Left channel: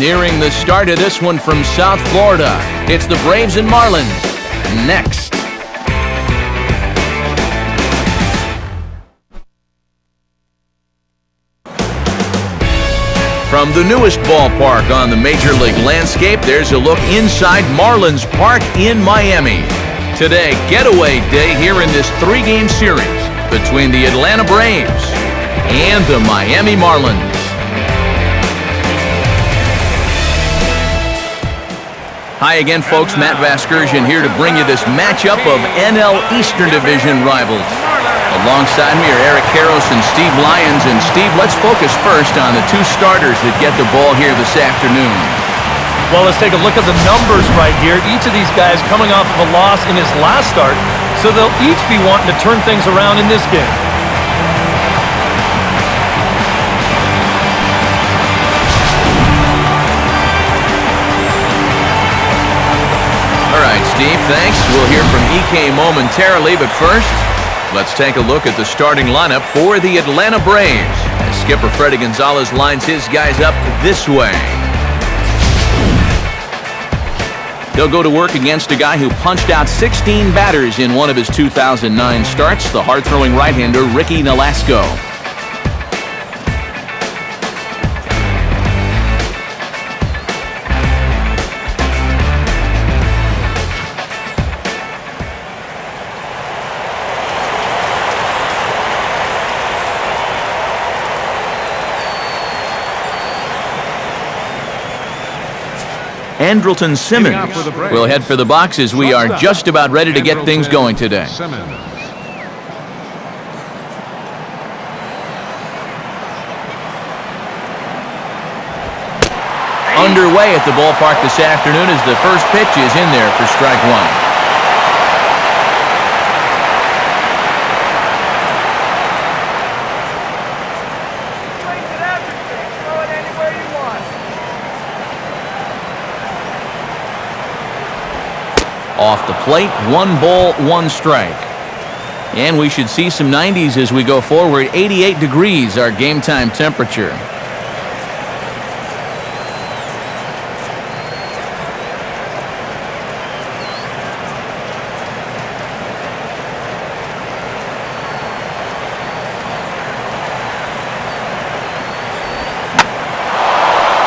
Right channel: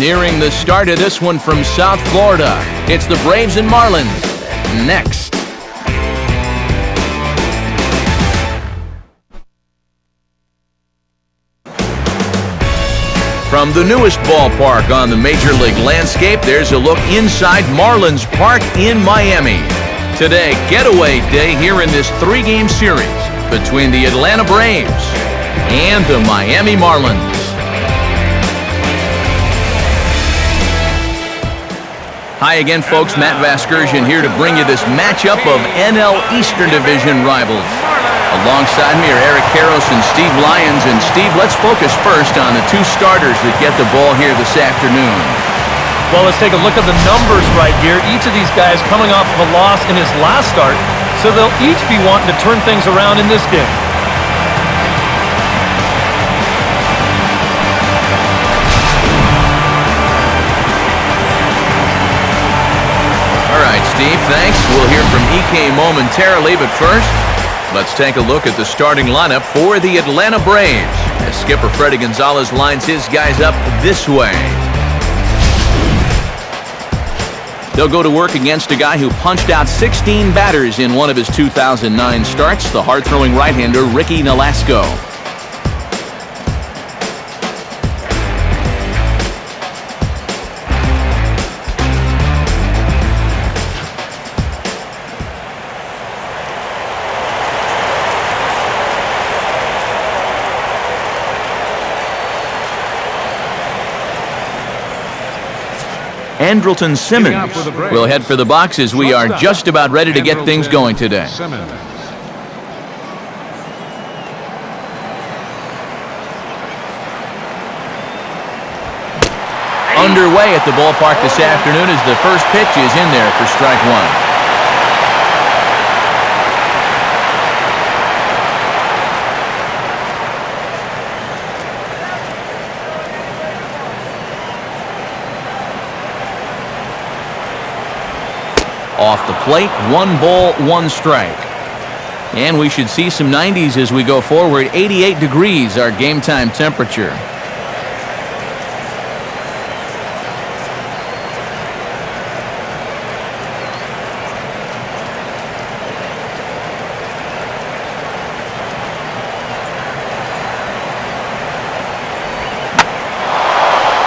Nearing the start of this one from South Florida, it's the Braves and Marlins. Next. From the newest ballpark on the Major League landscape, there's a look inside Marlins Park in Miami. Today, getaway day here in this three-game series between the Atlanta Braves and the Miami Marlins. Hi again, folks. Matt Vasgersian here to bring you this matchup of NL Eastern Division rivals. Alongside me are Eric Karros and Steve Lyons. And Steve, let's focus first on the two starters that get the ball here this afternoon. Well, let's take a look at the numbers right here. Each of these guys coming off of a loss in his last start, so they'll each be wanting to turn things around in this game. All right, Steve, thanks. We'll hear from EK momentarily, but first, let's take a look at the starting lineup for the Atlanta Braves as skipper Freddie Gonzalez lines his guys up this way. They'll go to work against a guy who punched out 16 batters in one of his 2009 starts, the hard-throwing right-hander Ricky Nolasco. Andrelton Simmons will head for the boxes. We are just about ready to get things going today. Underway at the ballpark this afternoon as the first pitch is in there for strike one. Off the plate, 1 ball, 1 strike. And we should see some 90s as we go forward. 88 degrees, our game time temperature.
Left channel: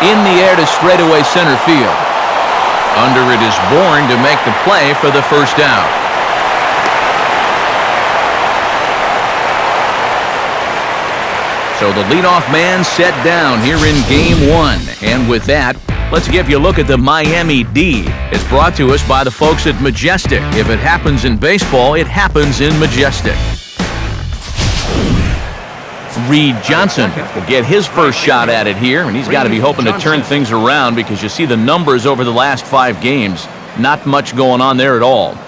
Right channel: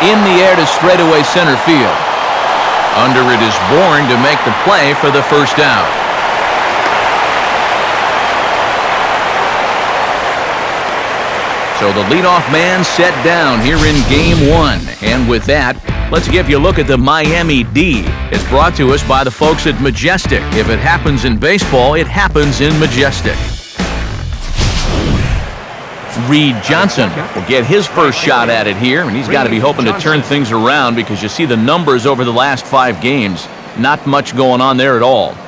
In the air to straightaway center field. Under it is Bourne to make the play for the first out. So the leadoff man set down here in Game 1. And with that, let's give you a look at the Miami D. It's brought to us by the folks at Majestic. If it happens in baseball, it happens in Majestic. Reed Johnson will get his first shot at it here, and he's got to be hoping to turn things around because you see the numbers over the last 5 games. Not much going on there at all.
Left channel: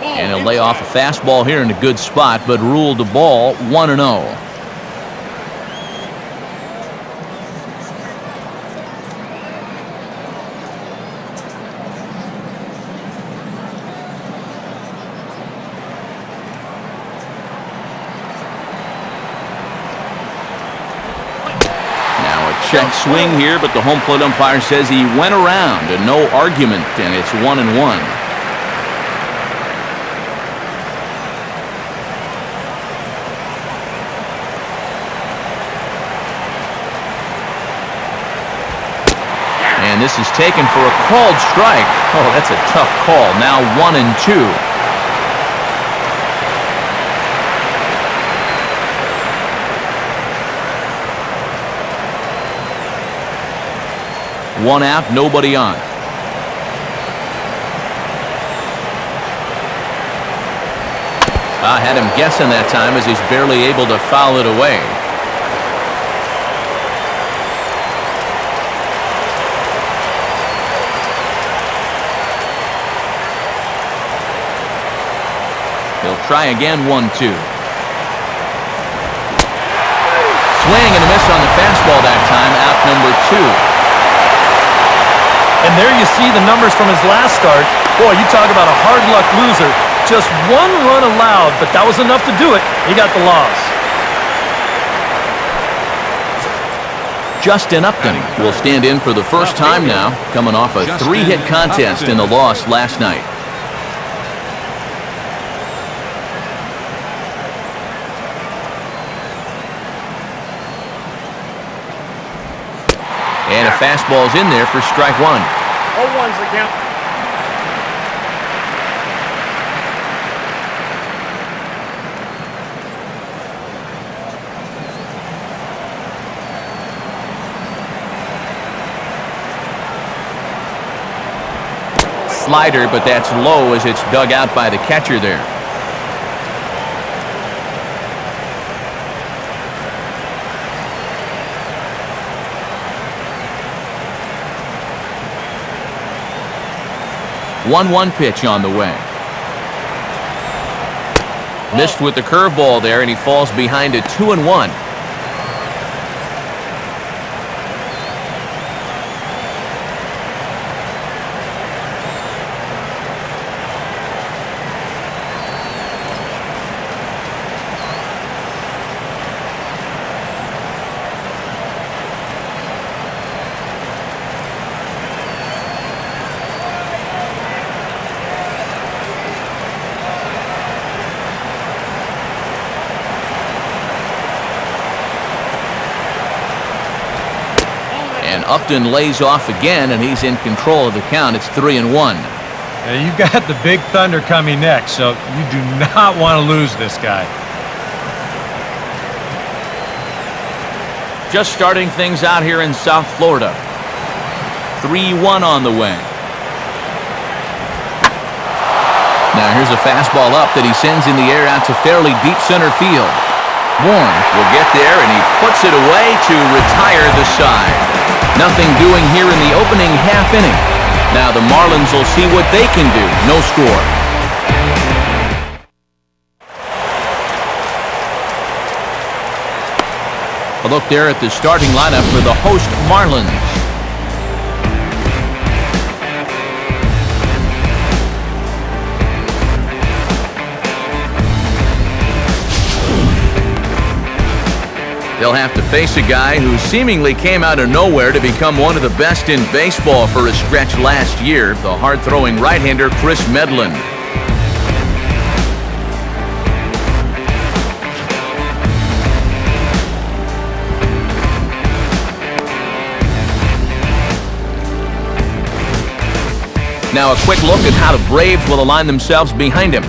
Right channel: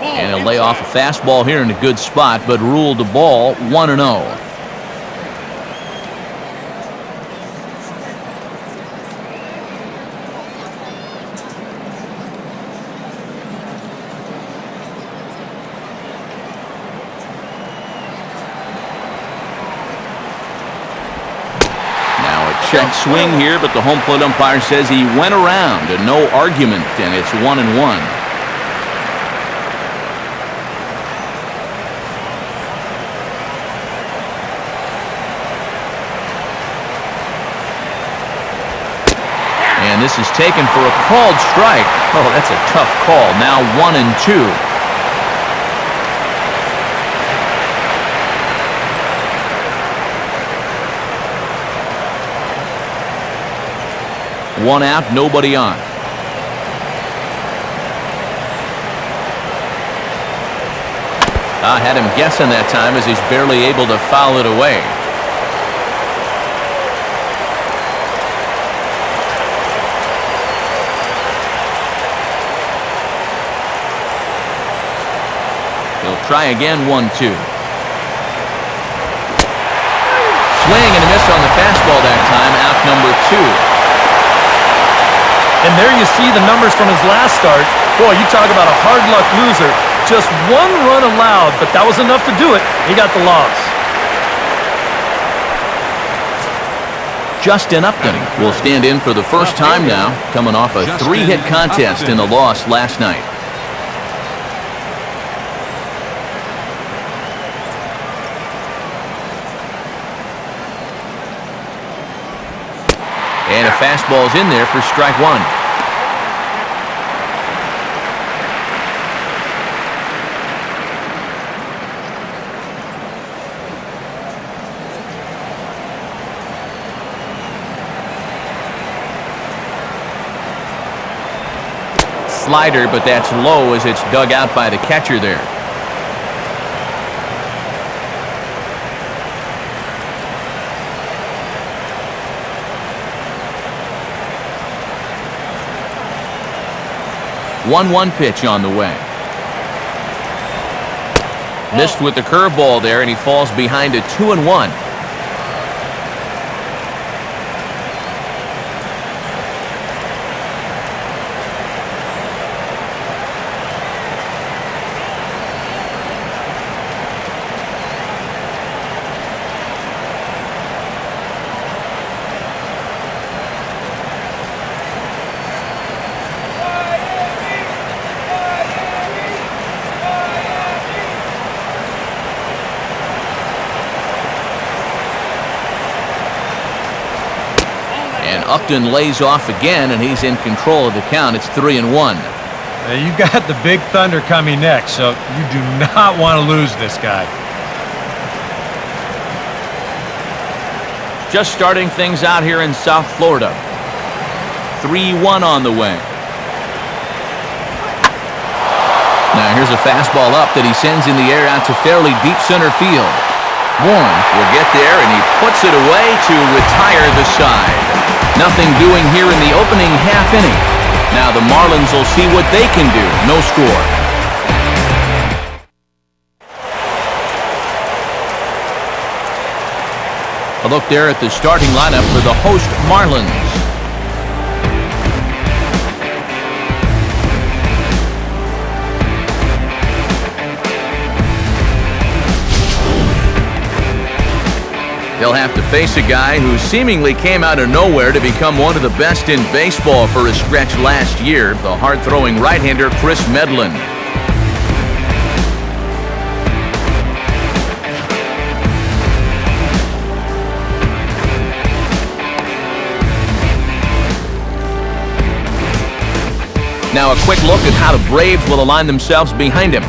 And he'll lay off a fastball here in a good spot, but ruled the ball 1-0. Check swing here, but the home plate umpire says he went around, and no argument, and it's 1-1. And this is taken for a called strike. Oh, that's a tough call. Now 1-2. One out, nobody on. I had him guessing that time as he's barely able to foul it away. He'll try again, 1-2. Swing and a miss on the fastball that time, out number 2. And there you see the numbers from his last start. Boy, you talk about a hard luck loser. Just one run allowed, but that was enough to do it. He got the loss. Justin Upton will stand in for the first time now, coming off a 3-hit contest in the loss last night. And a fastball's in there for strike one. 0-1's the count. Slider, but that's low as it's dug out by the catcher there. One pitch on the way. Missed with the curveball there, and he falls behind a 2-1. And Upton lays off again, and he's in control of the count. It's 3-1. Now, you got the big thunder coming next, so you do not want to lose this guy. Just starting things out here in South Florida. 3-1 on the way. Now here's a fastball up that he sends in the air out to fairly deep center field. Bourne will get there, and he puts it away to retire the side. Nothing doing here in the opening half inning. Now the Marlins will see what they can do. No score. A look there at the starting lineup for the host Marlins. They'll have to face a guy who seemingly came out of nowhere to become one of the best in baseball for a stretch last year, the hard-throwing right-hander Chris Medlin. Now a quick look at how the Braves will align themselves behind him.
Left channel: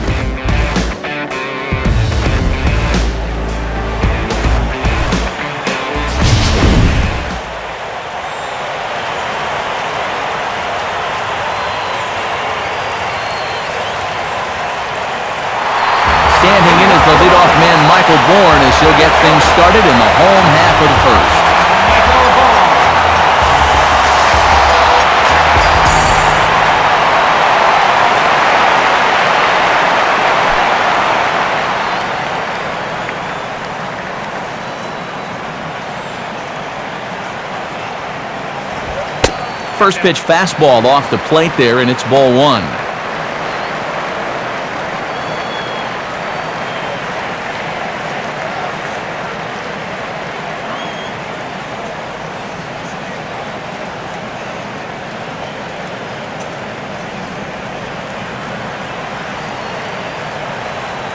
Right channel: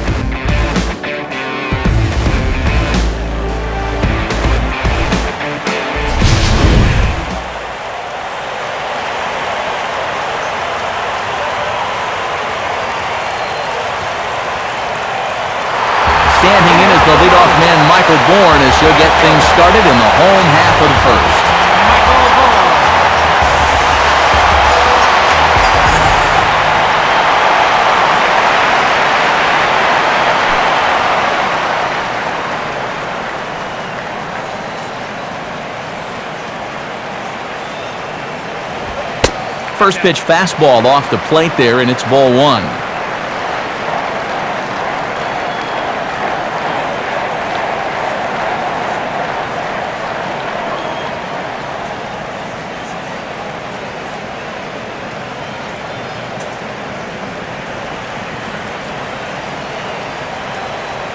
Standing in as the leadoff man, Michael Bourne, as he'll get things started in the home half of the first. First pitch fastball off the plate there, and it's ball one.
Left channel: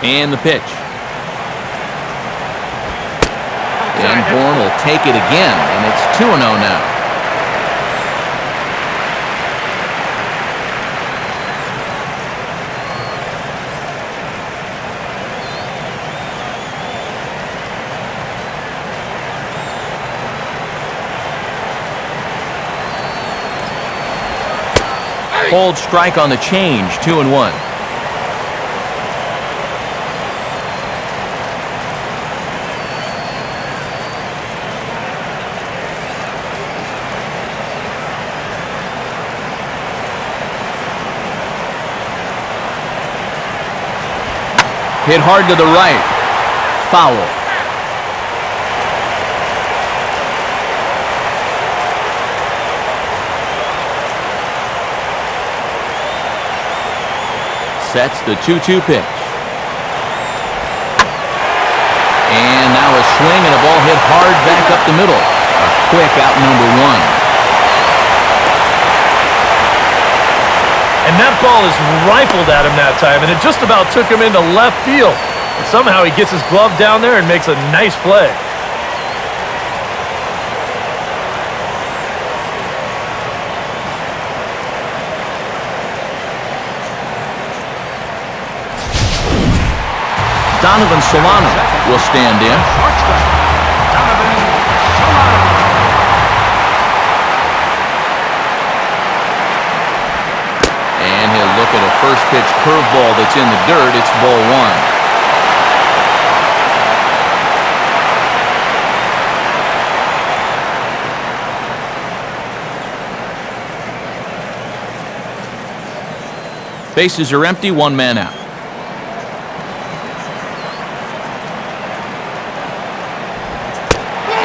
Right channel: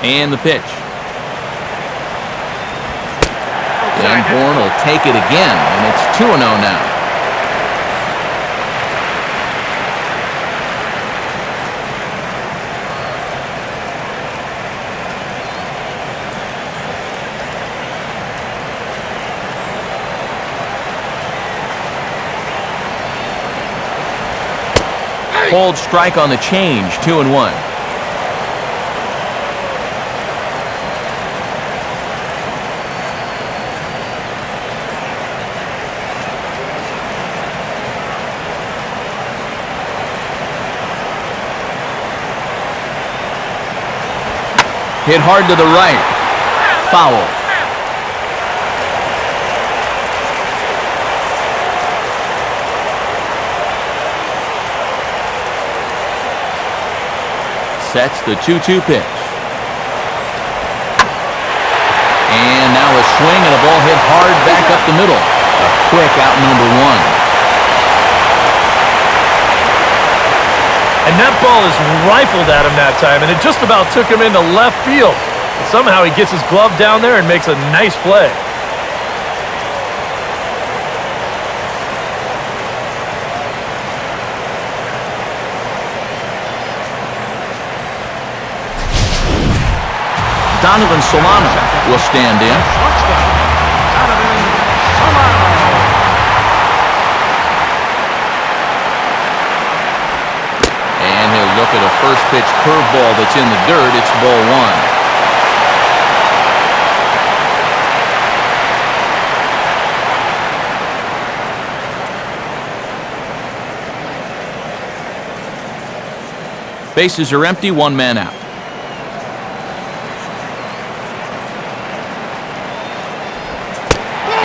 And the pitch. And Bourne will take it again, and it's 2-0 now. Hold strike on the change, 2-1. Hit hard to the right. Foul. sets the 2-2 pitch. And now a swing and a ball hit hard back up the middle. A quick out number 1. And that ball is rifled at him that time, and it just about took him into left field. But somehow he gets his glove down there and makes a nice play. Donovan Solano will stand in. And he'll look at a first pitch curveball that's in the dirt. It's ball 1. Bases are empty, 1 man out.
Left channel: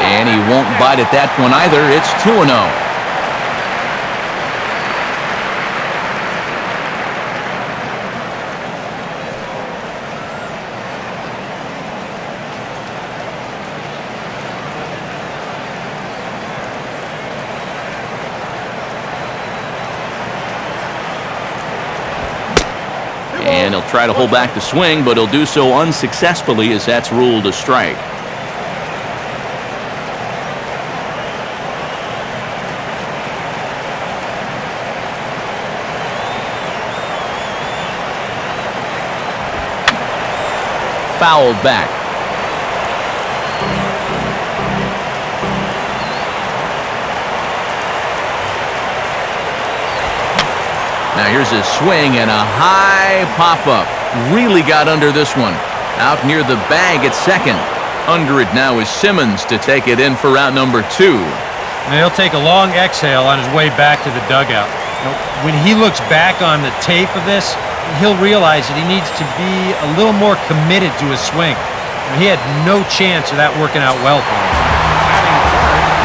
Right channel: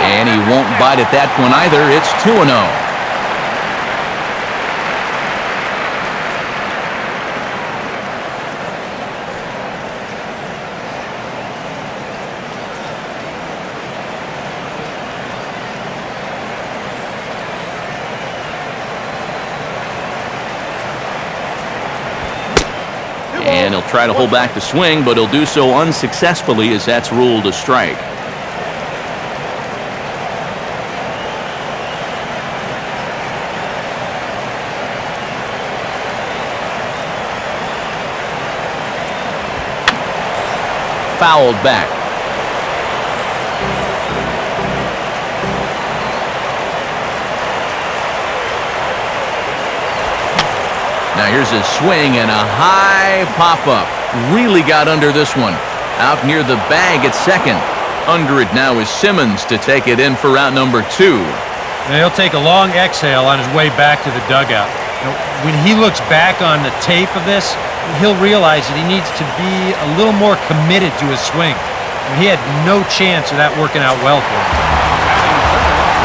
And he won't bite at that one either. It's 2-0. And he'll try to hold back the swing, but he'll do so unsuccessfully as that's ruled a strike. Fouled back. Now here's a swing and a high pop-up. Really got under this one. Out near the bag at second. Under it now is Simmons to take it in for out number 2. And he'll take a long exhale on his way back to the dugout. When he looks back on the tape of this, he'll realize that he needs to be a little more committed to his swing. He had no chance of that working out well for him.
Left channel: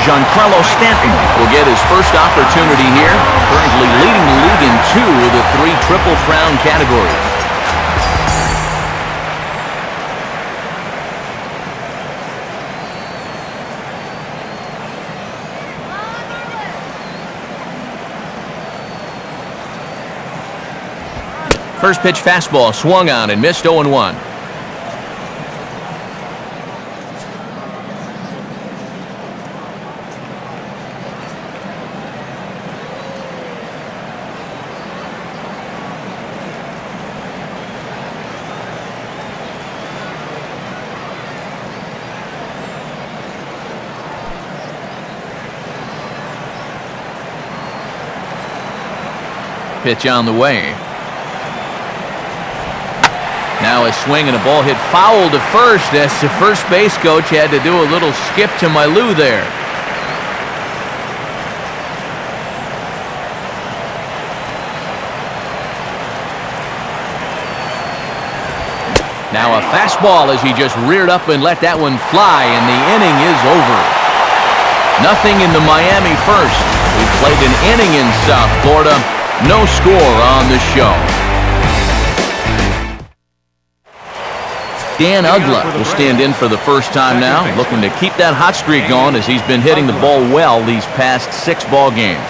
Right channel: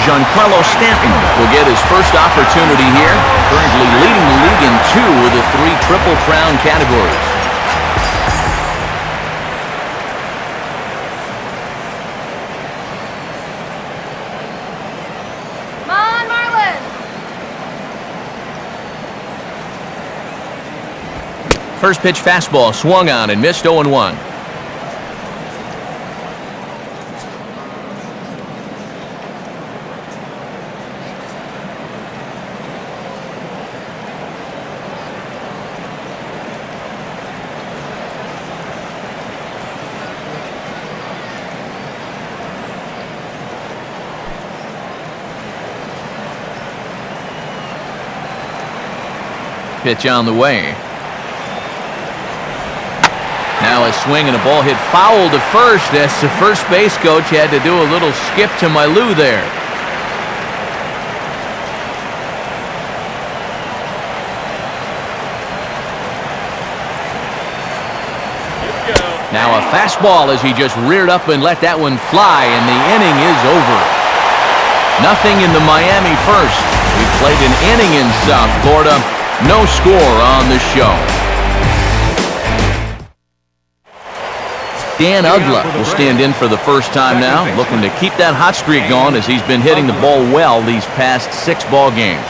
Giancarlo Stanton will get his first opportunity here, currently leading the league in 2 of the 3 Triple Crown categories. Come on, Marlins! First pitch fastball swung on and missed 0-1. Pitch on the way. Now a swing and a ball hit foul to first as the first base coach had to do a little skip to my Lou there. Now a fastball as he just reared up and let that one fly, and the inning is over. Nothing in the Miami first. We've played an inning in South Florida. No score on the show. Dan Ugla will stand in for the first time now, looking to keep that hot streak going as he's been hitting the ball well these past 6 ball games.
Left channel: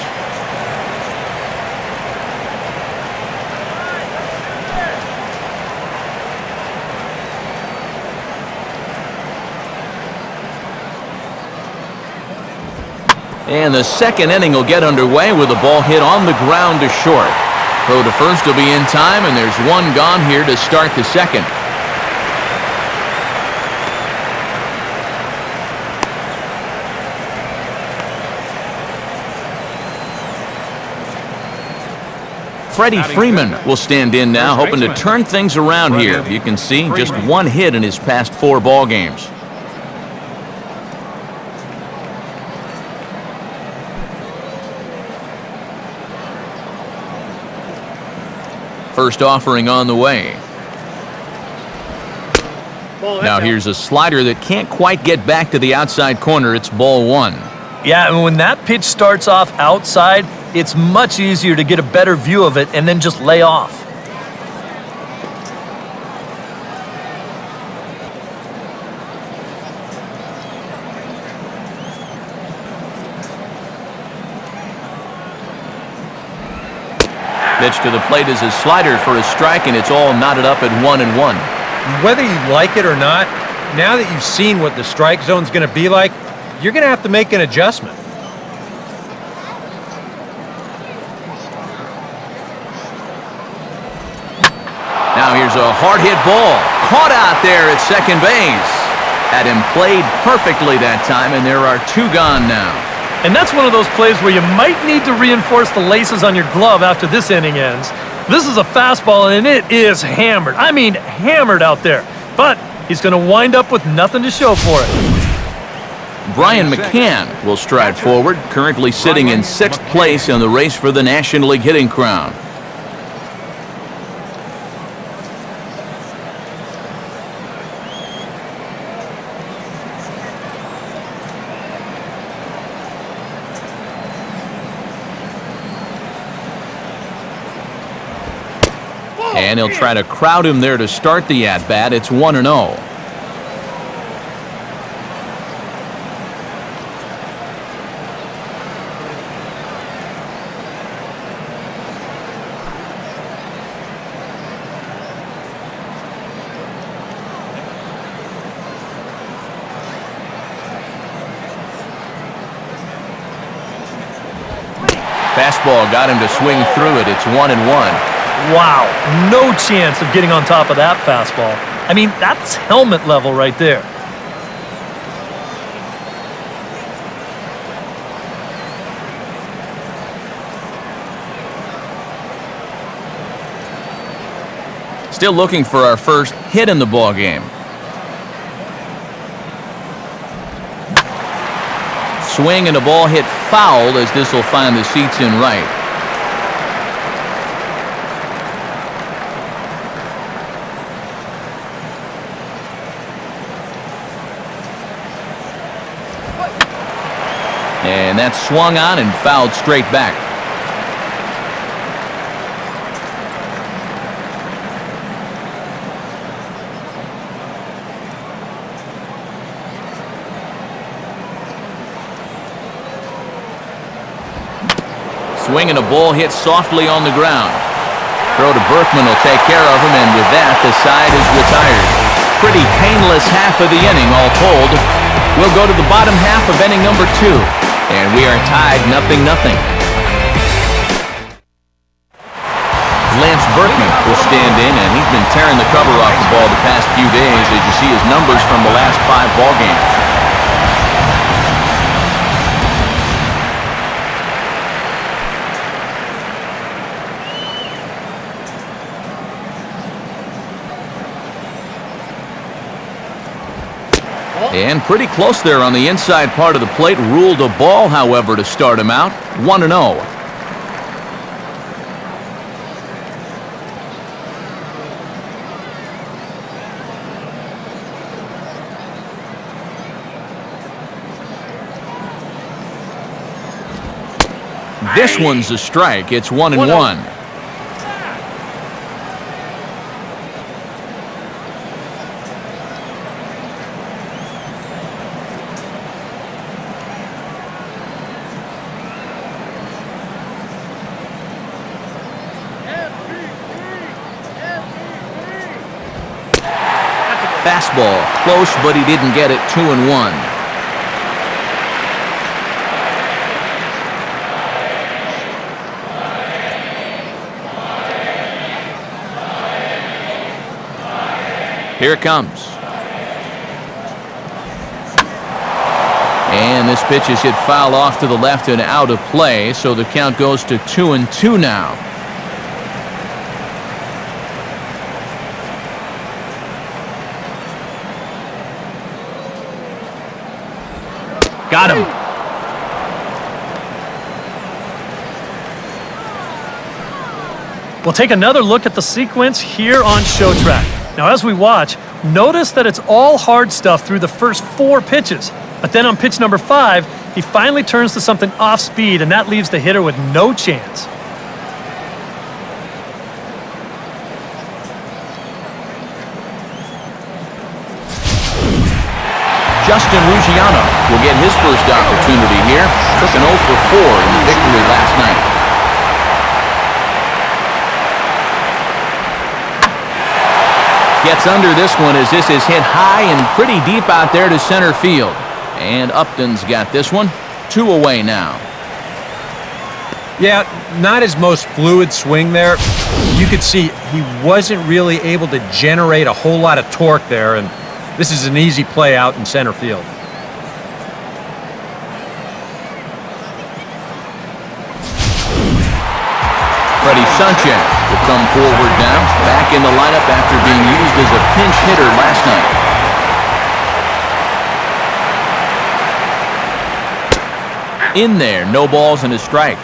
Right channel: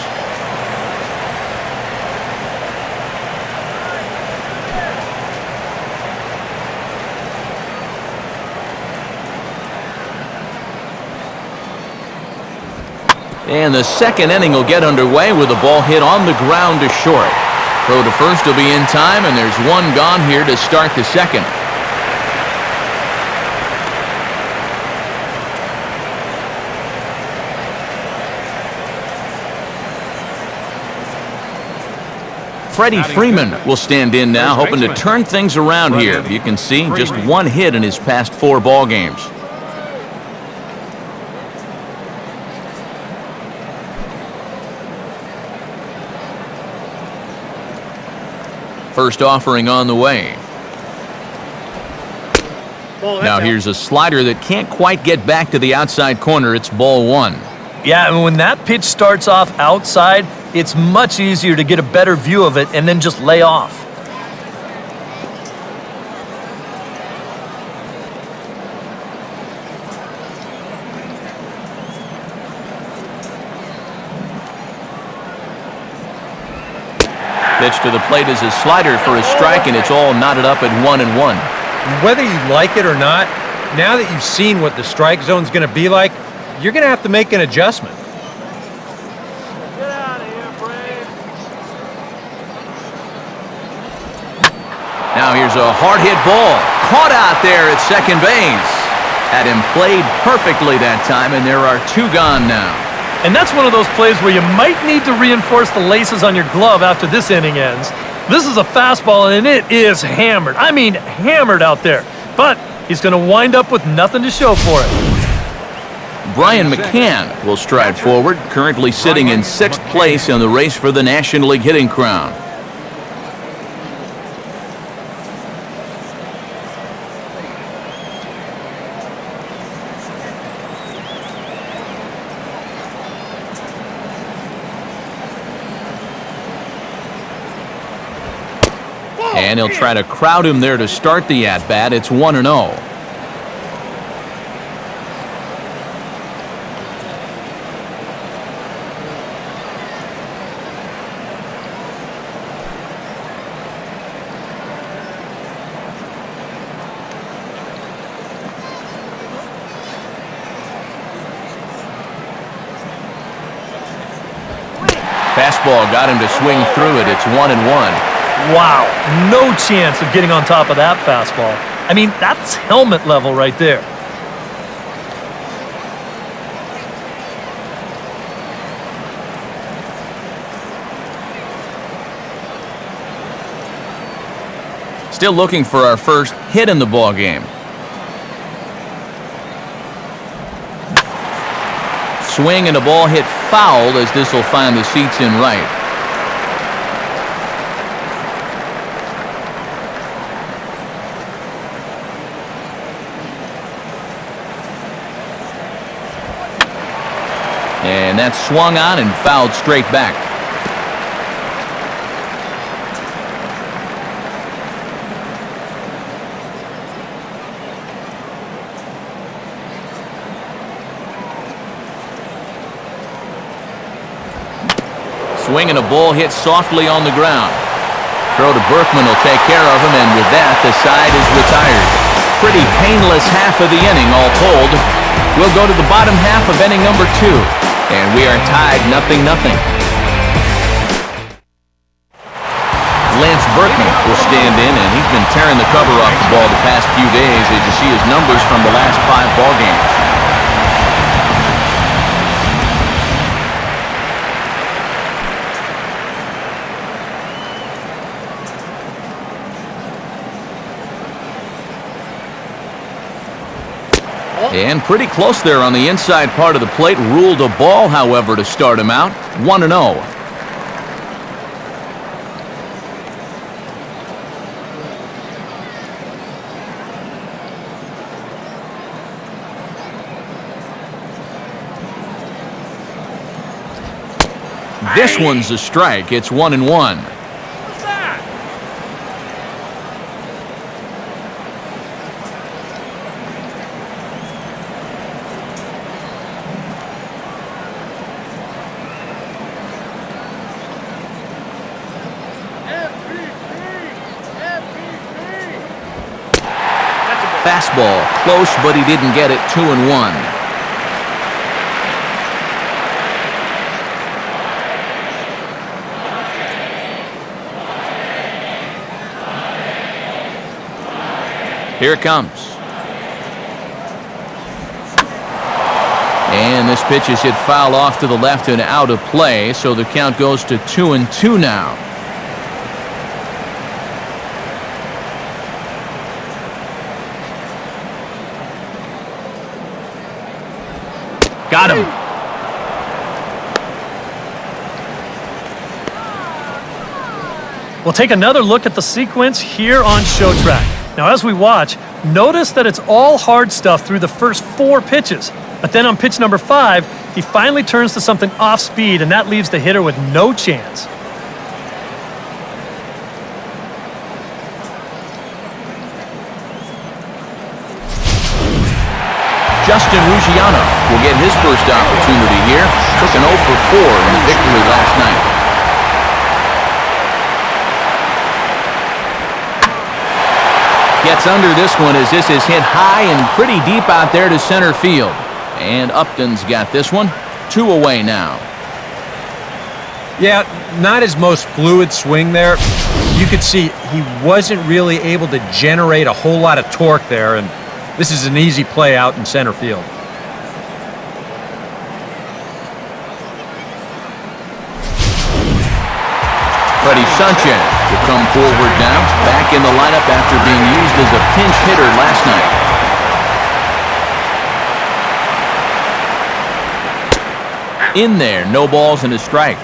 And the second inning will get underway with a ball hit on the ground to short. Throw to first will be in time, and there's one gone here to start the second. Freddie Freeman will stand in now, hoping to turn things around here. You can see just 1 hit in his past 4 ball games. First offering on the way. Now here's a slider that can't quite get back to the outside corner. It's ball 1. Yeah, and when that pitch starts off outside, it's much easier to get a better view of it and then just lay off. Pitch to the plate is a slider for a strike, and it's all knotted up at 1-1. Whether you like it or not, now that you've seen what the strike zone's going to be like, you're going to have to make an adjustment. Now here's a hard-hit ball. Caught out there at second base. Had him played perfectly that time, and there are 2 gone now. And that's one of those plays where you might need to reinforce the laces on your glove after this inning ends. This is a fastball, and it is hammered. I mean, hammered out there. But he's going to wind up with nothing to show for it. Brian McCann will stride forward, currently sitting in 6th place in the race for the National League hitting crown. And he'll try to crowd him there to start the at-bat. It's 1-0. Fastball got him to swing through it. It's 1-1. Wow, no chance of getting on top of that fastball. I mean, that's helmet level right there. Still looking for our first hit in the ball game. Swing and a ball hit foul as this will find the seats in right. And that's swung on and fouled straight back. Swing and a ball hit softly on the ground. Throw to Berkman will take care of him, and with that, the side is retired. Pretty painless half of the inning, all told. We'll go to the bottom half of inning number 2. And we are tied 0-0. Lance Berkman will stand in, and he's been tearing the cover off the ball the past few days as you see his numbers from the last 5 ball games. And pretty close there on the inside part of the plate. Ruled a ball, however, to start him out. 1-0. This one's a strike. It's 1-1. Fastball, close, but he didn't get it. 2-1. Here it comes. And this pitch is hit foul off to the left and out of play, so the count goes to 2-2 now. Got him. We'll take another look at the sequence here on Show Track. Now, as we watch, notice that it's all hard stuff through the first 4 pitches. But then on pitch number 5, he finally turns to something off speed, and that leaves the hitter with no chance. Justin Ruggiano will get his first opportunity here. Took an 0 for 4 in the victory last night. Gets under this one as this is hit high and pretty deep out there to center field. And Upton's got this one. 2 away now. Yeah, not his most fluid swing there. You could see he wasn't really able to generate a whole lot of torque there, and this is an easy play out in center field. Freddie Sanchez will come forward now, back in the lineup after being used as a pinch hitter last night. In there, no balls and a strike.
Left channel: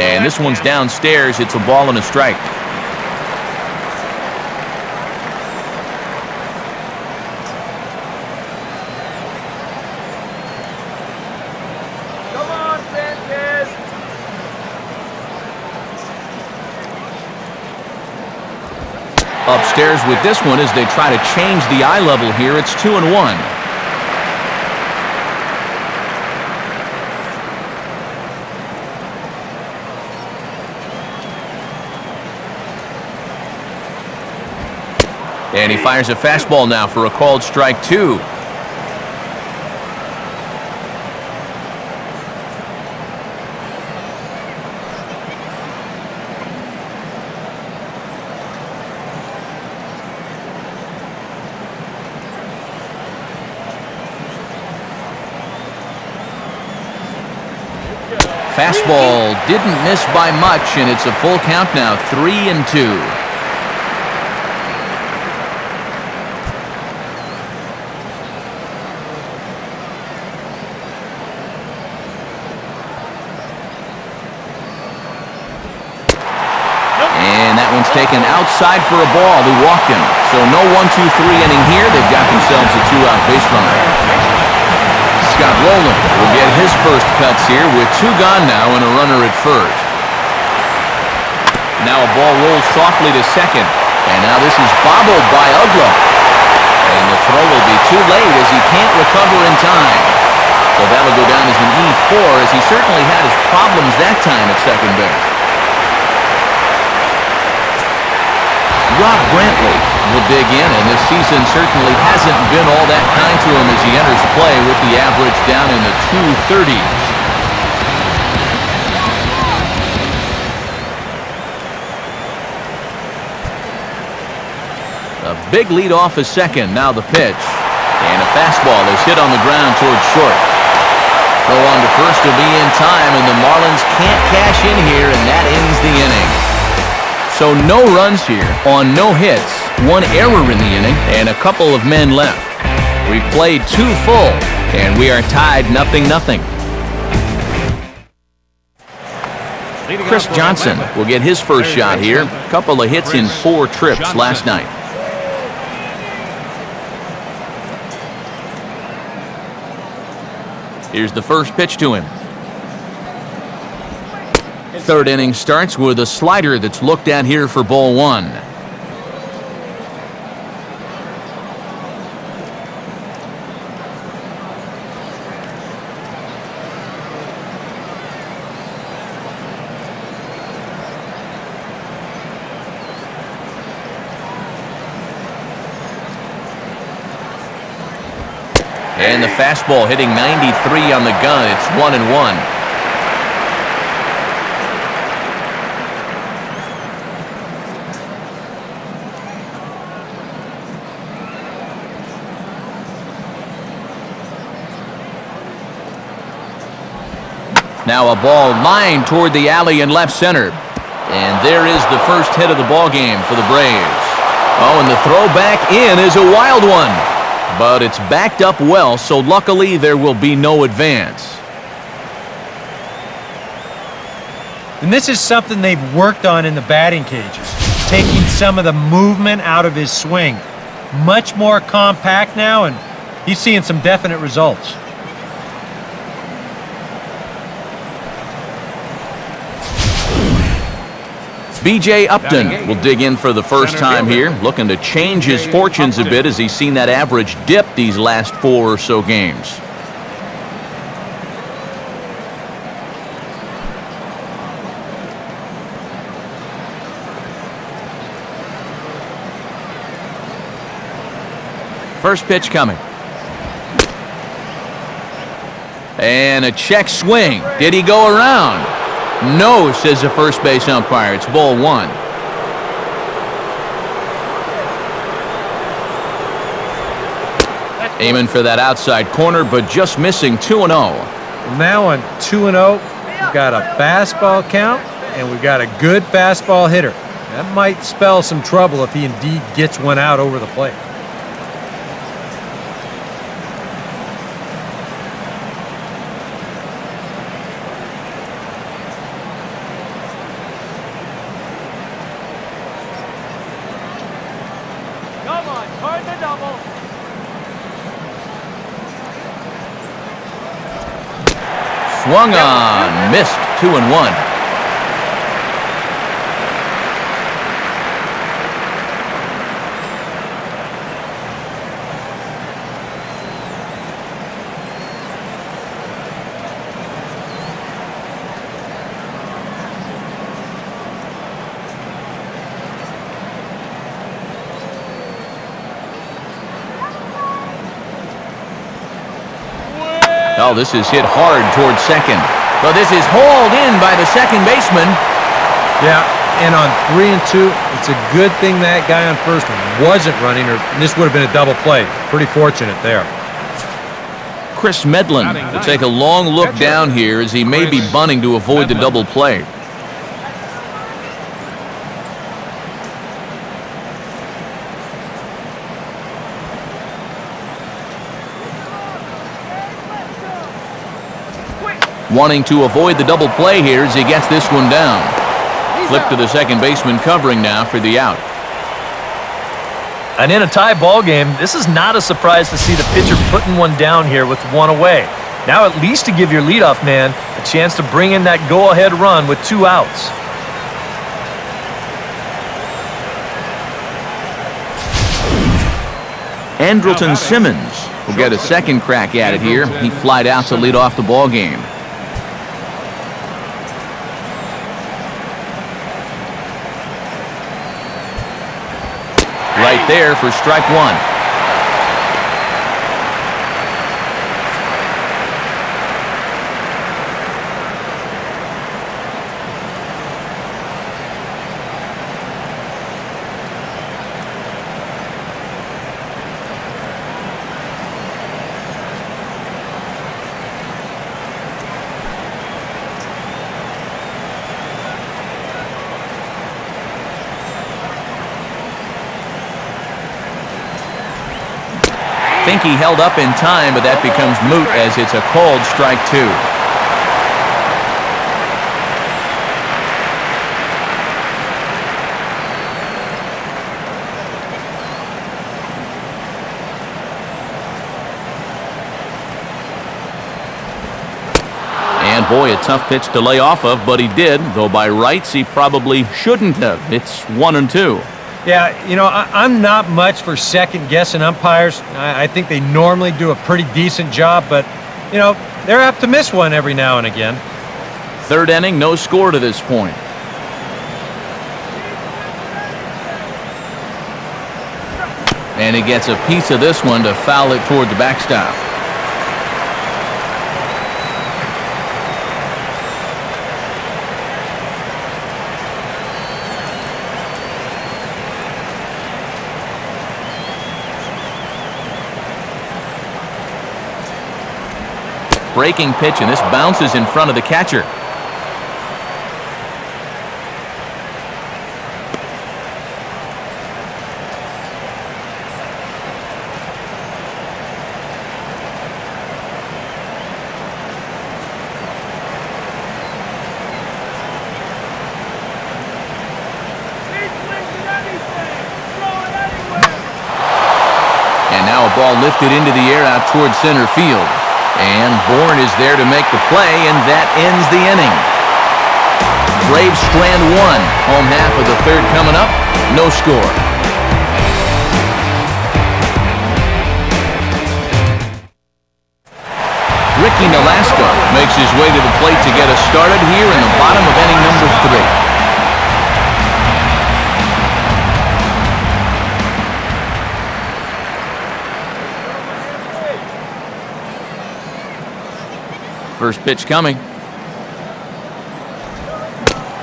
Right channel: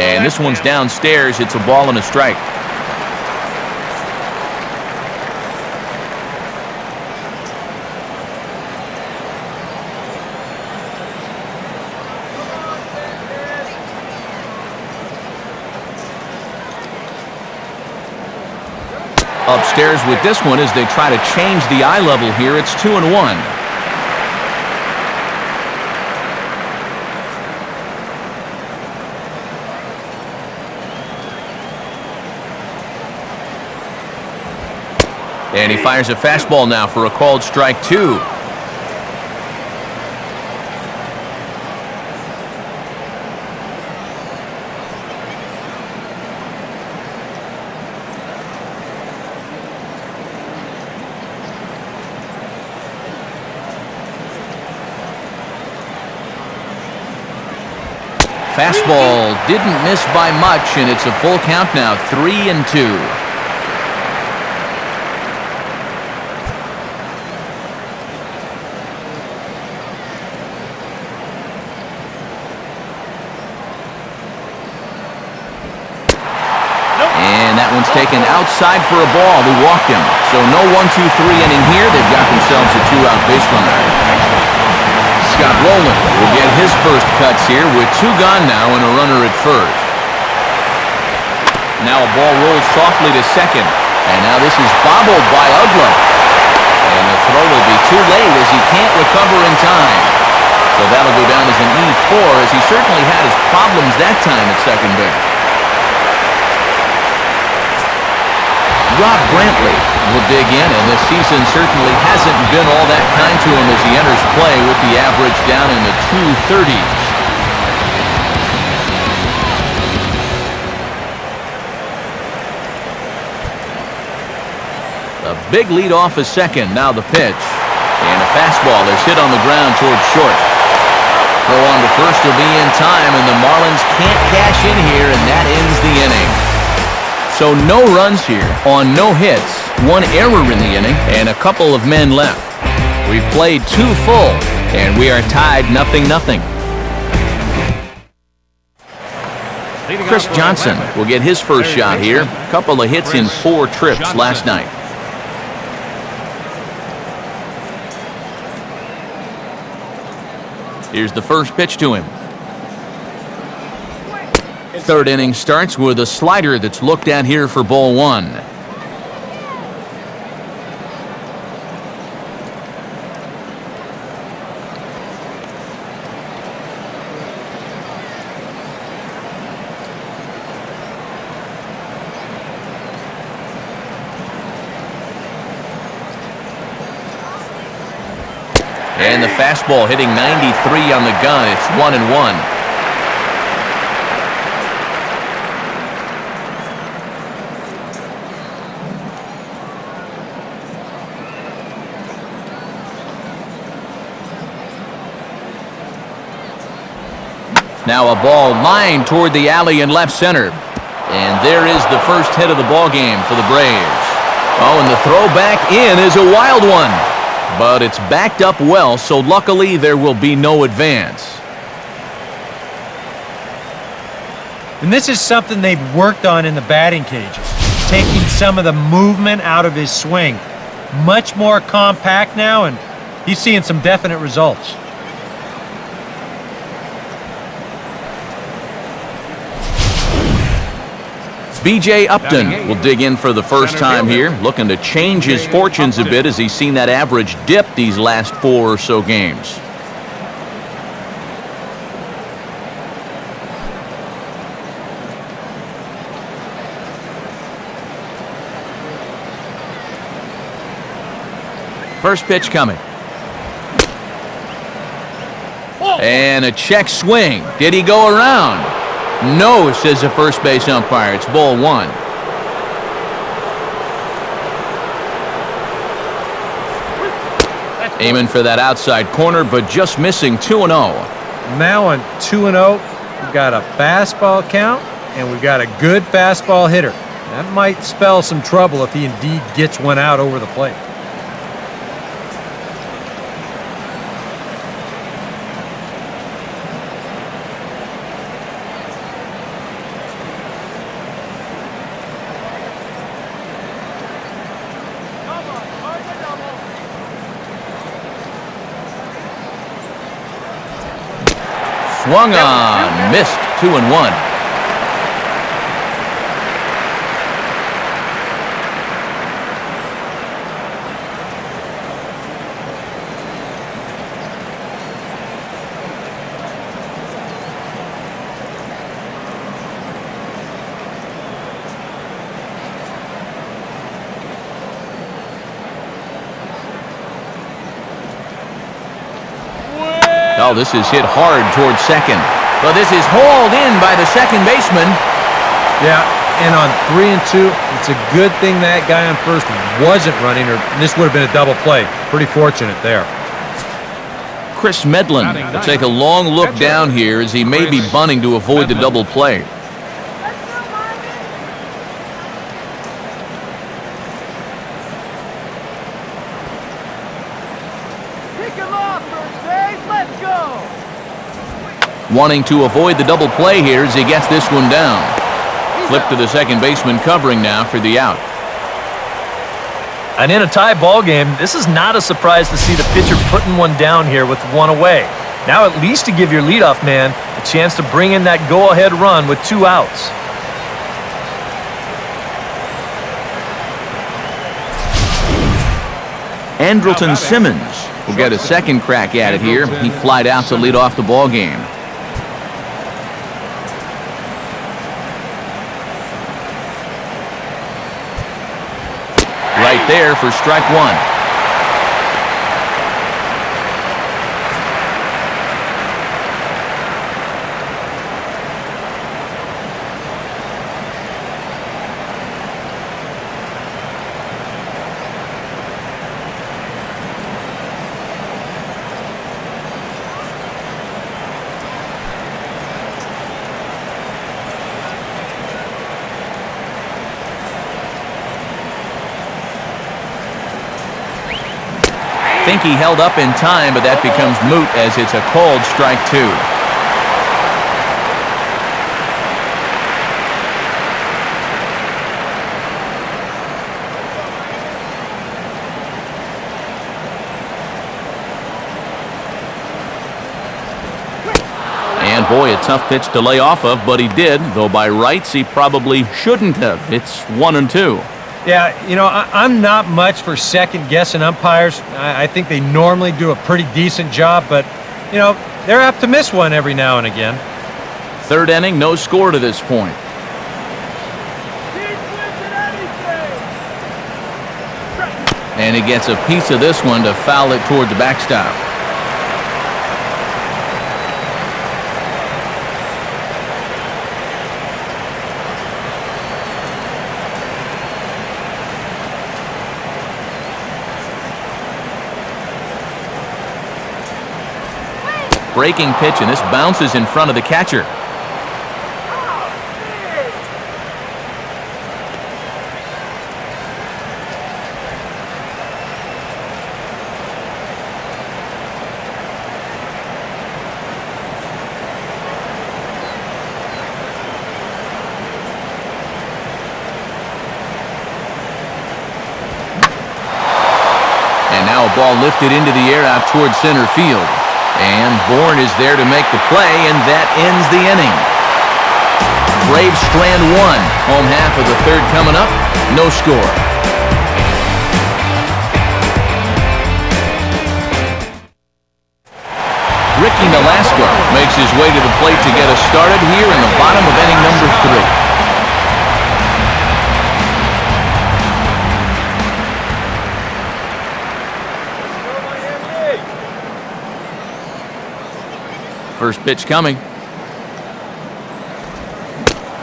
And this one's downstairs. It's a ball and a strike. Come on, Sanchez. Upstairs with this one as they try to change the eye level here. It's 2-1. And he fires a fastball now for a called strike 2. Fastball didn't miss by much, and it's a full count now, 3-2. And that one's taken outside for a ball. He walked him. So no 1-2-3 inning here. They've got themselves a 2-out base runner. Scott Rowland will get his first cuts here with 2 gone now and a runner at first. Now a ball rolls softly to second. And now this is bobbled by Ugla. And the throw will be too late as he can't recover in time. So that'll go down as an E4 as he certainly had his problems that time at second base. Rob Brantley will dig in, and this season certainly hasn't been all that kind to him as he enters play with the average down in the 230s. The big lead off is second. Now the pitch. And a fastball is hit on the ground towards short. Throw on to first will be in time, and the Marlins can't cash in here, and that ends the inning. So no runs here on no hits, 1 error in the inning, and a couple of men left. We've played 2 full, and we are tied 0-0. Chris Johnson will get his first shot here. A couple of hits in 4 trips last night. Here's the first pitch to him. Third inning starts with a slider that's looked at here for ball 1. And the fastball hitting 93 on the gun. It's 1-1. Now a ball lined toward the alley in left center. And there is the first hit of the ball game for the Braves. Oh, and the throw back in is a wild one. But it's backed up well, so luckily there will be no advance. And this is something they've worked on in the batting cages, taking some of the movement out of his swing. Much more compact now, and he's seeing some definite results. B.J. Upton will dig in for the first time here, looking to change his fortunes a bit as he's seen that average dip these last 4 or so games. First pitch coming. And a check swing. Did he go around? No, says the first base umpire. It's ball 1. Aiming for that outside corner, but just missing 2-0. Now on 2-0, we've got a fastball count, and we've got a good fastball hitter. That might spell some trouble if he indeed gets one out over the plate. Come on, turn the double. Swung on, missed 2-1. Oh, this is hit hard towards second. But this is hauled in by the second baseman. Yeah, and on 3 and 2, it's a good thing that guy on first wasn't running, or this would have been a double play. Pretty fortunate there. Chris Medlin will take a long look down here as he may be bunting to avoid the double play. Let's go, Marlins. Pick him off, first base. Let's go. Wanting to avoid the double play here as he gets this one down. Flip to the second baseman covering now for the out. And in a tie ball game, this is not a surprise to see the pitcher putting one down here with one away. Now at least to give your leadoff man a chance to bring in that go-ahead run with 2 outs. Andrelton Simmons will get a second crack at it here. He flied out to lead off the ball game. Right there for strike 1. Think he held up in time, but that becomes moot as it's a called strike 2. And boy, a tough pitch to lay off of, but he did, though by rights he probably shouldn't have. It's 1-2. Yeah, you know, I'm not much for second-guessing umpires. I think they normally do a pretty decent job, but, you know, they're apt to miss one every now and again. Third inning, no score to this point. And he gets a piece of this one to foul it toward the backstop. Breaking pitch, and this bounces in front of the catcher. And now a ball lifted into the air out towards center field. And Bourne is there to make the play, and that ends the inning. Braves strand one. Home half of the third coming up. No score. Ricky Nolasco makes his way to the plate to get us started here in the bottom of inning number 3. First pitch coming.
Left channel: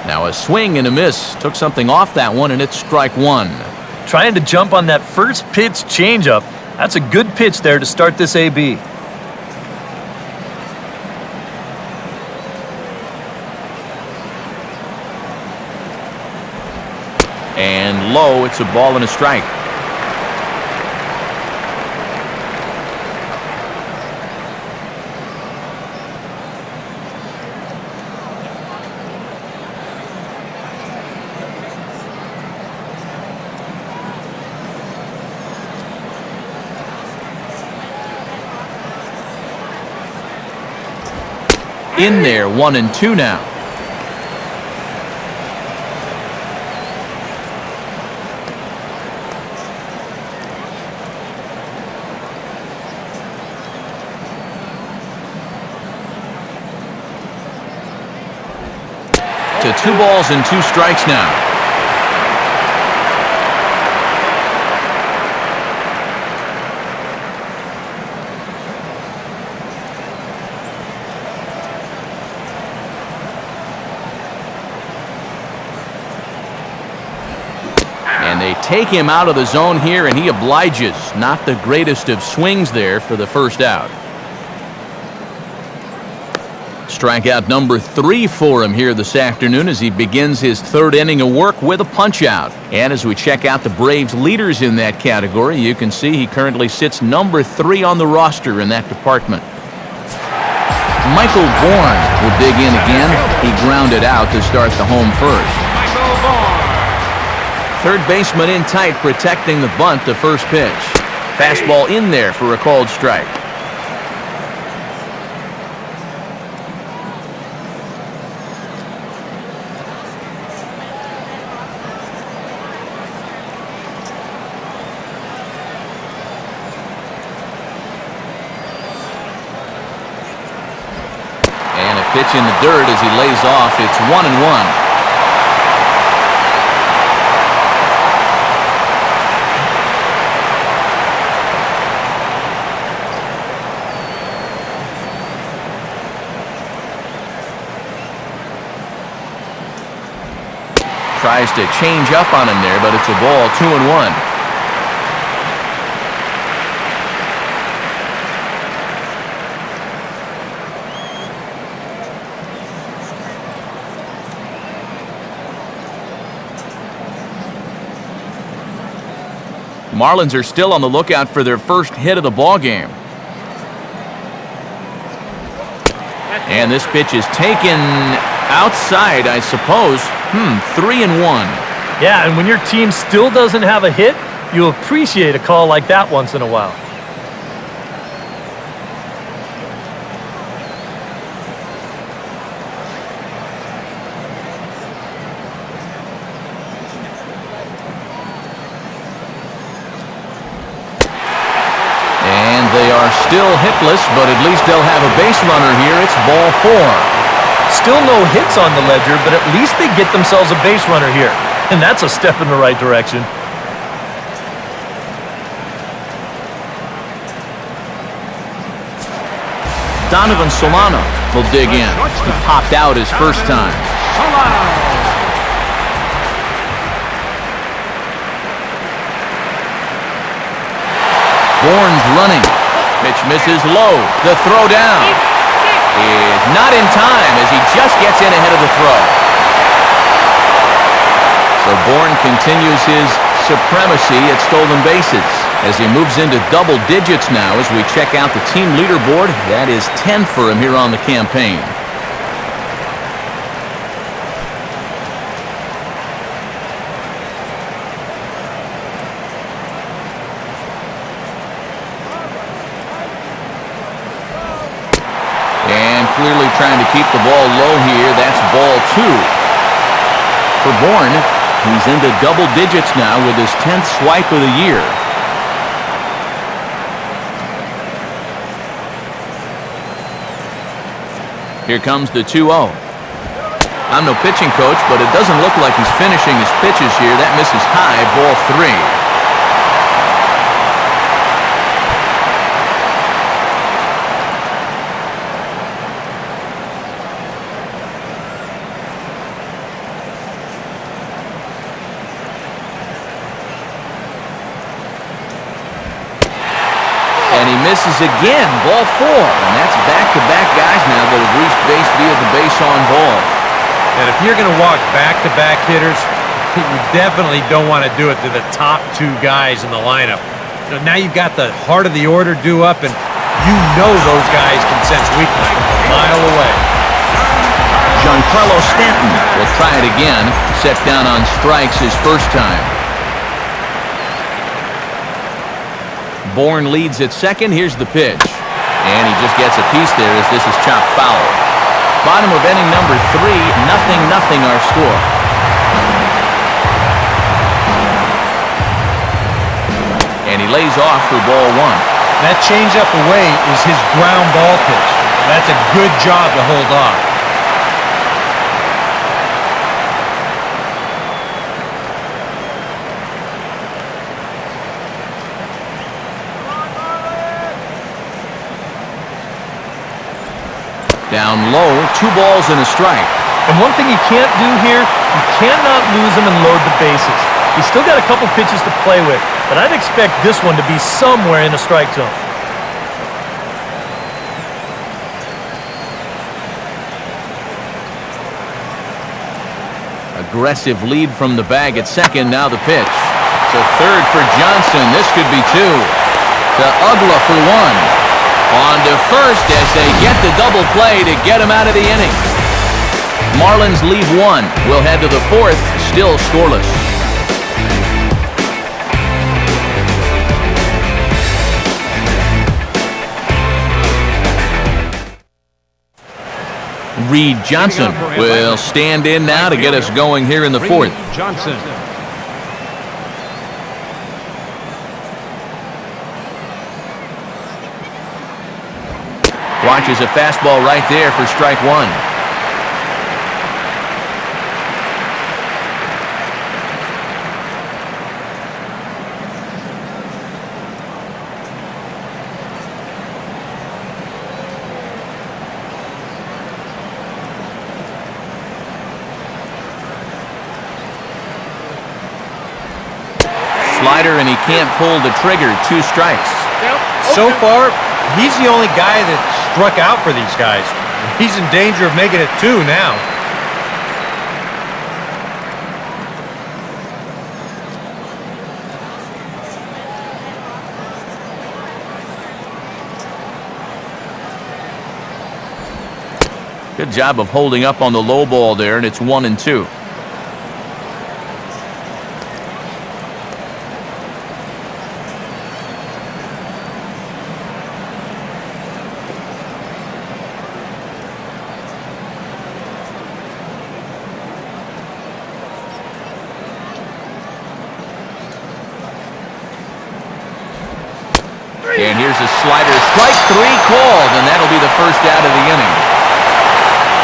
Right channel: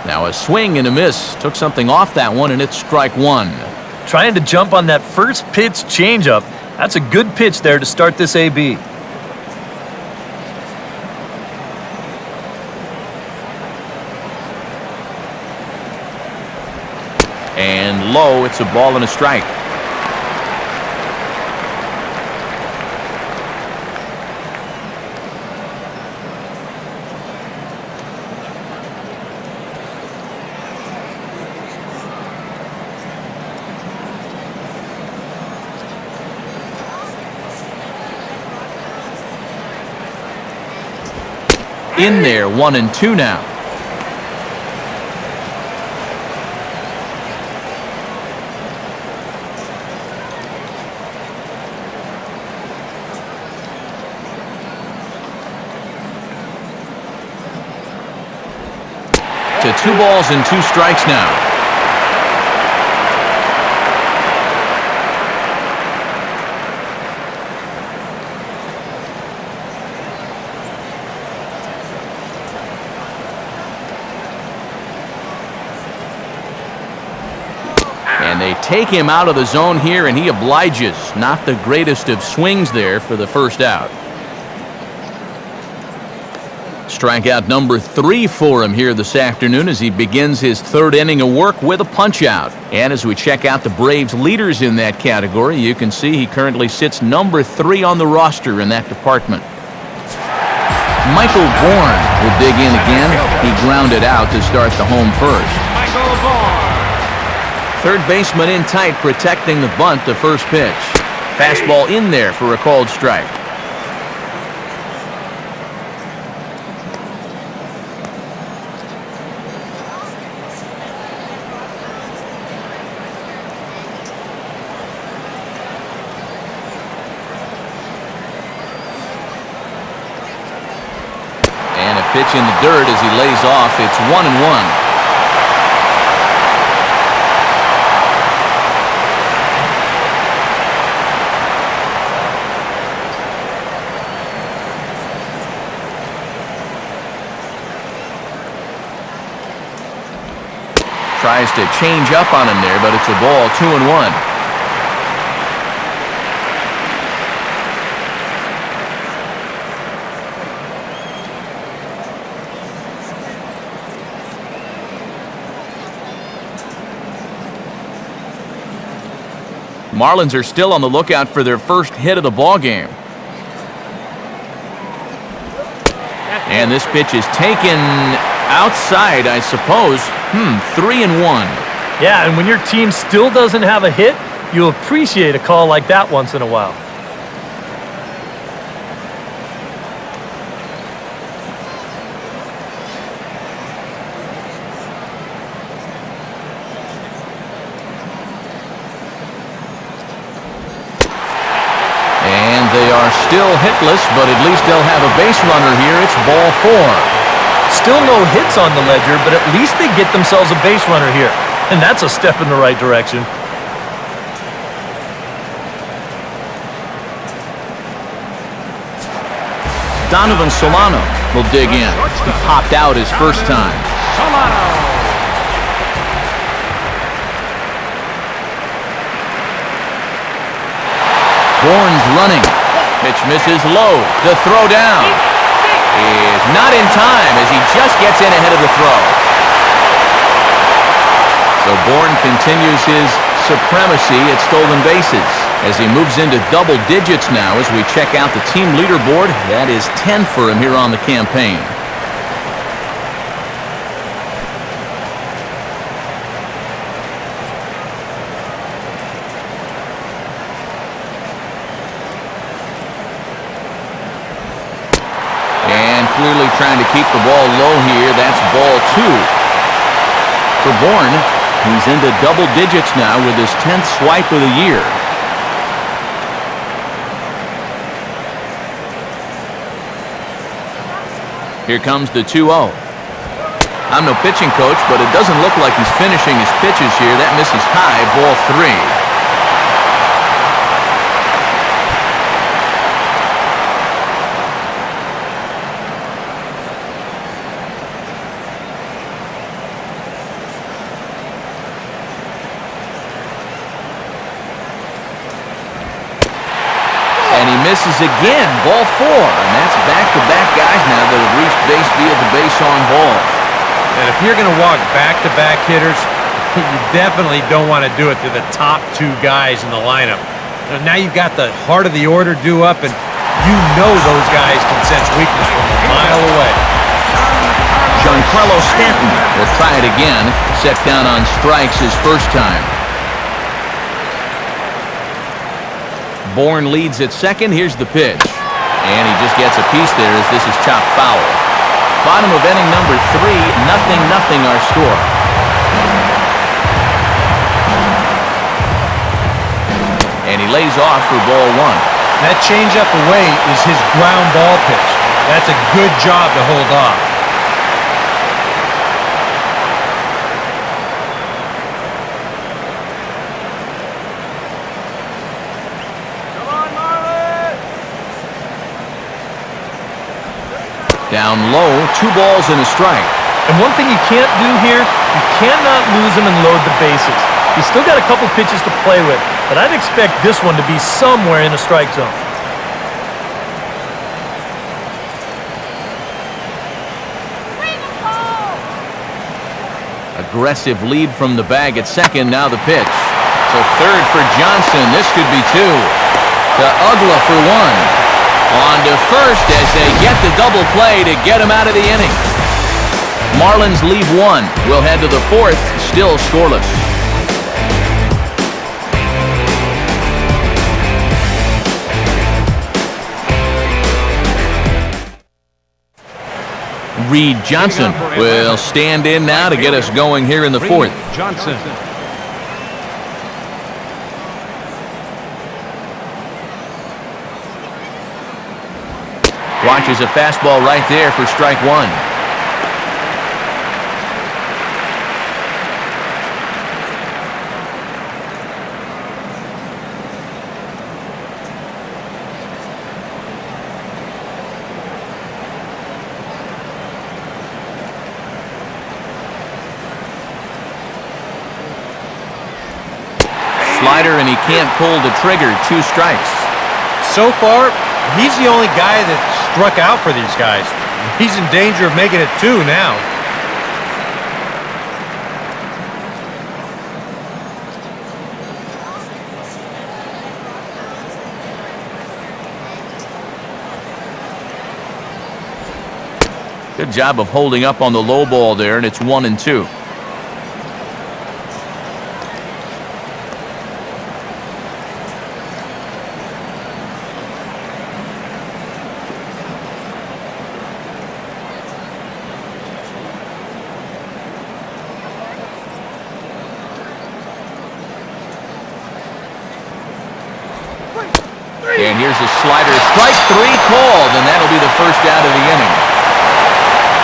Now a swing and a miss. Took something off that one, and it's strike one. Trying to jump on that first pitch changeup. That's a good pitch there to start this AB. And low, it's a ball and a strike. In there, 1-2 now. To 2 balls and 2 strikes now. And they take him out of the zone here, and he obliges. Not the greatest of swings there for the first out. Strikeout number 3 for him here this afternoon as he begins his third inning of work with a punch-out. And as we check out the Braves leaders in that category, you can see he currently sits number 3 on the roster in that department. Michael Bourne will dig in again. He grounded out to start the home first. Third baseman in tight, protecting the bunt, the first pitch. Fastball in there for a called strike. And a pitch in the dirt as he lays off. It's 1-1. Tries to change up on him there, but it's a ball, 2-1. Marlins are still on the lookout for their first hit of the ball game. And this pitch is taken outside, I suppose. 3-1. Yeah, and when your team still doesn't have a hit, you appreciate a call like that once in a while. And they are still hitless, but at least they'll have a base runner here. It's ball 4. Still no hits on the ledger, but at least they get themselves a base runner here. And that's a step in the right direction. Donovan Solano will dig in. He popped out his first time. Bourne's running. Pitch misses low. The throw down is not in time as he just gets in ahead of the throw. So Bourne continues his supremacy at stolen bases as he moves into double digits now as we check out the team leaderboard. That is 10 for him here on the campaign. And clearly trying to keep the ball low here. That's ball 2. for Bourne. He's into double digits now with his 10th swipe of the year. Here comes the 2-0. I'm no pitching coach, but it doesn't look like he's finishing his pitches here. That misses high, ball 3. And he misses again, ball 4. And that's back-to-back guys now that have reached base via the base-on ball. And if you're going to walk back-to-back hitters, you definitely don't want to do it to the top 2 guys in the lineup. Now you've got the heart of the order due up, and you know those guys can sense weakness from a mile away. Giancarlo Stanton will try it again, set down on strikes his first time. Bourne leads at second. Here's the pitch. And he just gets a piece there as this is chopped foul. Bottom of inning number 3, 0-0 our score. And he lays off for ball 1. That changeup away is his ground ball pitch. That's a good job to hold off. Come on, Marlins! Down low, 2 balls and a strike. And one thing you can't do here, you cannot lose him and load the bases. He's still got a couple pitches to play with, but I'd expect this one to be somewhere in the strike zone. Aggressive lead from the bag at second. Now the pitch. To third for Johnson. This could be 2. To Ugla for 1. On to first as they get the double play to get him out of the inning. Marlins leave 1. We'll head to the 4th, still scoreless. Reed Johnson will stand in now to get us going here in the 4th. Watches a fastball right there for strike 1. Slider, and he can't pull the trigger. 2 strikes. So far, he's the only guy that struck out for these guys. He's in danger of making it 2 now. Good job of holding up on the low ball there, and it's 1-2. And here's a slider. Strike 3 called, and that'll be the first out of the inning.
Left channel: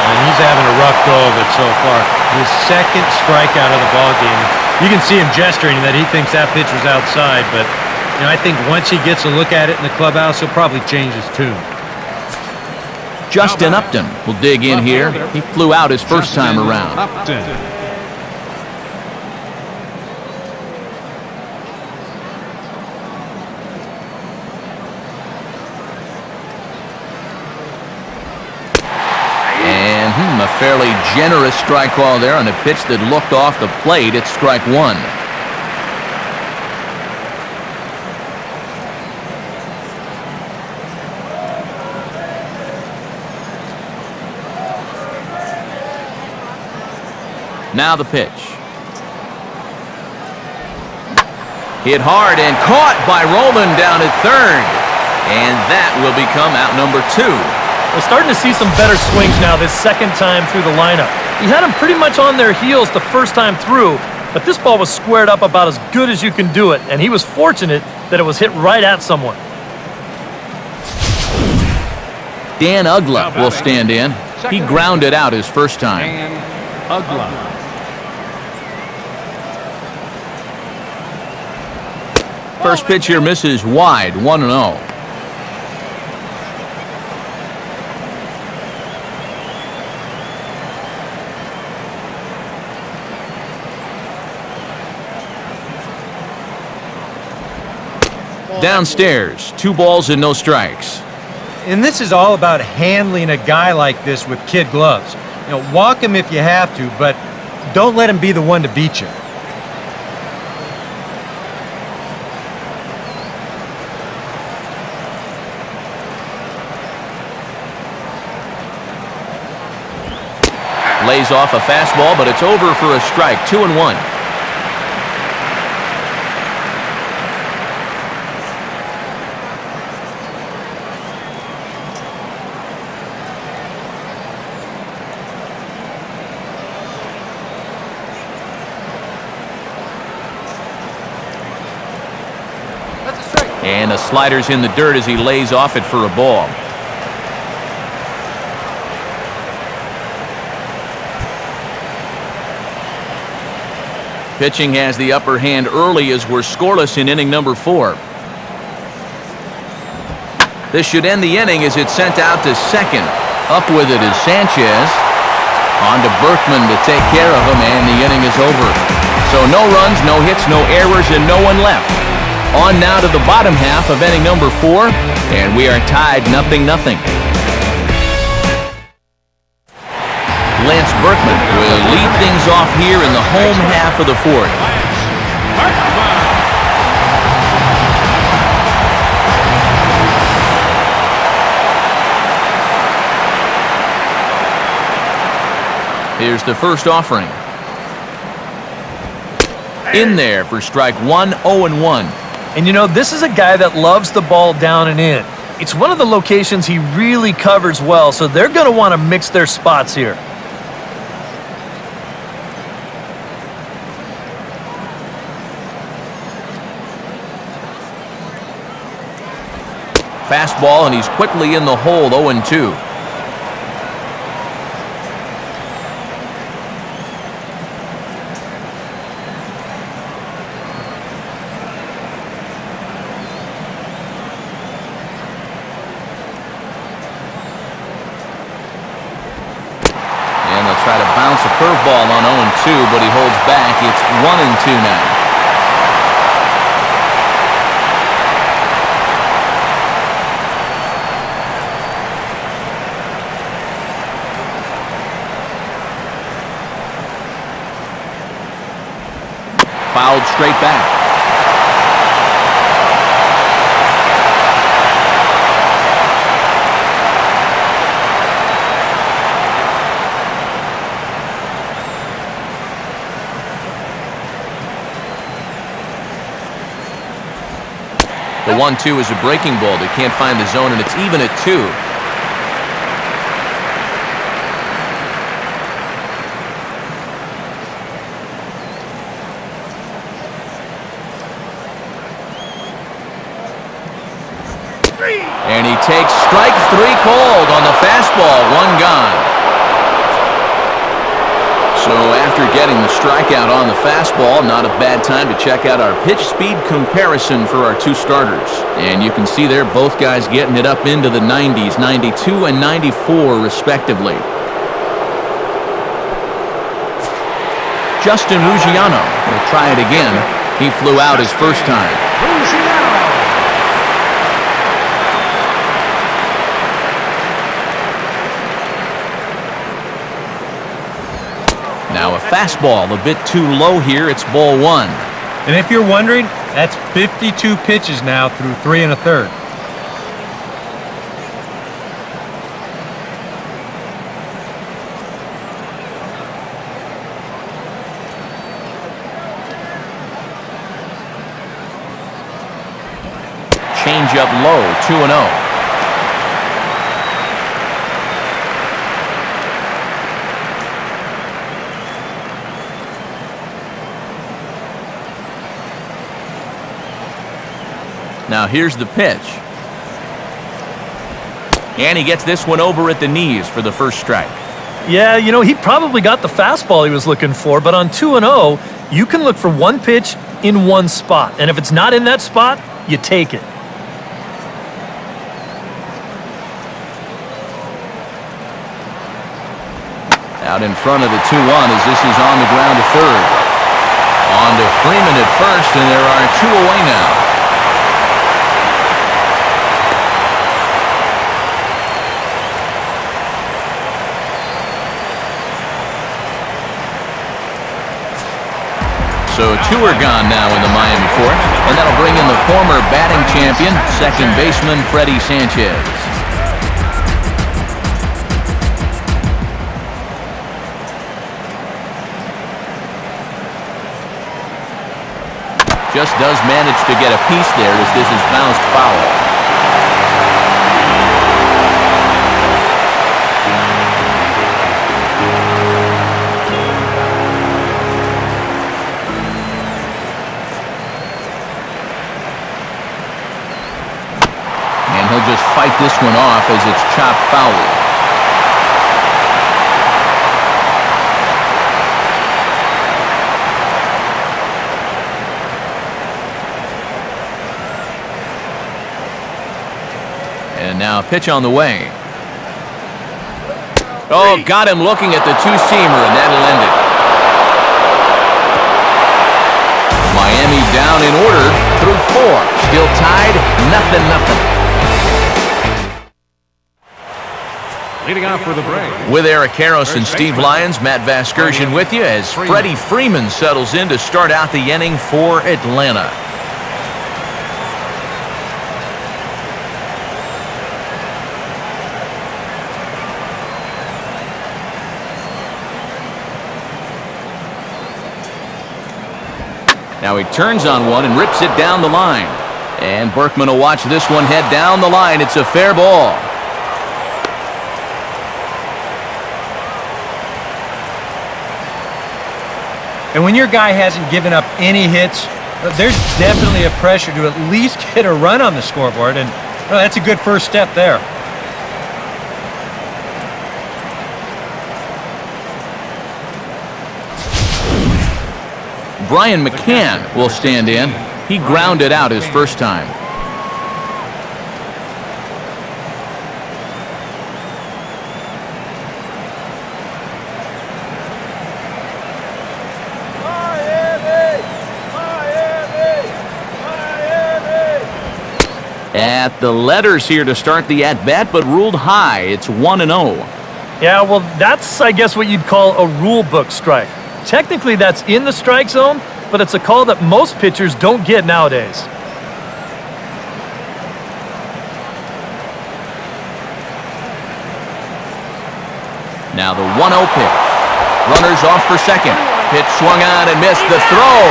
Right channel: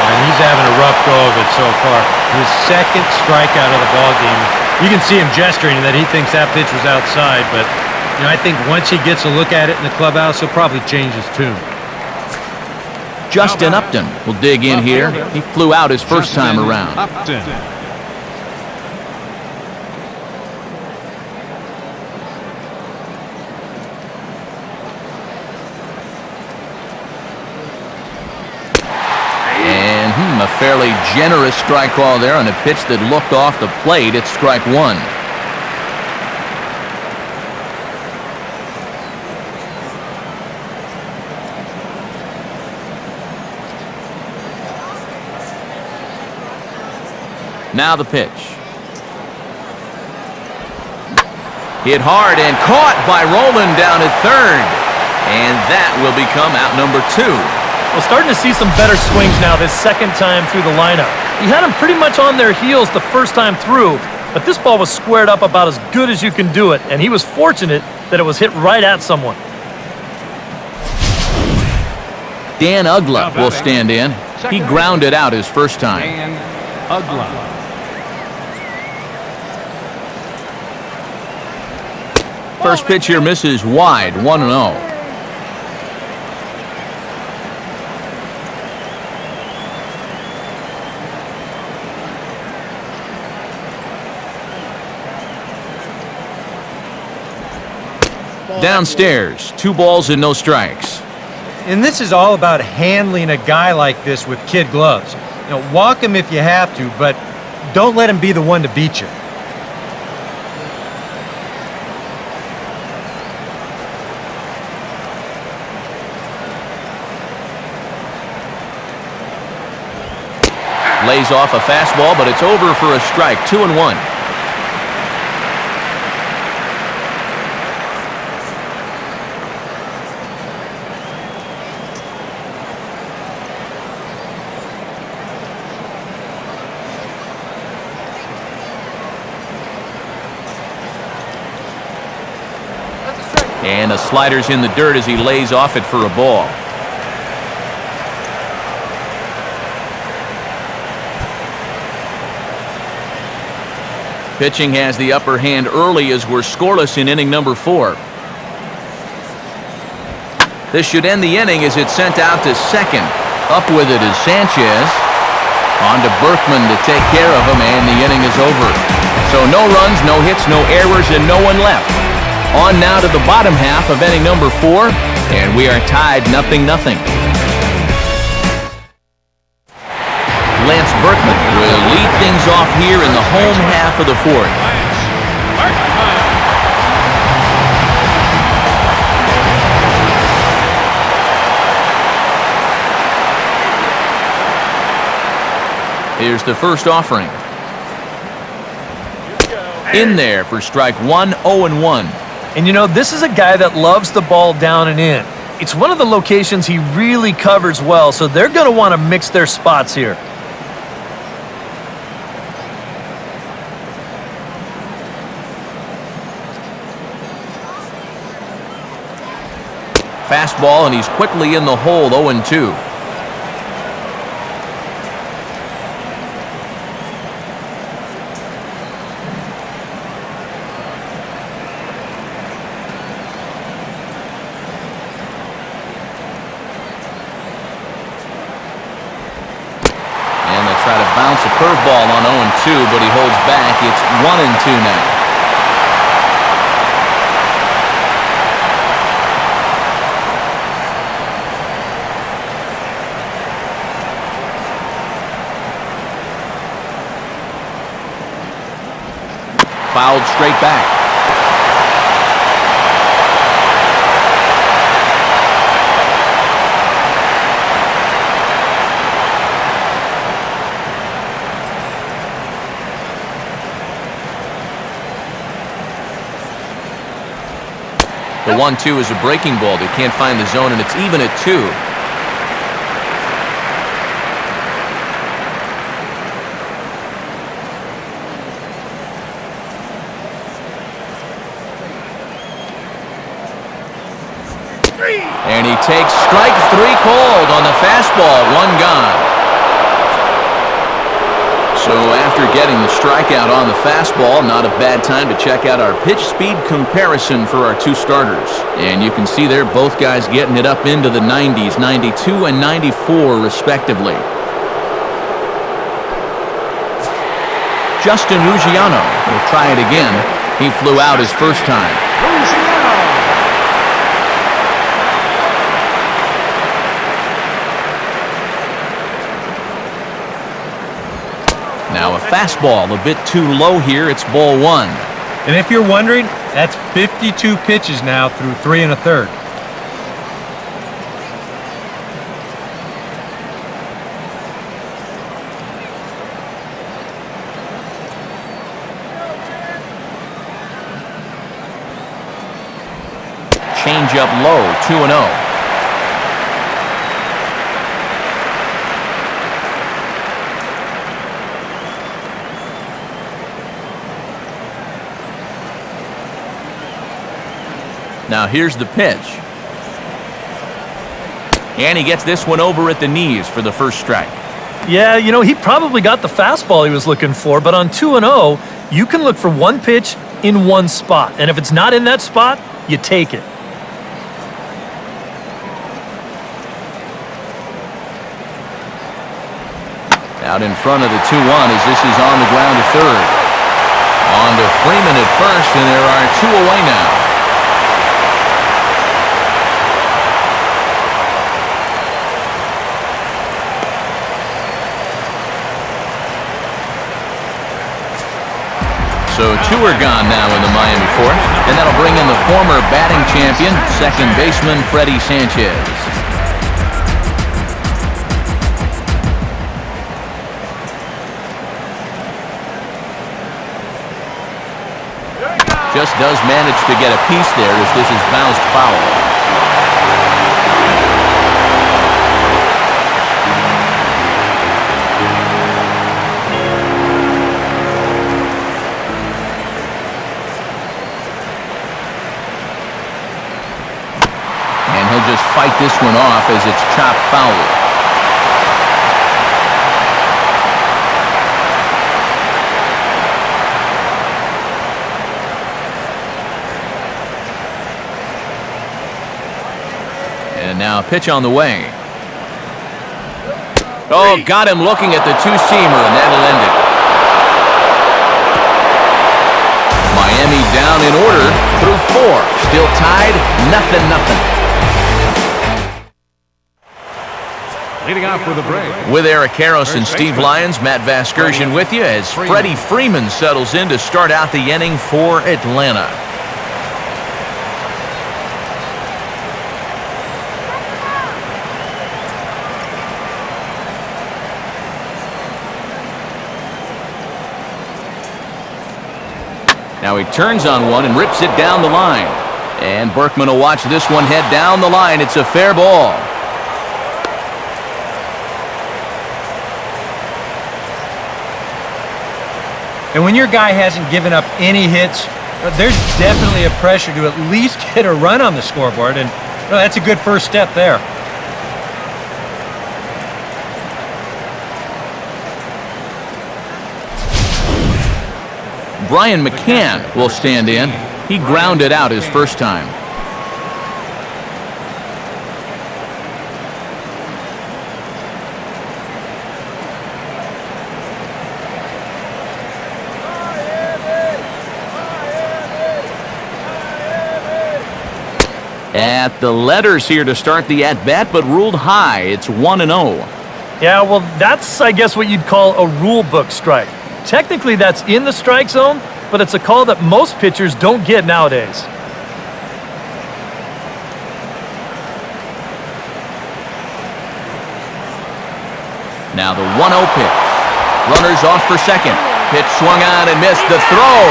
And he's having a rough go of it so far. His 2nd strikeout of the ball game. You can see him gesturing that he thinks that pitch was outside, but I think once he gets a look at it in the clubhouse, he'll probably change his tune. Justin Upton will dig in here. He flew out his first time around. A fairly generous strike call there on a pitch that looked off the plate. It's strike 1. Now the pitch. Hit hard and caught by Rowland down at third. And that will become out number 2. Well, starting to see some better swings now this second time through the lineup. He had them pretty much on their heels the first time through, but this ball was squared up about as good as you can do it, and he was fortunate that it was hit right at someone. Dan Ugla will stand in. He grounded out his first time. Dan Ugla. First pitch here misses wide, 1-0. Downstairs, 2 balls and no strikes. And this is all about handling a guy like this with kid gloves. Walk him if you have to, but don't let him be the one to beat you. Lays off a fastball, but it's over for a strike, 2-1. That's a strike. And the slider's in the dirt as he lays off it for a ball. Pitching has the upper hand early as we're scoreless in inning number 4. This should end the inning as it's sent out to second. Up with it is Sanchez. On to Berkman to take care of him, and the inning is over. So no runs, no hits, no errors, and no one left. On now to the bottom half of inning number 4, and we are tied 0-0. Lance Berkman will lead things off here in the home half of the 4th. Here's the first offering. In there for strike 1, 0-1. And this is a guy that loves the ball down and in. It's one of the locations he really covers well, so they're going to want to mix their spots here. Fastball, and he's quickly in the hole, 0-2. And they'll try to bounce a curveball on 0-2, but he holds back. It's 1-2 now. Fouled straight back. The 1-2 is a breaking ball. They can't find the zone, and it's even at 2. And he takes strike 3 called on the fastball, 1 gone. So after getting the strikeout on the fastball, not a bad time to check out our pitch speed comparison for our 2 starters. And you can see there both guys getting it up into the 90s, 92 and 94 respectively. Justin Ruggiano will try it again. He flew out his first time. Now a fastball a bit too low here. It's ball 1. And if you're wondering, that's 52 pitches now through 3 1/3. Change up low, 2-0. Now here's the pitch. And he gets this one over at the knees for the first strike. Yeah, you know, he probably got the fastball he was looking for, but on 2-0, you can look for one pitch in one spot. And if it's not in that spot, you take it. Out in front of the 2-1 as this is on the ground to third. On to Freeman at first, and there are 2 away now. So 2 are gone now in the Miami fourth, and that'll bring in the former batting champion, second baseman Freddie Sanchez. Just does manage to get a piece there as this is bounced foul. And he'll just fight this one off as it's chopped foul. And now a pitch on the way. Oh, got him looking at the two-seamer, and that'll end it. Miami down in order through 4. Still tied, 0-0. With Eric Karros and Steve Lyons, Matt Vasgersian with you as Freddie Freeman settles in to start out the inning for Atlanta. Now he turns on one and rips it down the line. And Berkman will watch this one head down the line. It's a fair ball. And when your guy hasn't given up any hits, there's definitely a pressure to at least get a run on the scoreboard, and that's a good first step there. Brian McCann will stand in. He grounded out his first time. At the letters here to start the at-bat, but ruled high. It's 1-0. Yeah, well, that's, I guess, what you'd call a rule book strike. Technically, that's in the strike zone, but it's a call that most pitchers don't get nowadays. Now the 1-0 pitch. Runners off for second. Pitch swung on and missed the throw.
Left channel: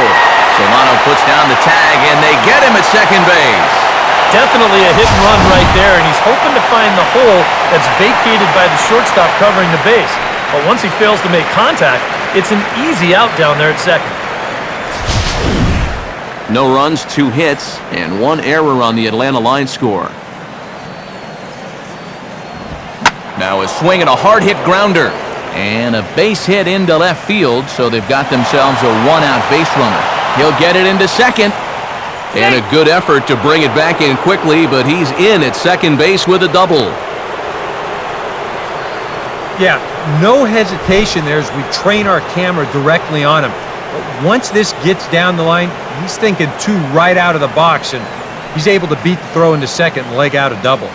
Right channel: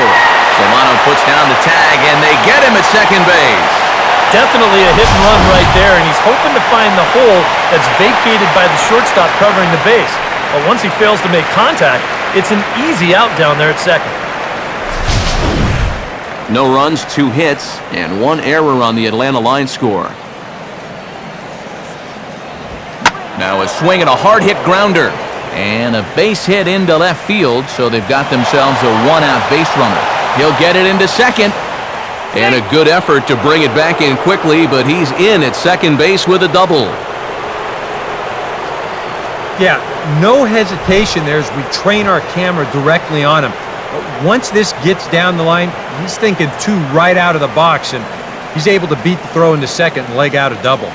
Solano puts down the tag, and they get him at second base. Definitely a hit and run right there, and he's hoping to find the hole that's vacated by the shortstop covering the base. But once he fails to make contact, it's an easy out down there at second. No runs, 2 hits, and 1 error on the Atlanta line score. Now a swing and a hard hit grounder. And a base hit into left field, so they've got themselves a 1-out base runner. He'll get it into second. And a good effort to bring it back in quickly, but he's in at second base with a double. Yeah, no hesitation there as we train our camera directly on him. But once this gets down the line, he's thinking 2 right out of the box, and he's able to beat the throw into second and leg out a double.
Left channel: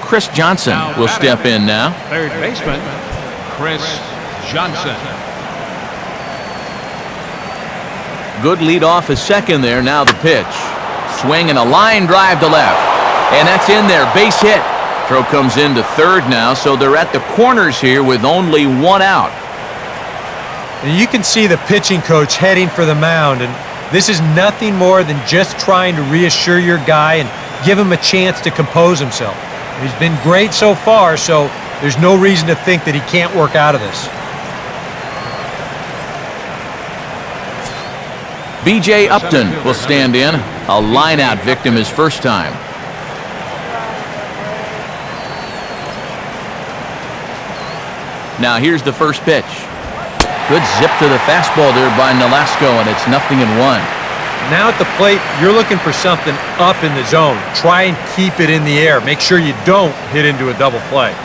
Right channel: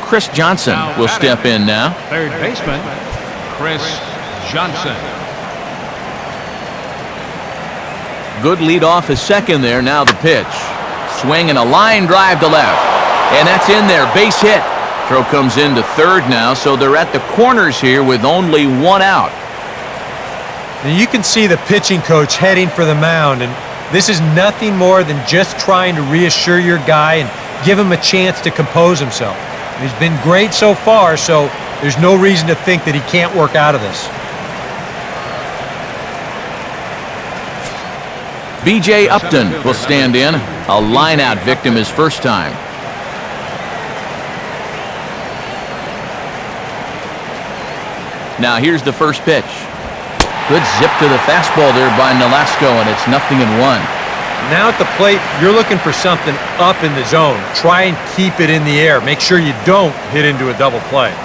Chris Johnson will step in now. Third baseman, Chris Johnson. Good lead off a second there. Now the pitch. Swing and a line drive to left. And that's in there. Base hit. Throw comes into third now, so they're at the corners here with only 1 out. And you can see the pitching coach heading for the mound, and this is nothing more than just trying to reassure your guy and give him a chance to compose himself. And he's been great so far, so there's no reason to think that he can't work out of this. B.J. Upton will stand in. A line-out victim his first time. Now here's the first pitch. Good zip to the fastball there by Nolasco, and it's 0-1. Now at the plate, you're looking for something up in the zone. Try and keep it in the air. Make sure you don't hit into a double play.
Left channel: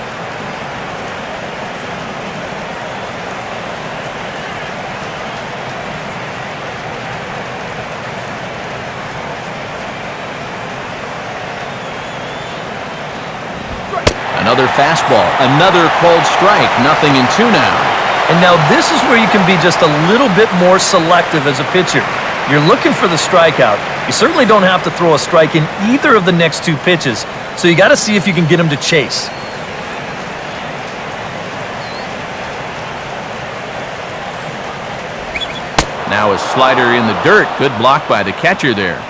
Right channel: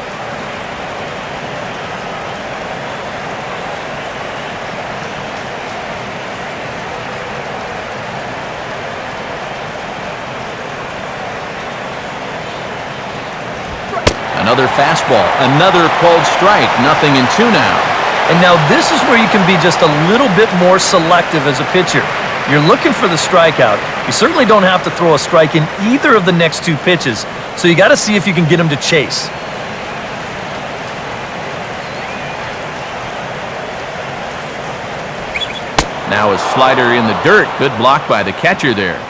Another fastball, another called strike, 0-2 now. And now this is where you can be just a little bit more selective as a pitcher. You're looking for the strikeout. You certainly don't have to throw a strike in either of the next two pitches, so you got to see if you can get him to chase. Now a slider in the dirt. Good block by the catcher there.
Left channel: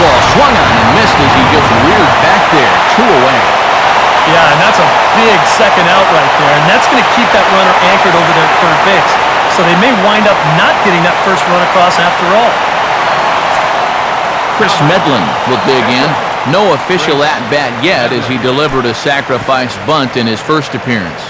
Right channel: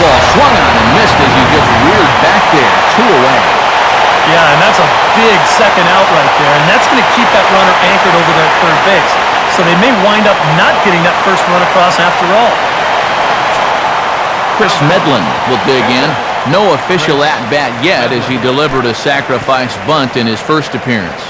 Ball swung on and missed as he just reared back there. 2 away. Yeah, and that's a big second out right there, and that's going to keep that runner anchored over there at third base. So they may wind up not getting that first run across after all. Chris Medlin will dig in. No official at-bat yet as he delivered a sacrifice bunt in his first appearance.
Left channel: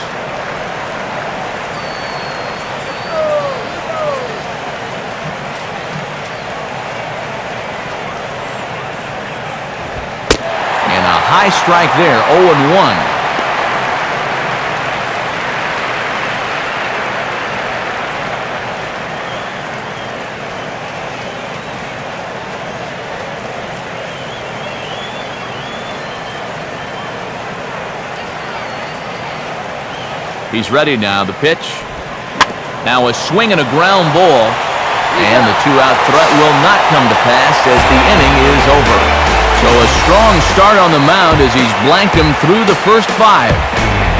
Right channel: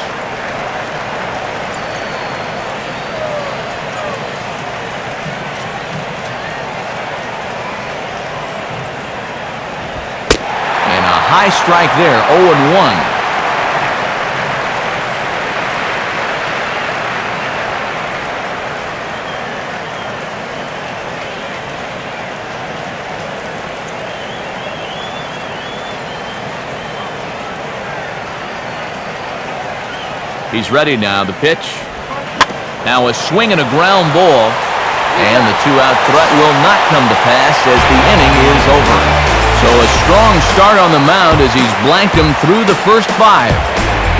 High strike there, 0-1. He's ready now, the pitch. Now a swing and a ground ball. And the 2-out threat will not come to pass as the inning is over. So a strong start on the mound as he's blanked him through the first 5.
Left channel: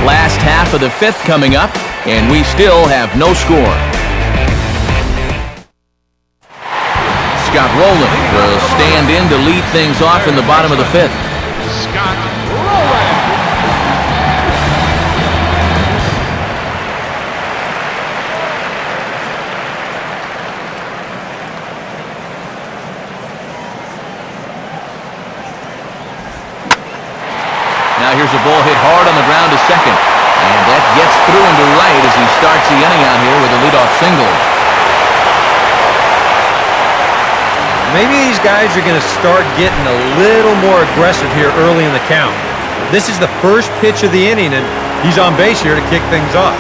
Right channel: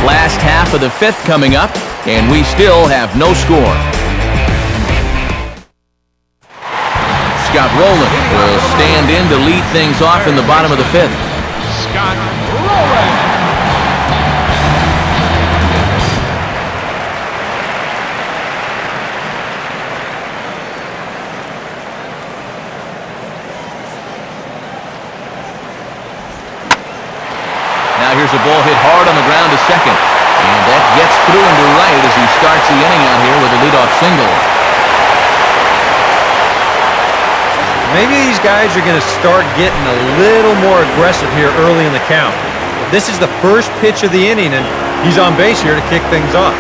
Last half of the 5th coming up, and we still have no score. Scott Rowland will stand in to lead things off in the bottom of the 5th. Now here's a ball hit hard on the ground to second. And that gets through into right as he starts the inning out here with a leadoff single. Maybe these guys are going to start getting a little more aggressive here early in the count. This is the first pitch of the inning, and he's on base here to kick things off.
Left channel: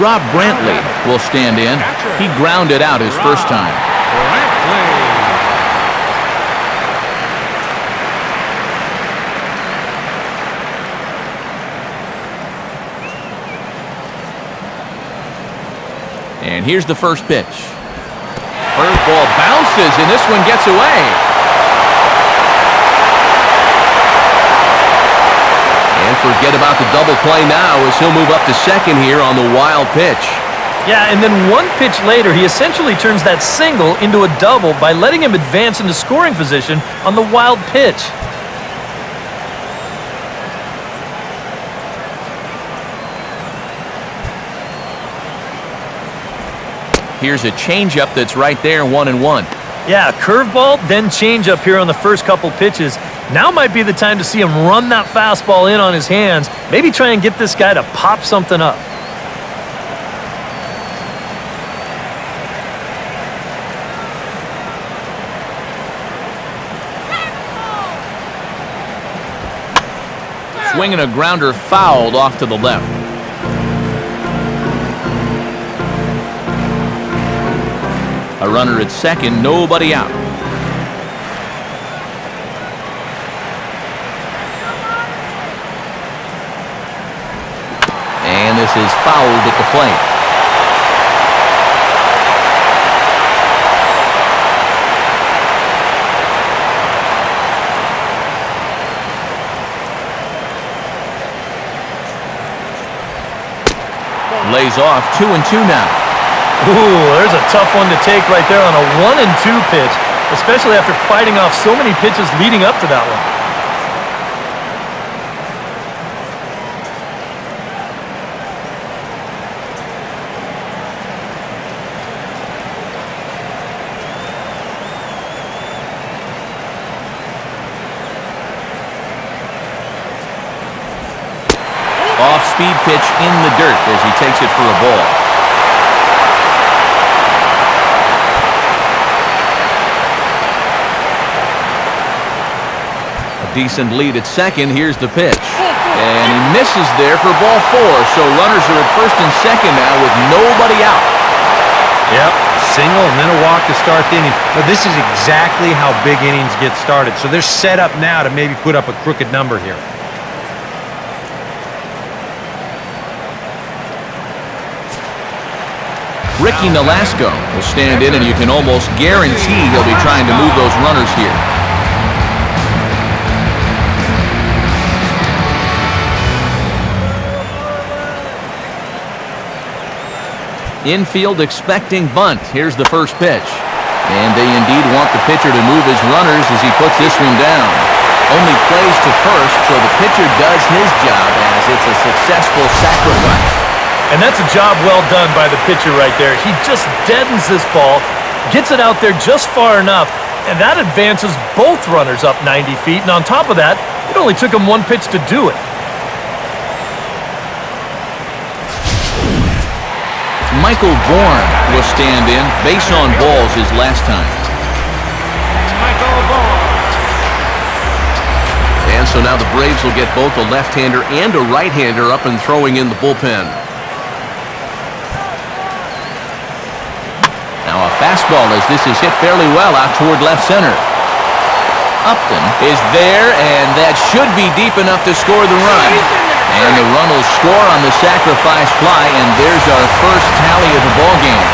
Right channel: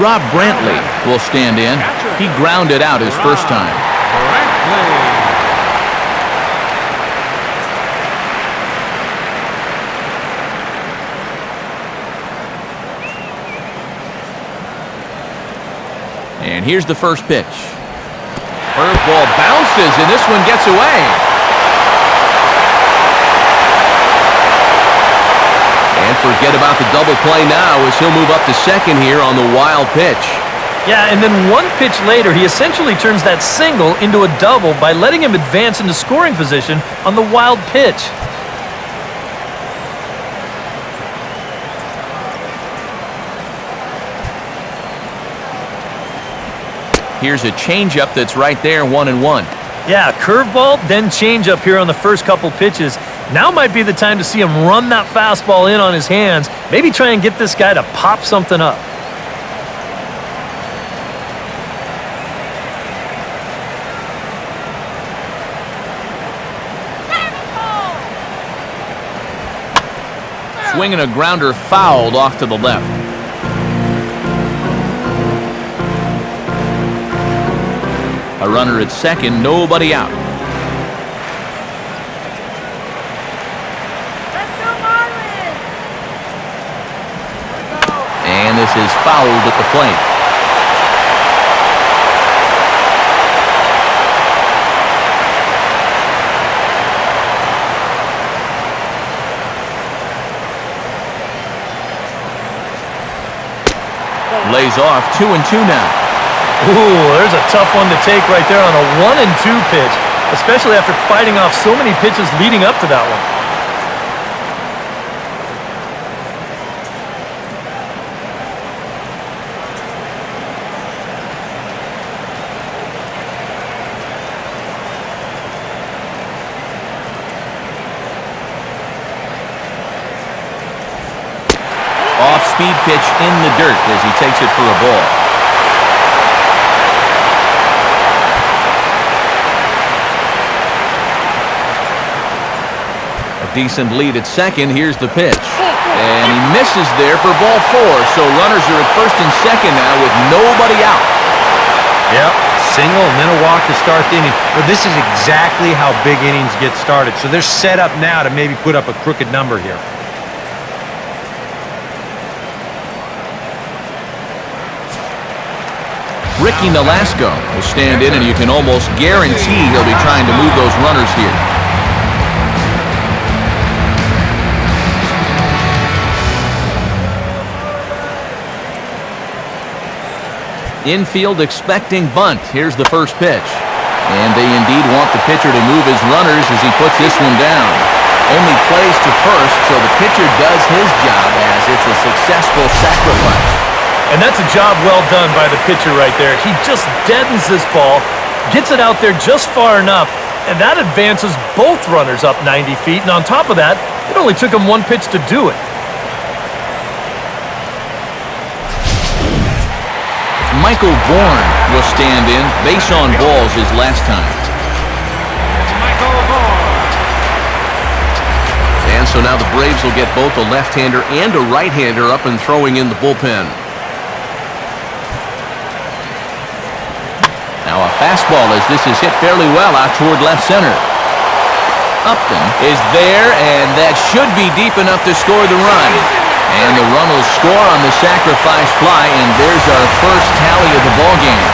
Rob Brantley will stand in. He grounded out his first time. And here's the first pitch. Curveball bounces, and this one gets away. And forget about the double play now as he'll move up to second here on the wild pitch. Yeah, and then one pitch later, he essentially turns that single into a double by letting him advance into scoring position on the wild pitch. Here's a changeup that's right there, 1-1. Yeah, curveball, then changeup here on the first couple pitches. Now might be the time to see him run that fastball in on his hands. Maybe try and get this guy to pop something up. Swinging a grounder fouled off to the left. A runner at second, nobody out. Let's go, Marlins! And this is fouled at the plate. Lays off 2-2 now. Ooh, there's a tough one to take right there on a 1-2 pitch, especially after fighting off so many pitches leading up to that one. Off-speed pitch in the dirt as he takes it for a ball. A decent lead at second. Here's the pitch. And he misses there for ball 4. So runners are at first and second now with nobody out. Yep, single and then a walk to start the inning. But this is exactly how big innings get started. So they're set up now to maybe put up a crooked number here. Ricky Nolasco will stand in, and you can almost guarantee he'll be trying to move those runners here. Infield expecting bunt. Here's the first pitch. And they indeed want the pitcher to move his runners as he puts this one down. Only plays to first, so the pitcher does his job as it's a successful sacrifice. And that's a job well done by the pitcher right there. He just deadens this ball, gets it out there just far enough, and that advances both runners up 90 feet. And on top of that, it only took him one pitch to do it. Michael Bourne will stand in. Base on balls his last time. And so now the Braves will get both a left-hander and a right-hander up and throwing in the bullpen. Now a fastball as this is hit fairly well out toward left center. Upton is there, and that should be deep enough to score the run. And the run will score on the sacrifice fly, and there's our first tally of the ballgame.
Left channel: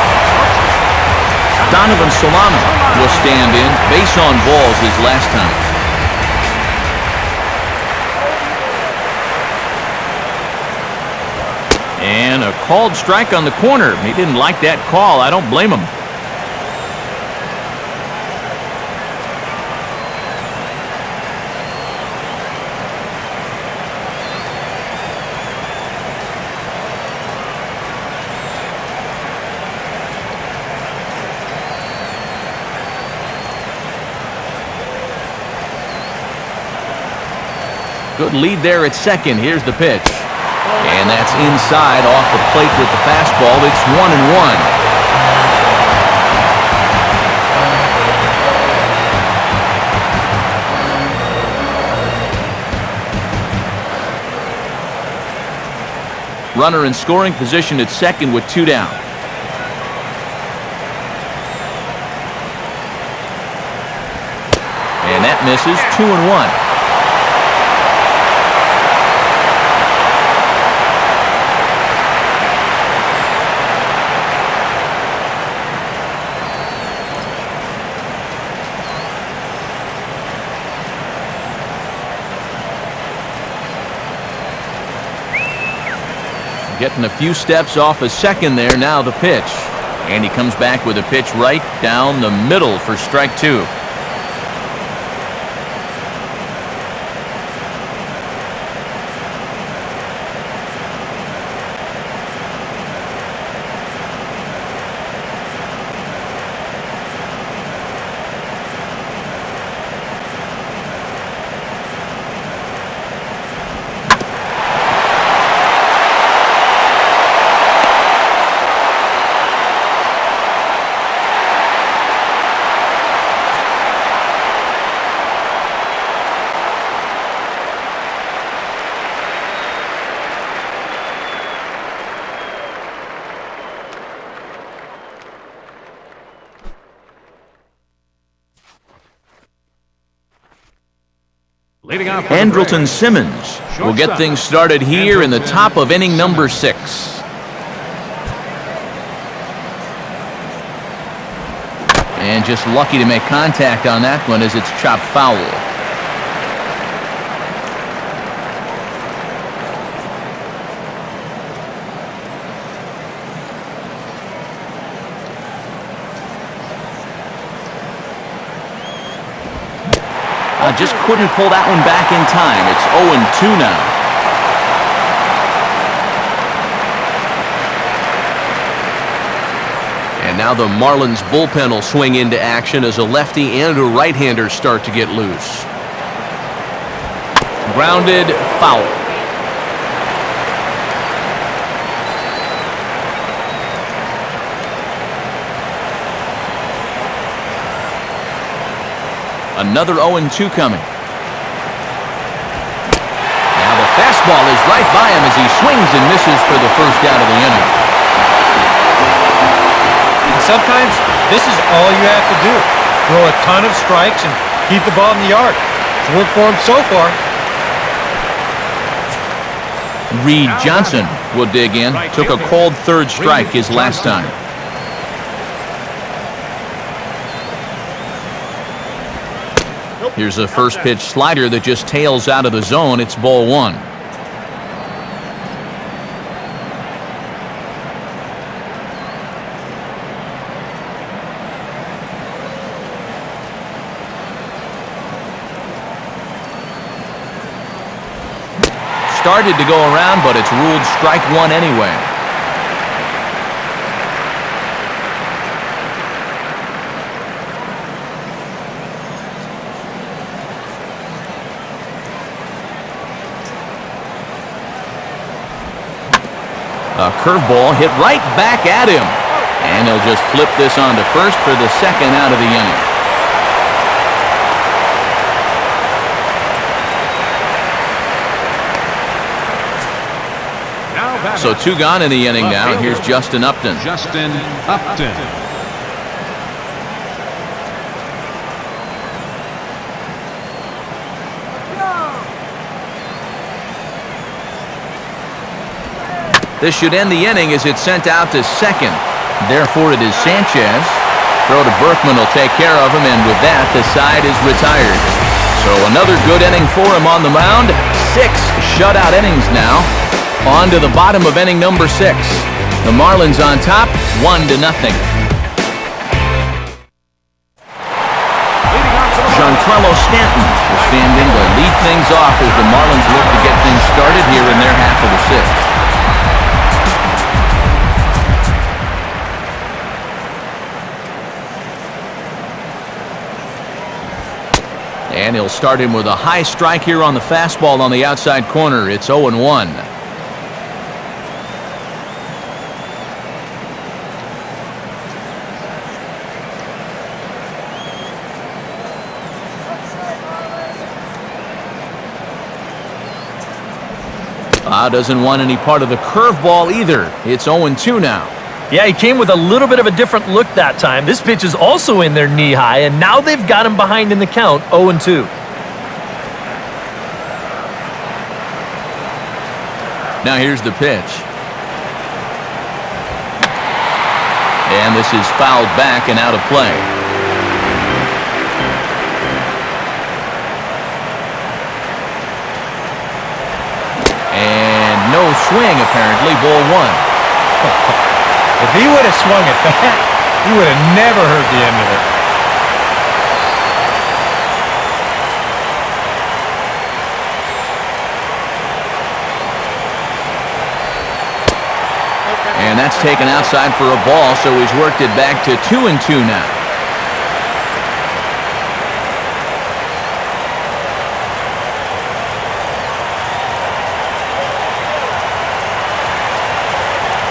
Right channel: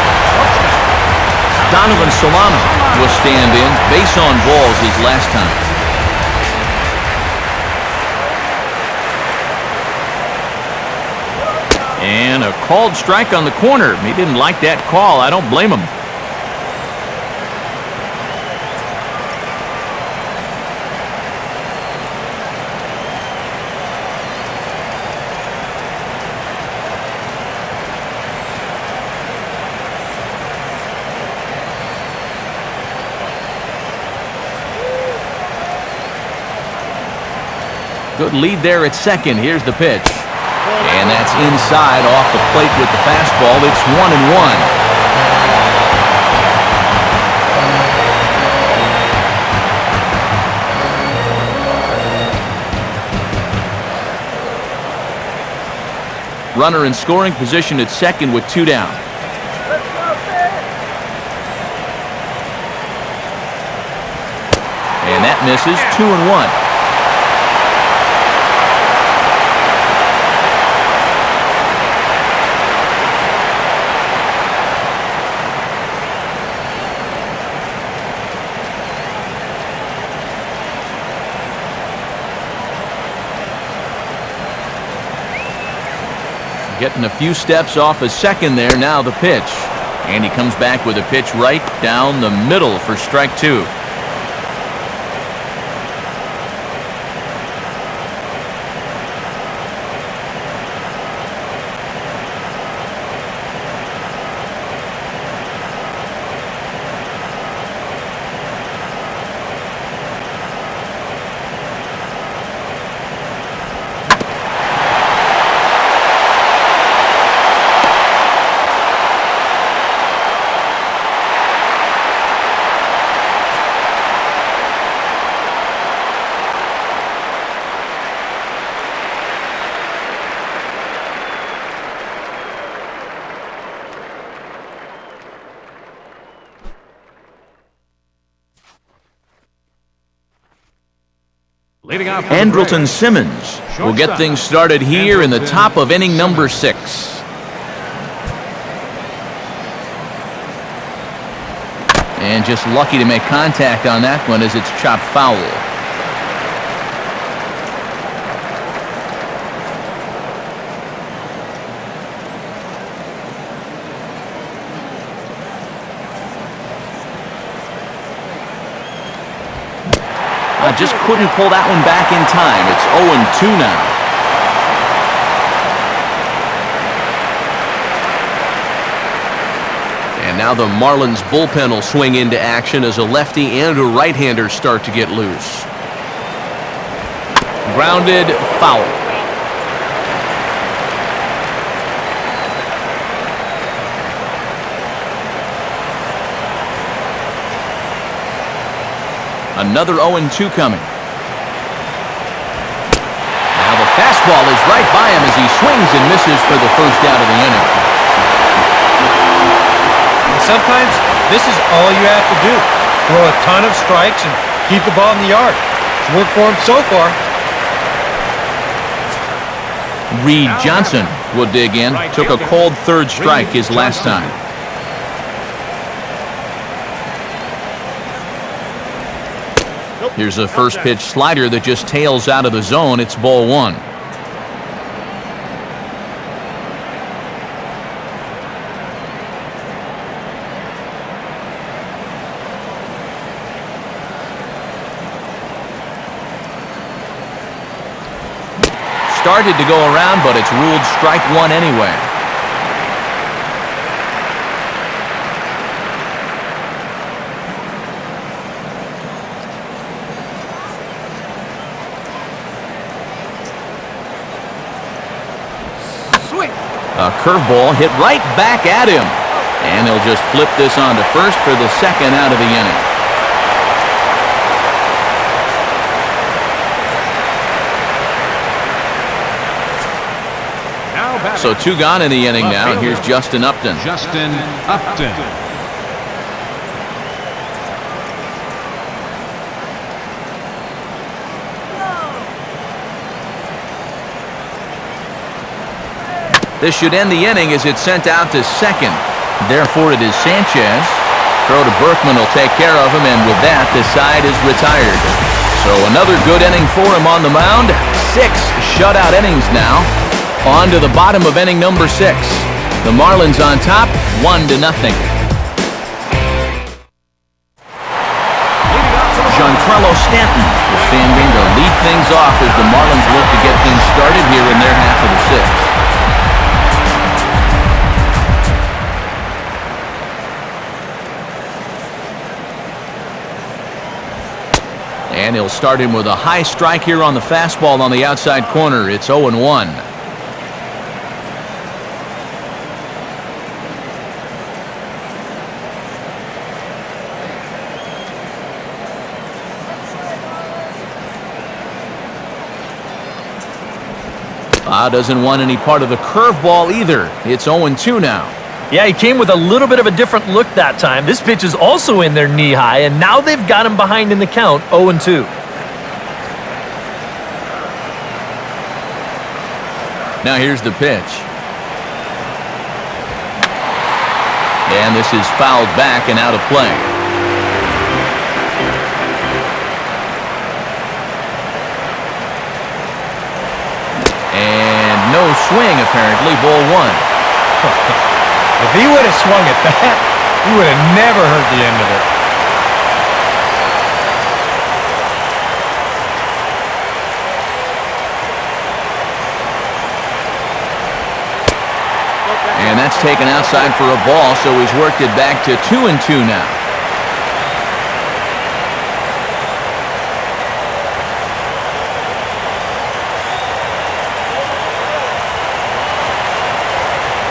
Donovan Solano will stand in. Base on balls his last time. And a called strike on the corner. He didn't like that call. I don't blame him. Good lead there at second. Here's the pitch. And that's inside off the plate with the fastball. It's 1-1. Runner in scoring position at second with 2 down. And that misses. 2-1. Getting a few steps off a second there. Now the pitch. And he comes back with a pitch right down the middle for strike 2. Andrelton Simmons will get things started here in the top of inning number 6. And just lucky to make contact on that one as it's chopped foul. Just couldn't pull that one back in time. It's 0-2 now. And now the Marlins bullpen will swing into action as a lefty and a right-hander start to get loose. Grounded, foul. Another 0-2 coming. Now the fastball is right by him as he swings and misses for the first out of the inning. And sometimes this is all you have to do. Throw a ton of strikes and keep the ball in the yard. It's worked for him so far. Reed Johnson will dig in. Took a cold third strike his last time. Here's a first pitch slider that just tails out of the zone. It's ball one. Started to go around, but it's ruled strike one anyway. A curveball hit right back at him. And he'll just flip this on to first for the second out of the inning. So two gone in the inning now, and here's Justin Upton. Justin Upton. This should end the inning as it's sent out to second. Therefore, it is Sanchez. Throw to Berkman will take care of him, and with that, the side is retired. So another good inning for him on the mound. 6 shutout innings now. On to the bottom of inning number 6. The Marlins on top, 1-0. Giancarlo Stanton will stand in to lead things off as the Marlins look to get things started here in their half of the 6th. And he'll start him with a high strike here on the fastball on the outside corner. It's 0-1. Doesn't want any part of the curveball either. It's 0-2 now. Yeah, he came with a little bit of a different look that time. This pitch is also in there knee high, and now they've got him behind in the count, 0-2. Now here's the pitch. And this is fouled back and out of play. And no swing, apparently, ball one. If he would have swung at that, he would have never heard the end of it. And that's taken outside for a ball, so he's worked it back to 2-2 now.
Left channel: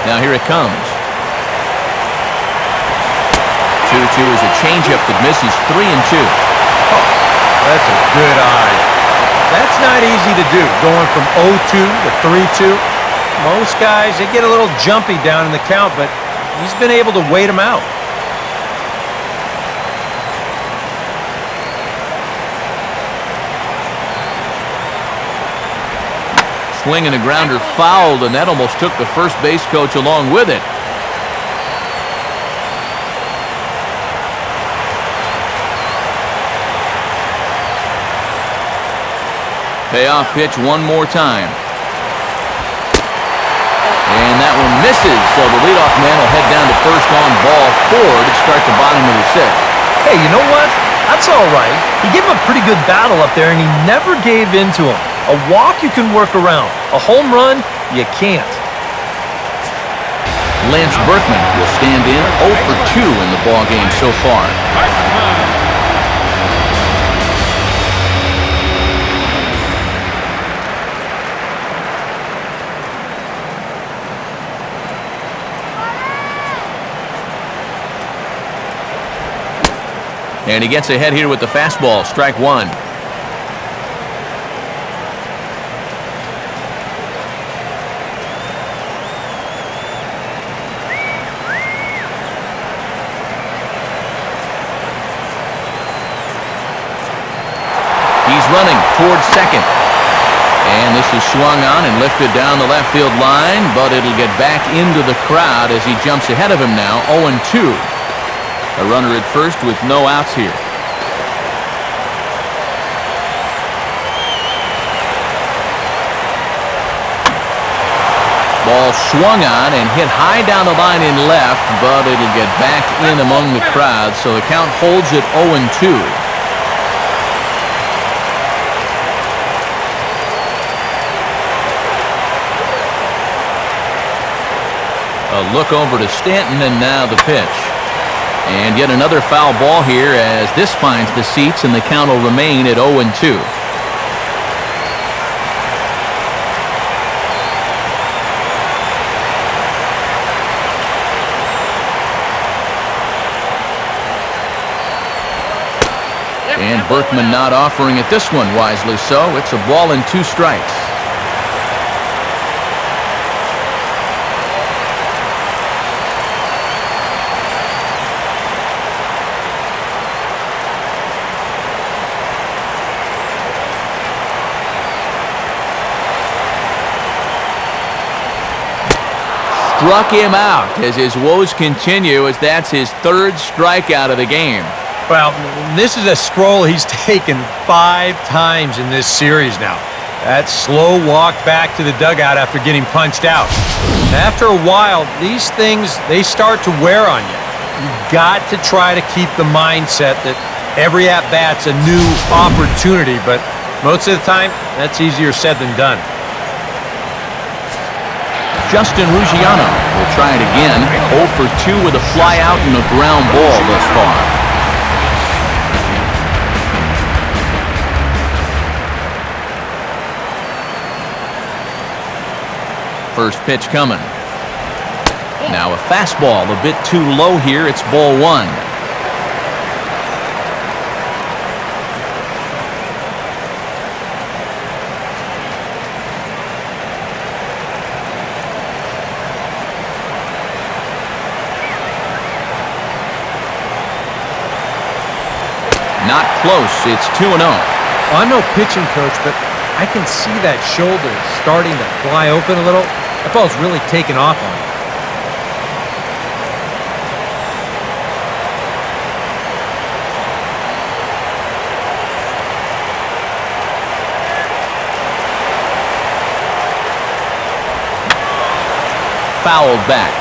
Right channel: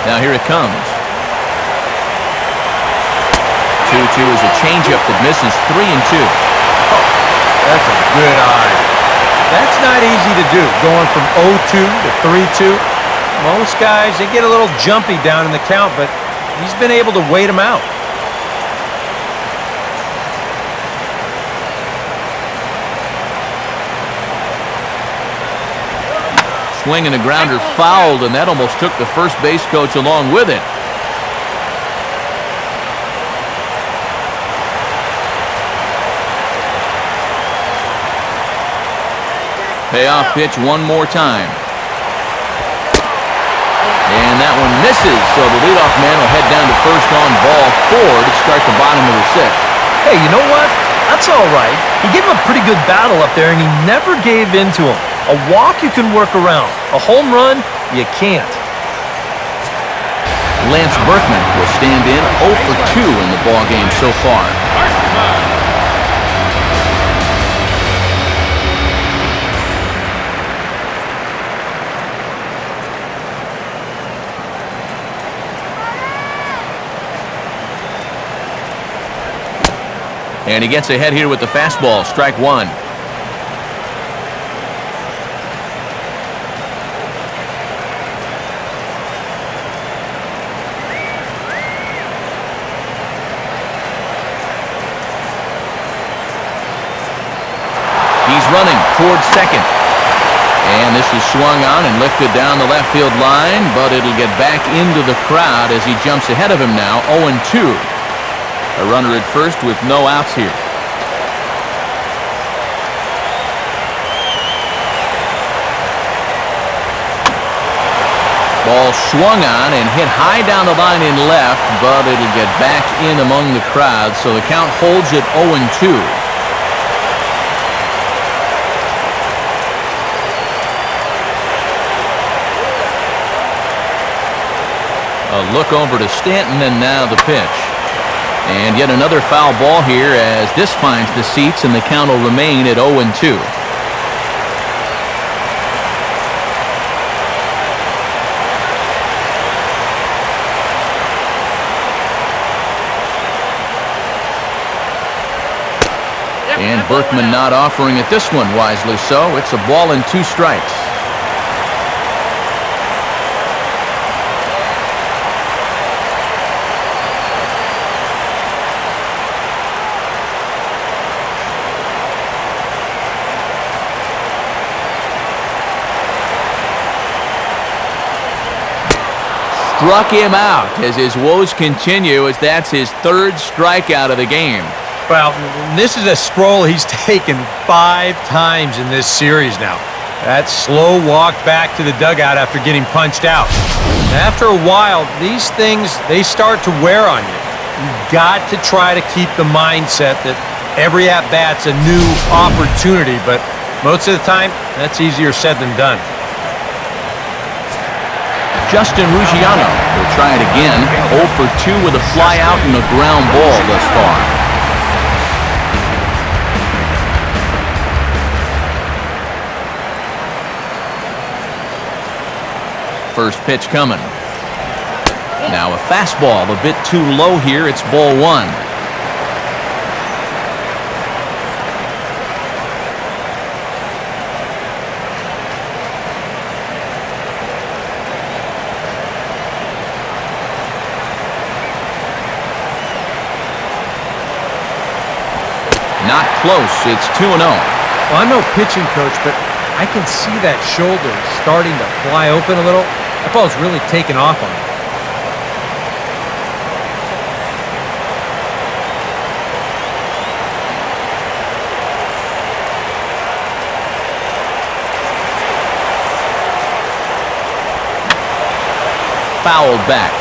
Now here it comes. 2-2 is a changeup that misses 3-2. Oh, that's a good eye. That's not easy to do, going from 0-2 to 3-2. Most guys, they get a little jumpy down in the count, but he's been able to wait them out. Swing and a grounder fouled, and that almost took the first base coach along with it. Payoff pitch one more time. And that one misses, so the leadoff man will head down to first on ball 4 to start the bottom of the 6th. Hey, you know what? That's all right. He gave him a pretty good battle up there, and he never gave in to him. A walk you can work around. A home run, you can't. Lance Berkman will stand in 0 for 2 in the ballgame so far. And he gets ahead here with the fastball, strike one. He's running towards second. And this is swung on and lifted down the left field line, but it'll get back into the crowd as he jumps ahead of him now, 0-2. A runner at first with no outs here. Ball swung on and hit high down the line in left, but it'll get back in among the crowd, so the count holds at 0-2. A look over to Stanton, and now the pitch. And yet another foul ball here as this finds the seats, and the count will remain at 0-2. And Berkman not offering it this one, wisely so. It's a ball and 2 strikes. Struck him out as his woes continue, as that's his 3rd strikeout of the game. Well, this is a stroll he's taken 5 times in this series now. That slow walk back to the dugout after getting punched out. After a while, these things, they start to wear on you. You've got to try to keep the mindset that every at-bat's a new opportunity, but most of the time, that's easier said than done. Justin Ruggiano will try it again. 0 for 2 with a fly out and a ground ball thus far. First pitch coming. Now a fastball a bit too low here. It's ball 1. Not close. It's 2-0. Well, I'm no pitching coach, but I can see that shoulder starting to fly open a little. That ball's really taken off on him. Fouled back.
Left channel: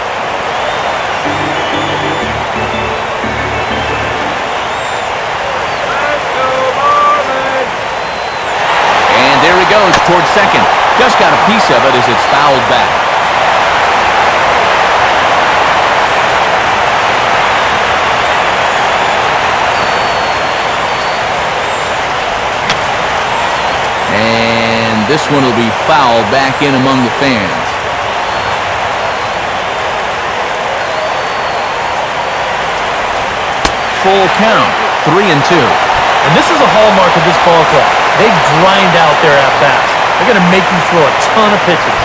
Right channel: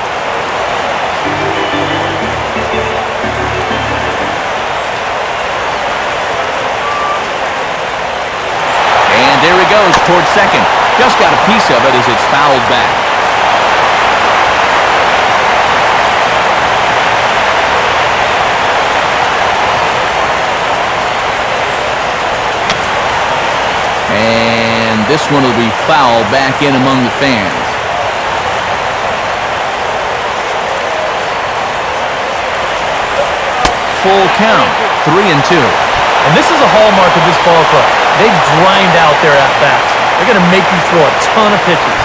And there he goes towards second. Just got a piece of it as it's fouled back. And this one will be fouled back in among the fans. Full count, 3-2. And this is a hallmark of this ball club. They grind out their at-bats. They're going to make you throw a ton of pitches.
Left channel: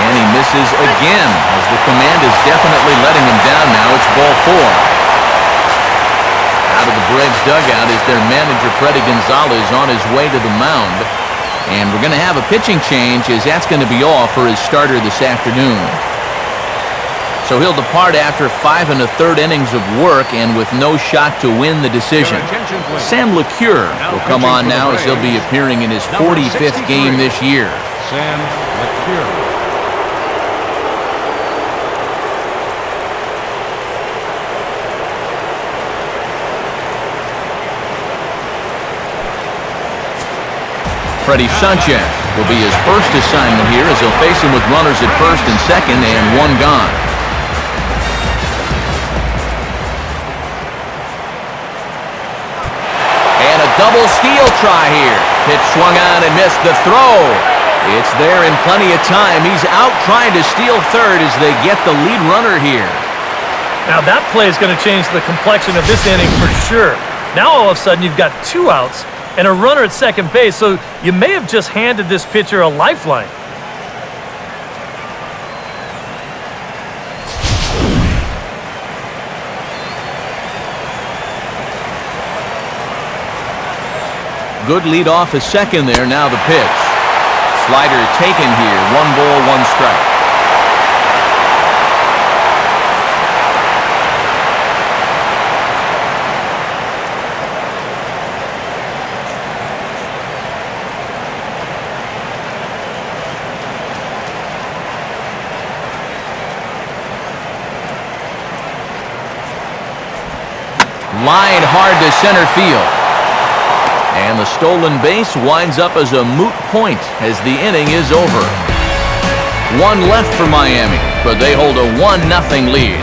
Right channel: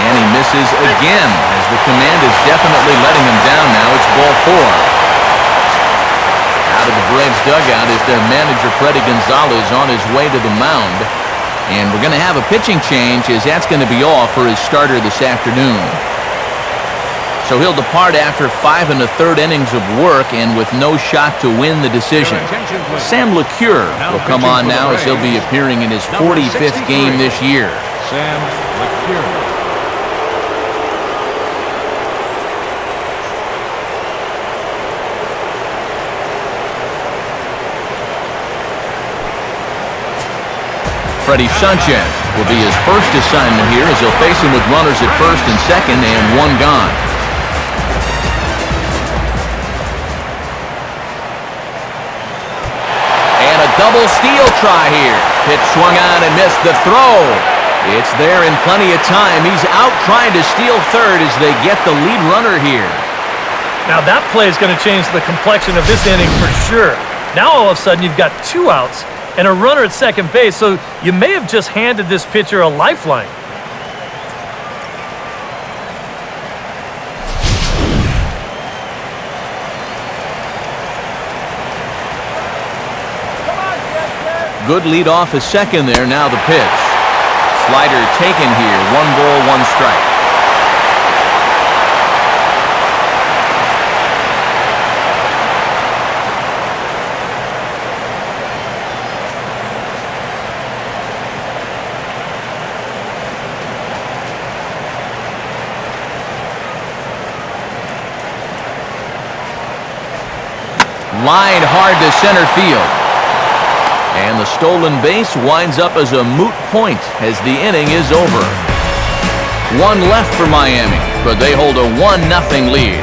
And he misses again, as the command is definitely letting him down now. It's ball 4. Out of the Braves dugout is their manager, Freddie Gonzalez, on his way to the mound. And we're going to have a pitching change, as that's going to be all for his starter this afternoon. So he'll depart after 5 1/3 innings of work and with no shot to win the decision. Sam LeCure will come on now as he'll be appearing in his 45th game this year. Freddie Sanchez will be his first assignment here as he'll face him with runners at first and second and one gone. And a double steal try here. Pitch swung on and missed the throw. It's there in plenty of time. He's out trying to steal third as they get the lead runner here. Now that play is going to change the complexion of this inning for sure. Now all of a sudden you've got 2 outs and a runner at second base, so you may have just handed this pitcher a lifeline. Good lead off at second there. Now the pitch. Slider taken here. 1 ball, 1 strike. Lined hard to center field. And the stolen base winds up as a moot point as the inning is over. 1 left for Miami, but they hold a 1-0 lead.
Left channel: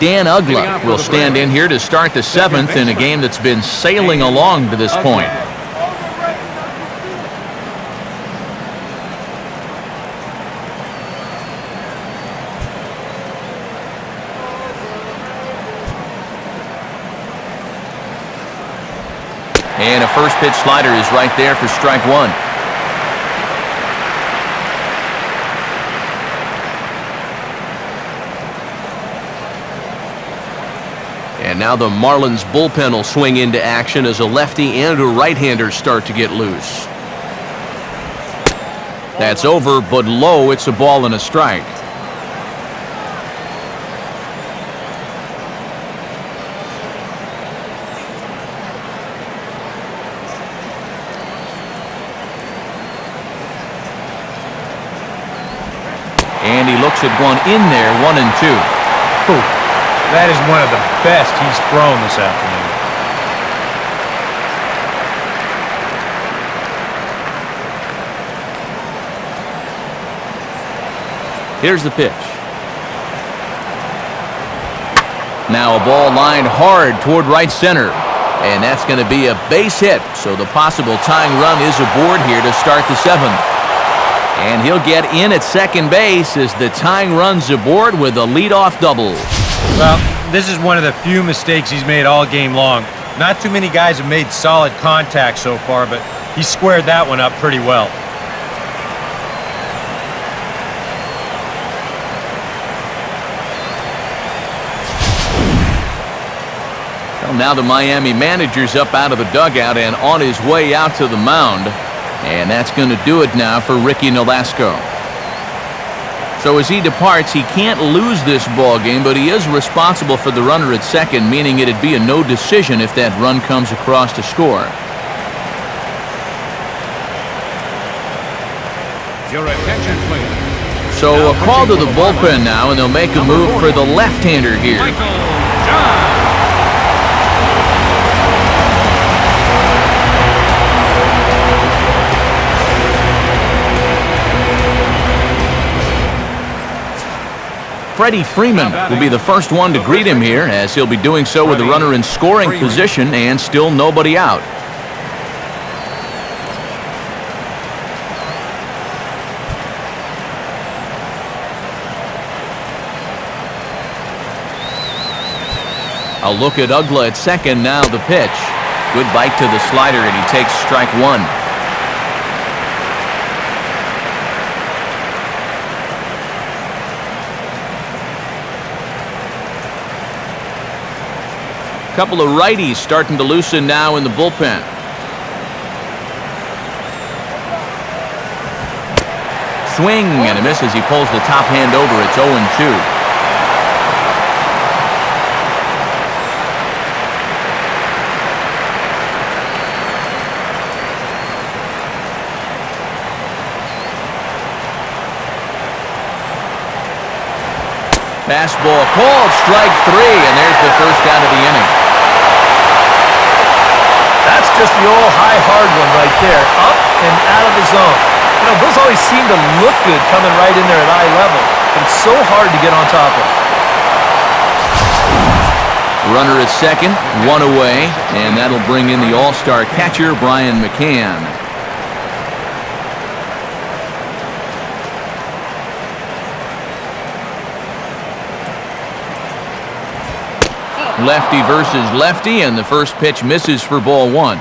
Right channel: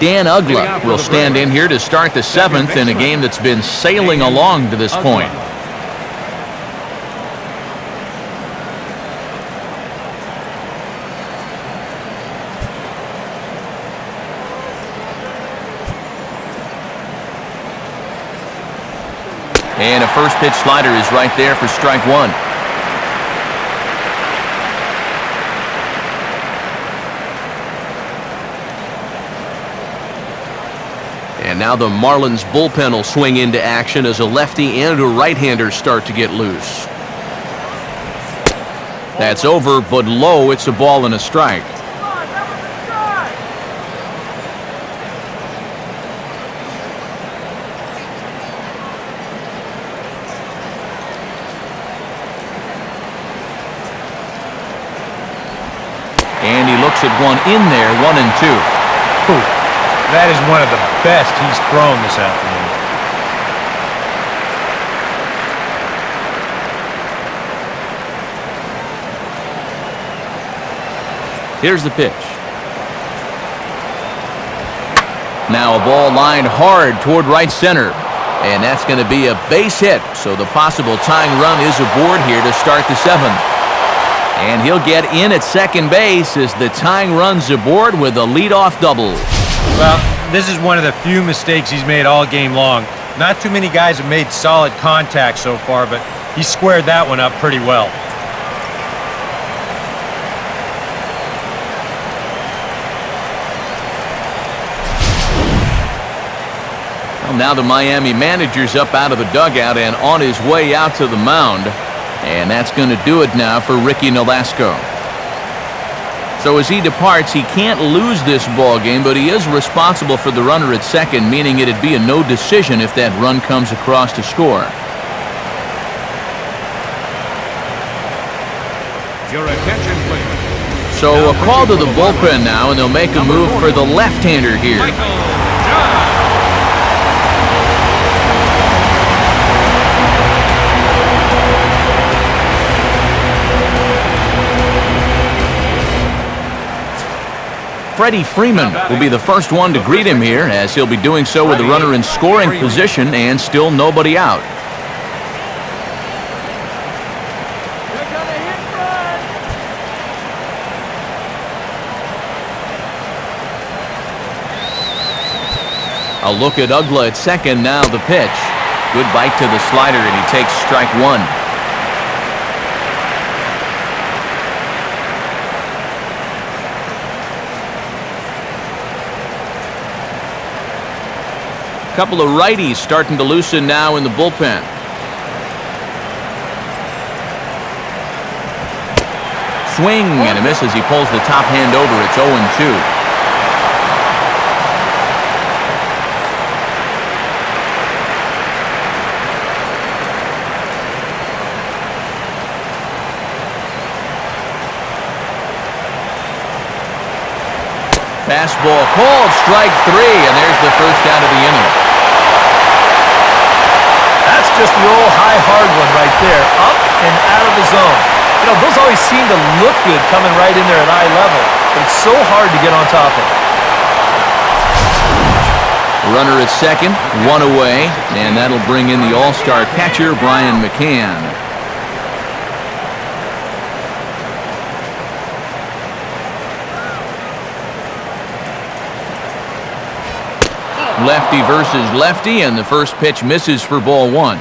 Dan Uggla will stand in here to start the 7th in a game that's been sailing along to this point. And a first pitch slider is right there for strike 1. And now the Marlins bullpen will swing into action as a lefty and a right-hander start to get loose. That's over, but low. It's a ball and a strike. And he looks at one in there, 1-2. Ooh. That is one of the best he's thrown this afternoon. Here's the pitch. Now a ball lined hard toward right center. And that's going to be a base hit. So the possible tying run is aboard here to start the 7th. And he'll get in at second base as the tying run's aboard with a leadoff double. Well, this is one of the few mistakes he's made all game long. Not too many guys have made solid contact so far, but he squared that one up pretty well. Well, now the Miami manager's up out of the dugout and on his way out to the mound. And that's going to do it now for Ricky Nolasco. So as he departs, he can't lose this ball game, but he is responsible for the runner at second, meaning it'd be a no decision if that run comes across to score. So a call to the bullpen now, and they'll make a move for the left-hander here. Freddie Freeman will be the first one to greet him here, as he'll be doing so with the runner in scoring position and still nobody out. A look at Uggla at second. Now the pitch. Good bite to the slider, and he takes strike 1. Couple of righties starting to loosen now in the bullpen. Swing and a miss as he pulls the top hand over. It's 0-2. Fastball called, strike 3, and there's the first out of the inning. That's just the old high hard one right there, up and out of the zone. You know, those always seem to look good coming right in there at eye level, but it's so hard to get on top of. Runner at second, one away, and that'll bring in the all-star catcher, Brian McCann. Lefty versus lefty, and the first pitch misses for ball 1.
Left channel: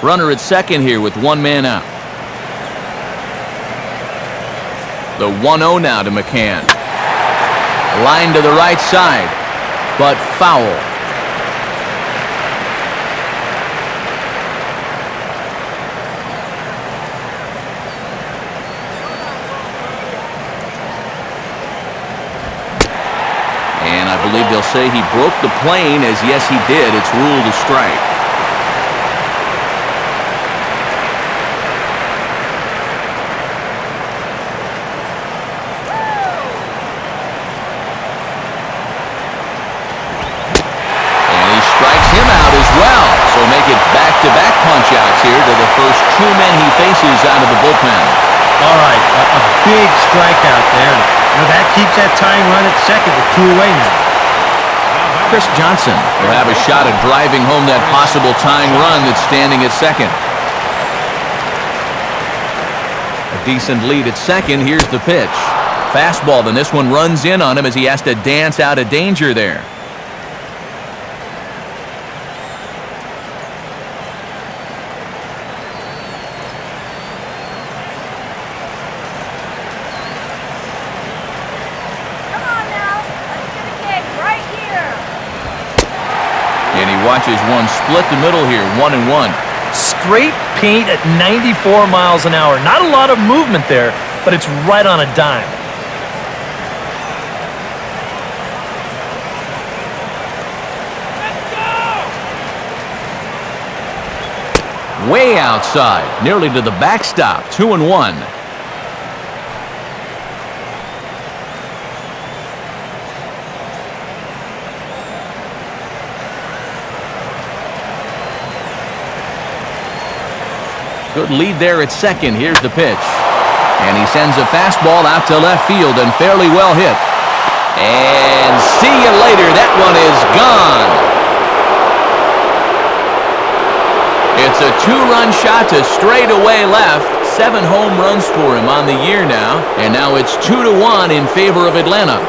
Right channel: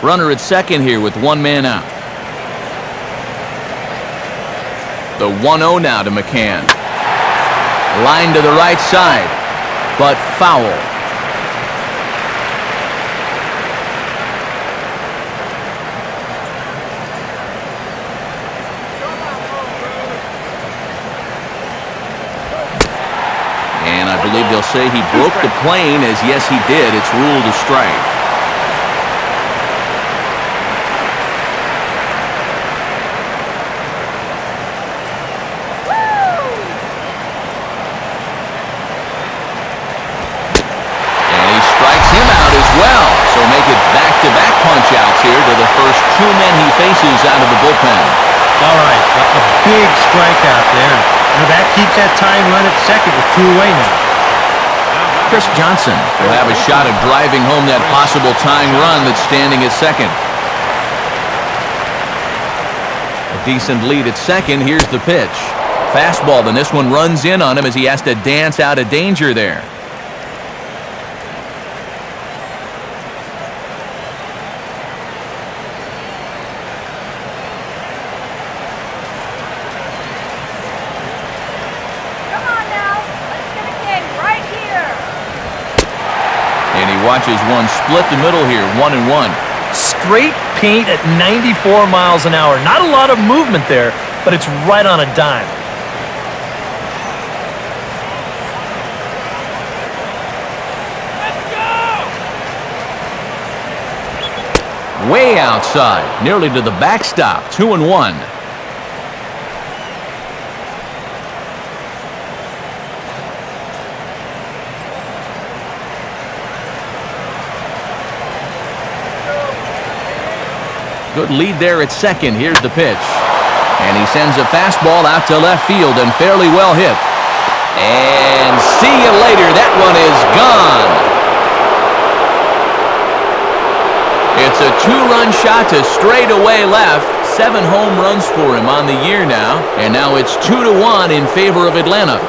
Runner at second here with one man out. The 1-0 now to McCann. Line to the right side, but foul. And I believe they'll say he broke the plane, as yes he did. It's ruled a strike. And he strikes him out as well. So make it back-to-back punch-outs here to the first 2 men he faces out of the bullpen. All right, a big strikeout there. You know, that keeps that tying run at second with 2 away now. Chris Johnson will have a shot at driving home that possible tying run that's standing at second. A decent lead at second. Here's the pitch. Fastball, then this one runs in on him as he has to dance out of danger there. And he watches one split the middle here, 1-1. Straight paint at 94 miles an hour. Not a lot of movement there, but it's right on a dime. Let's go! Way outside, nearly to the backstop, 2-1. Good lead there at second. Here's the pitch. And he sends a fastball out to left field and fairly well hit. And see you later. That one is gone. It's a 2-run shot to straightaway left. 7 home runs for him on the year now. And now it's 2-1 in favor of Atlanta.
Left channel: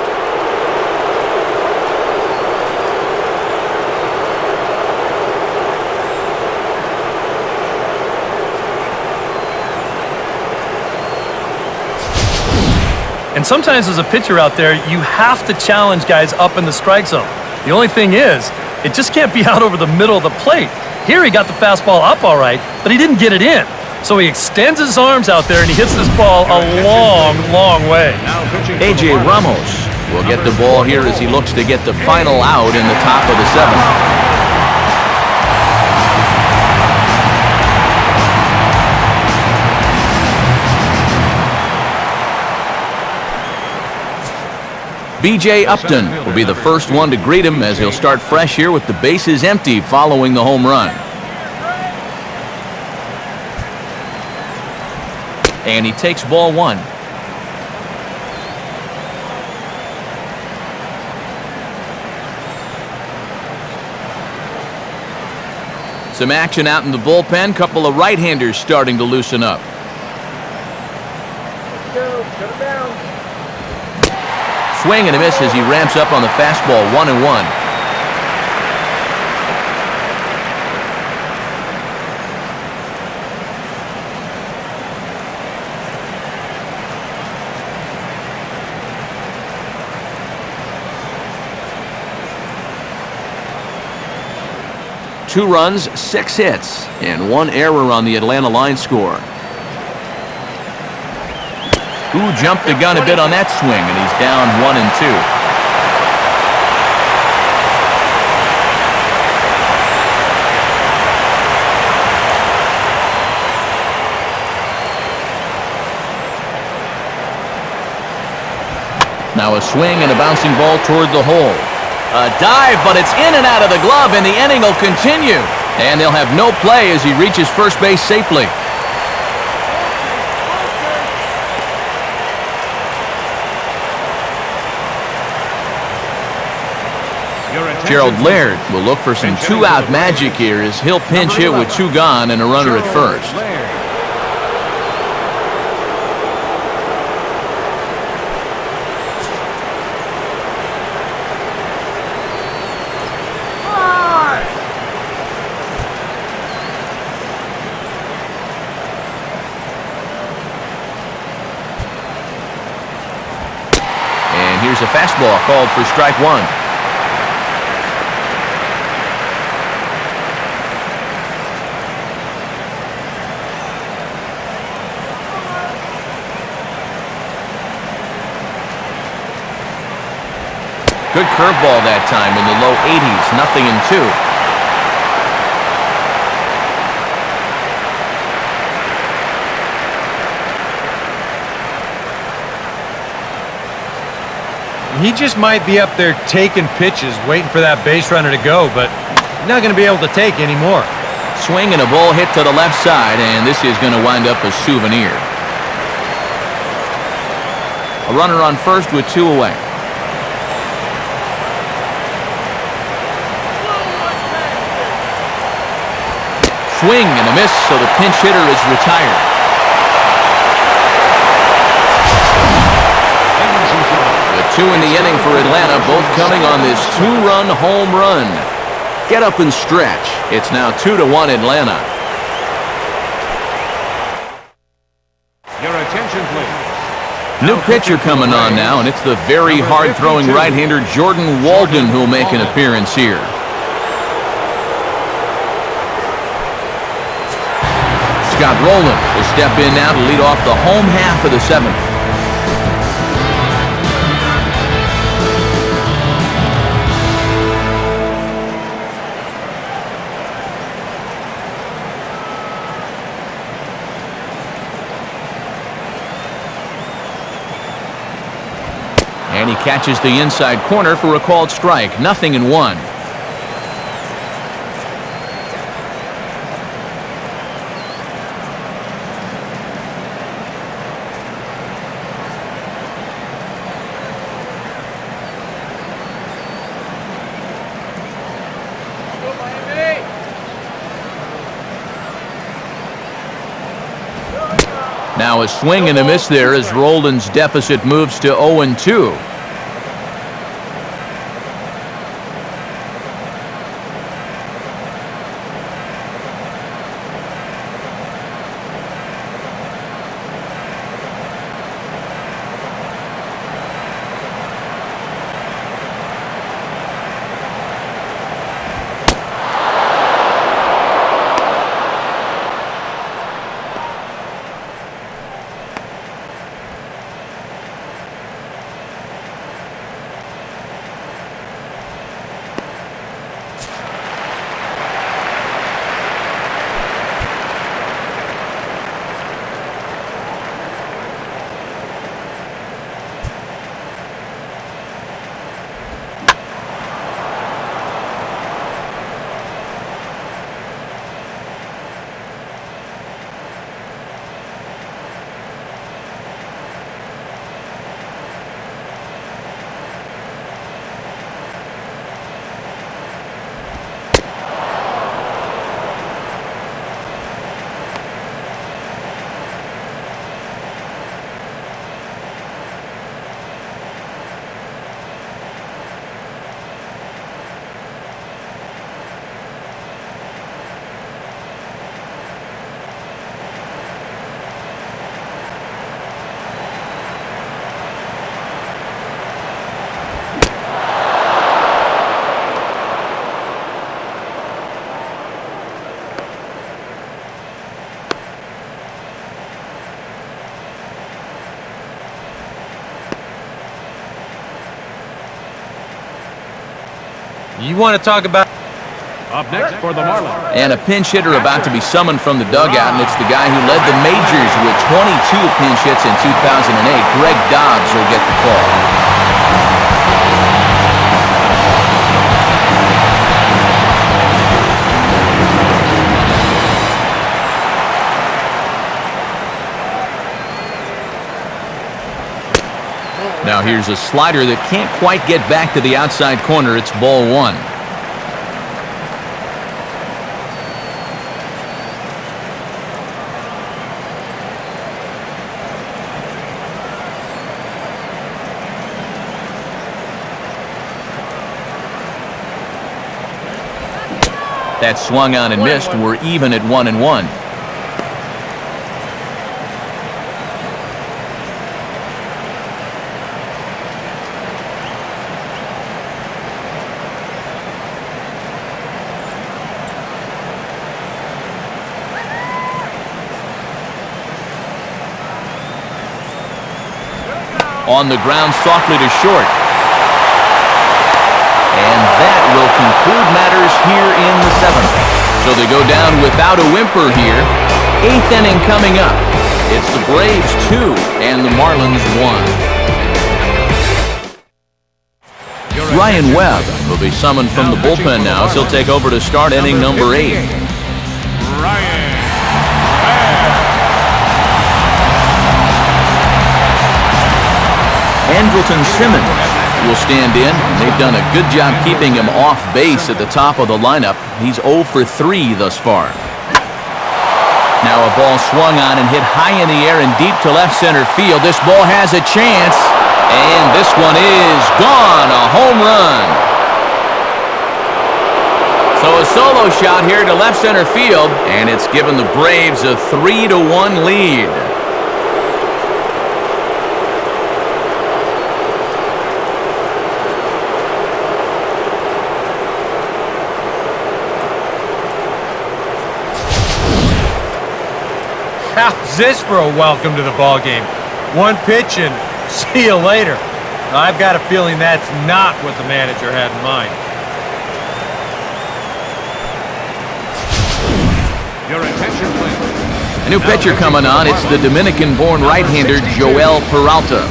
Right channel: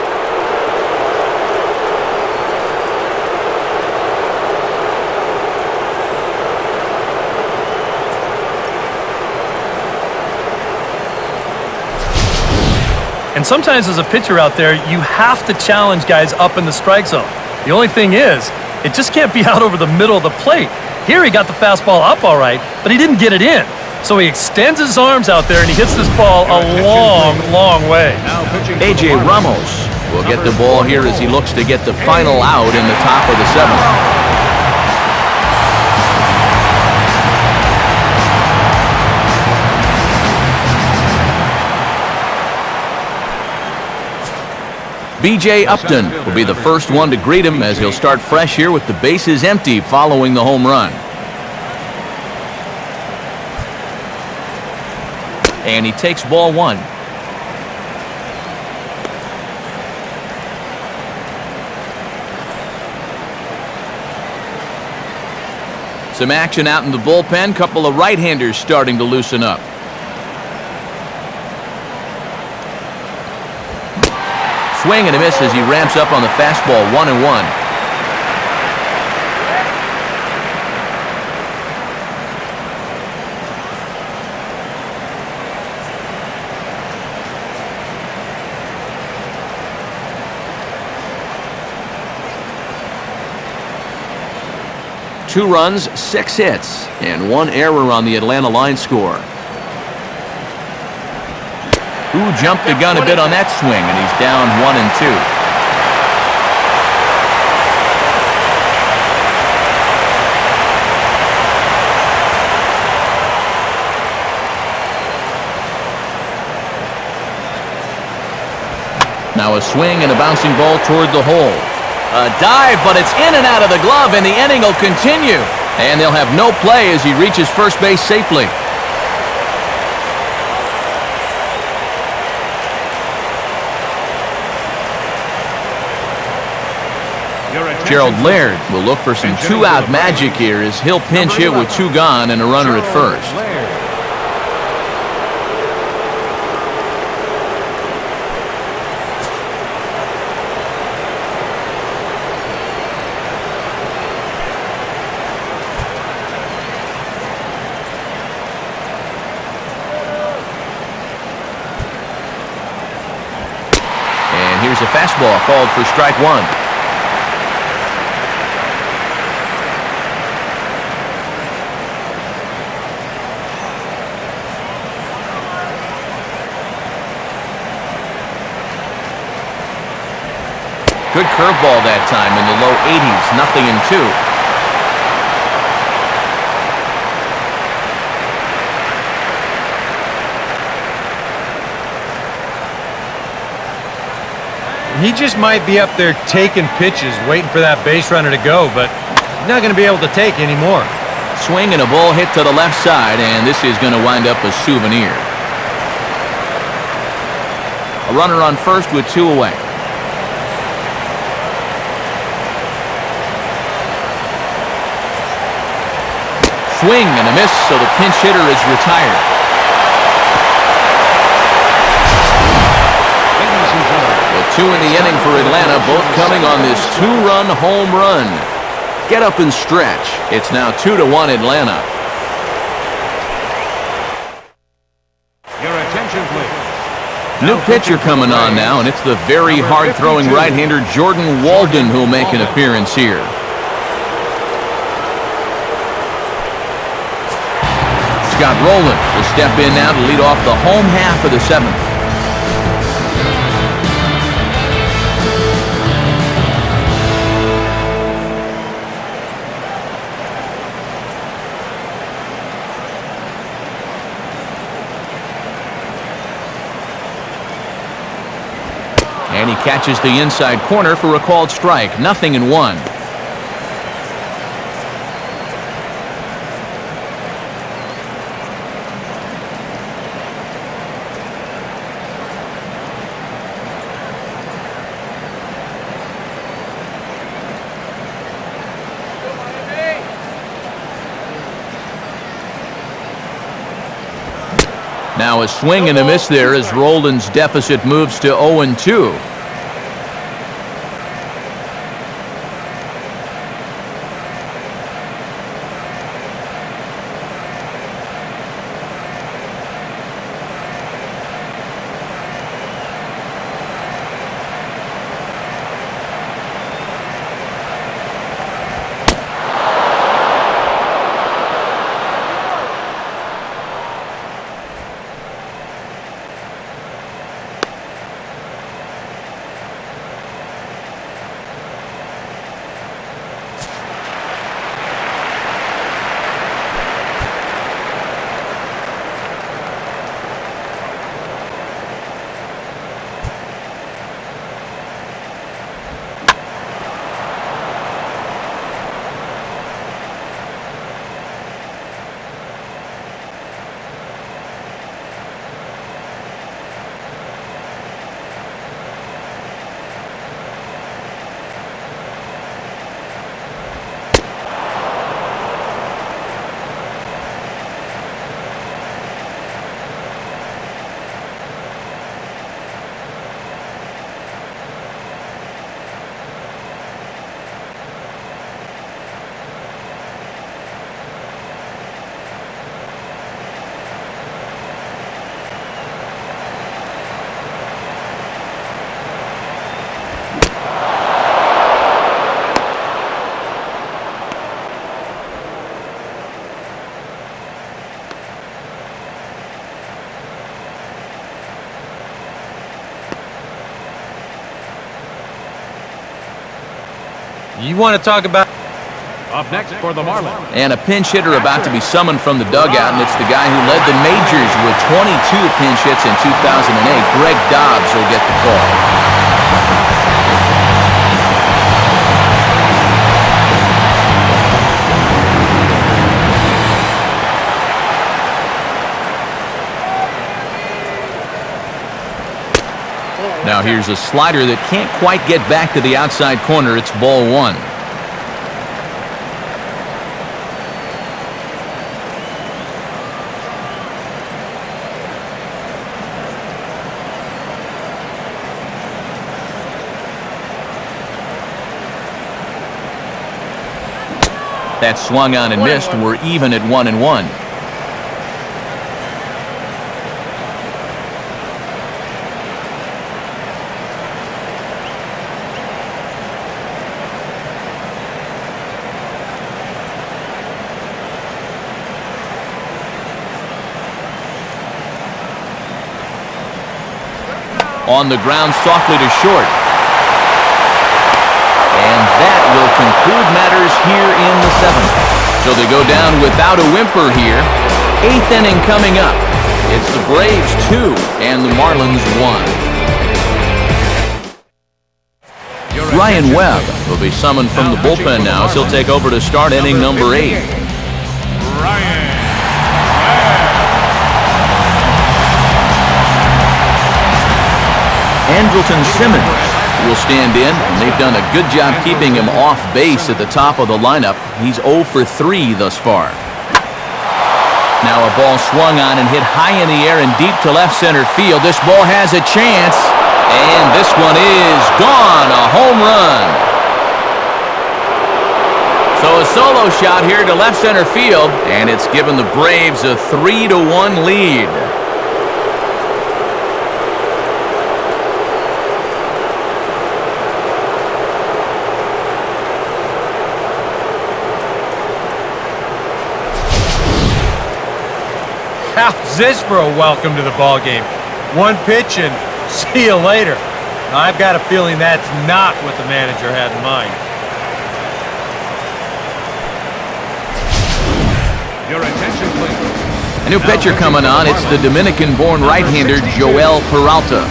And sometimes as a pitcher out there, you have to challenge guys up in the strike zone. The only thing is, it just can't be out over the middle of the plate. Here he got the fastball up all right, but he didn't get it in. So he extends his arms out there and he hits this ball a long, long way. A.J. Ramos will get the ball here as he looks to get the final out in the top of the 7th. B.J. Upton will be the first one to greet him as he'll start fresh here with the bases empty following the home run. And he takes ball 1. Some action out in the bullpen. Couple of right-handers starting to loosen up. Swing and a miss as he ramps up on the fastball, 1-1. 2 runs, 6 hits, and 1 error on the Atlanta line score. Who jumped the gun a bit on that swing, and he's down 1-2. Now a swing and a bouncing ball toward the hole. A dive, but it's in and out of the glove, and the inning will continue. And they'll have no play as he reaches first base safely. Gerald Laird will look for some 2-out magic here as he'll pinch hit with 2 gone and a runner at first. And here's a fastball called for strike 1. Good curveball that time in the low 80s, 0-2. He just might be up there taking pitches, waiting for that base runner to go, but he's not going to be able to take anymore. Swing and a ball hit to the left side, and this is going to wind up a souvenir. A runner on first with 2 away. Swing and a miss, so the pinch hitter is retired. The 2 in the inning for Atlanta, both coming on this 2-run home run. Get up and stretch. It's now 2-1 Atlanta. New pitcher coming on now, and it's the very hard-throwing right-hander Jordan Walden who'll make an appearance here. Scott Rowland will step in now to lead off the home half of the 7th. And he catches the inside corner for a called strike. 0-1. Now a swing and a miss there as Roldan's deficit moves to 0-2. You want to talk about... And a pinch hitter about to be summoned from the dugout, and it's the guy who led the majors with 22 pinch hits in 2008. Greg Dobbs will get the call. Now here's a slider that can't quite get back to the outside corner. It's ball one. That swung on and missed. We're even at 1-1. On the ground softly to short. And that will conclude matters here in the seventh. So they go down without a whimper here. Eighth inning coming up. It's the Braves 2 and the Marlins 1. Ryan Webb will be summoned from the bullpen now as he'll take over to start inning number 8. Andrelton Simmons will stand in, and they've done a good job keeping him off base at the top of the lineup. He's 0 for 3 thus far. Now a ball swung on and hit high in the air and deep to left center field. This ball has a chance, and this one is gone. A home run. So a solo shot here to left center field, and it's given the Braves a 3-1 lead. How's this for a welcome to the ball game? One pitch and see you later. Now, I've got a feeling that's not what the manager had in mind. A new pitcher coming on. It's the Dominican-born right-hander Joel Peralta.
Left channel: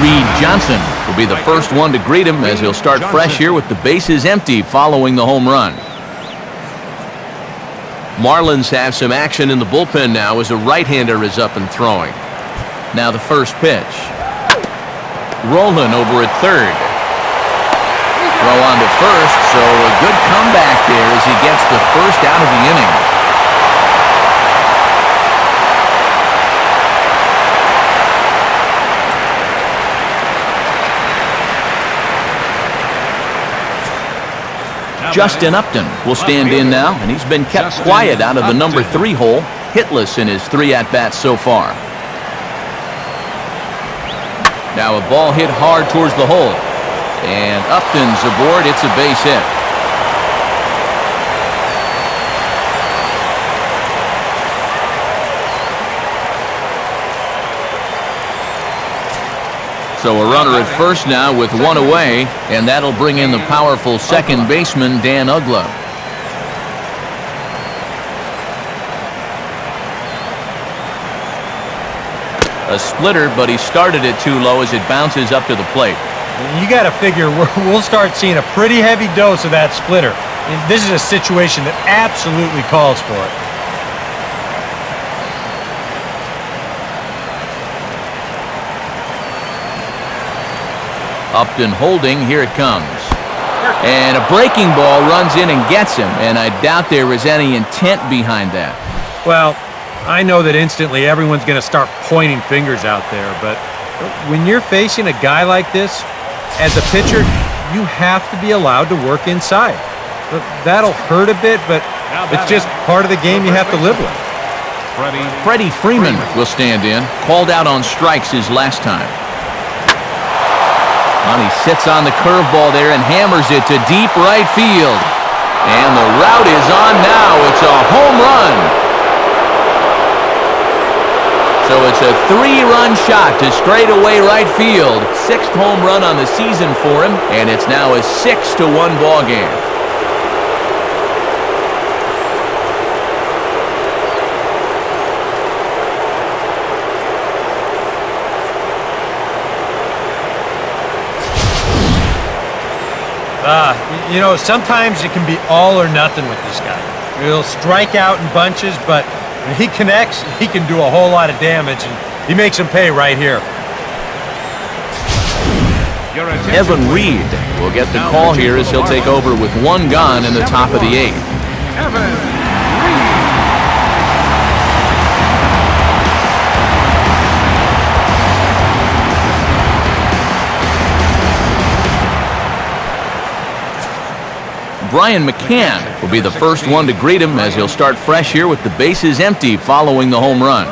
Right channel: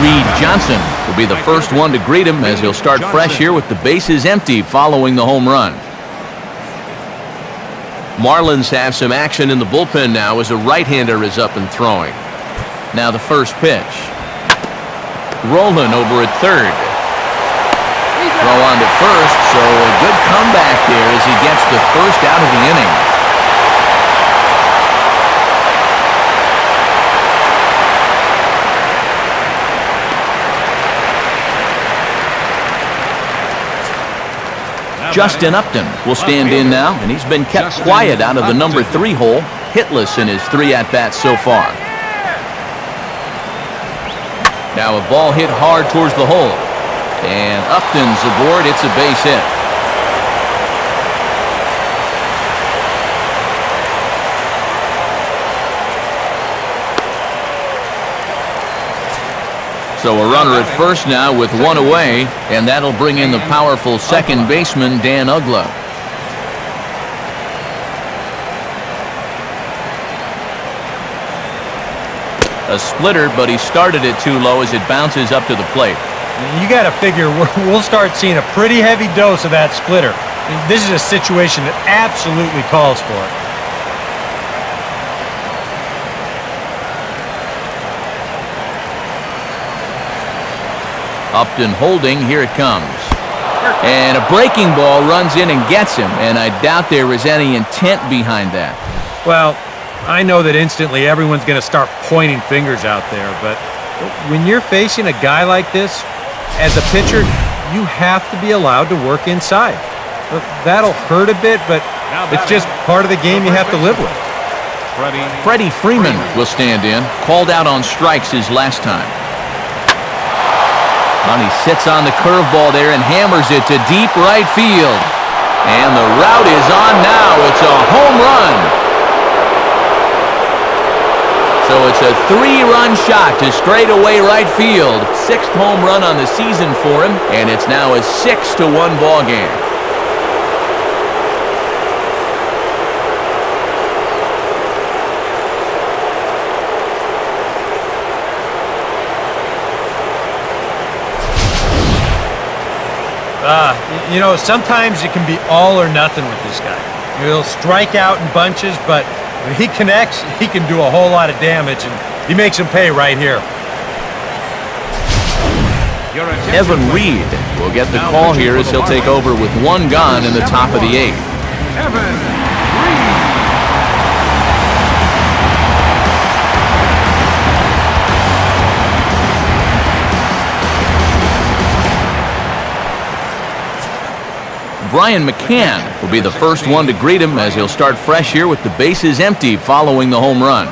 Reed Johnson will be the first one to greet him as he'll start fresh here with the bases empty following the home run. Marlins have some action in the bullpen now as a right-hander is up and throwing. Now the first pitch. Rolling over at third. Throw on to first, so a good comeback there as he gets the first out of the inning. Justin Upton will stand in now, and he's been kept quiet out of the number 3 hole, hitless in his 3 at-bats so far. Now a ball hit hard towards the hole, and Upton's aboard. It's a base hit. So a runner at first now with 1 away, and that'll bring in the powerful second baseman, Dan Uggla. A splitter, but he started it too low as it bounces up to the plate. You got to figure we'll start seeing a pretty heavy dose of that splitter. I mean, this is a situation that absolutely calls for it. Upton holding, here it comes. And a breaking ball runs in and gets him, and I doubt there was any intent behind that. Well, I know that instantly everyone's going to start pointing fingers out there, but when you're facing a guy like this, as a pitcher, you have to be allowed to work inside. That'll hurt a bit, but it's just part of the game you have to live with. Freddie Freeman will stand in, called out on strikes his last time. And he sits on the curveball there and hammers it to deep right field. And the route is on now. It's a home run. So it's a 3-run shot to straightaway right field. 6th home run on the season for him, and it's now a 6-1 ball game. You know, sometimes it can be all or nothing with this guy. He'll strike out in bunches, but when he connects, he can do a whole lot of damage, and he makes him pay right here. Evan Reed will get the call here as he'll take over with 1 gone in the top of the 8th. Brian McCann will be the first one to greet him as he'll start fresh here with the bases empty following the home run.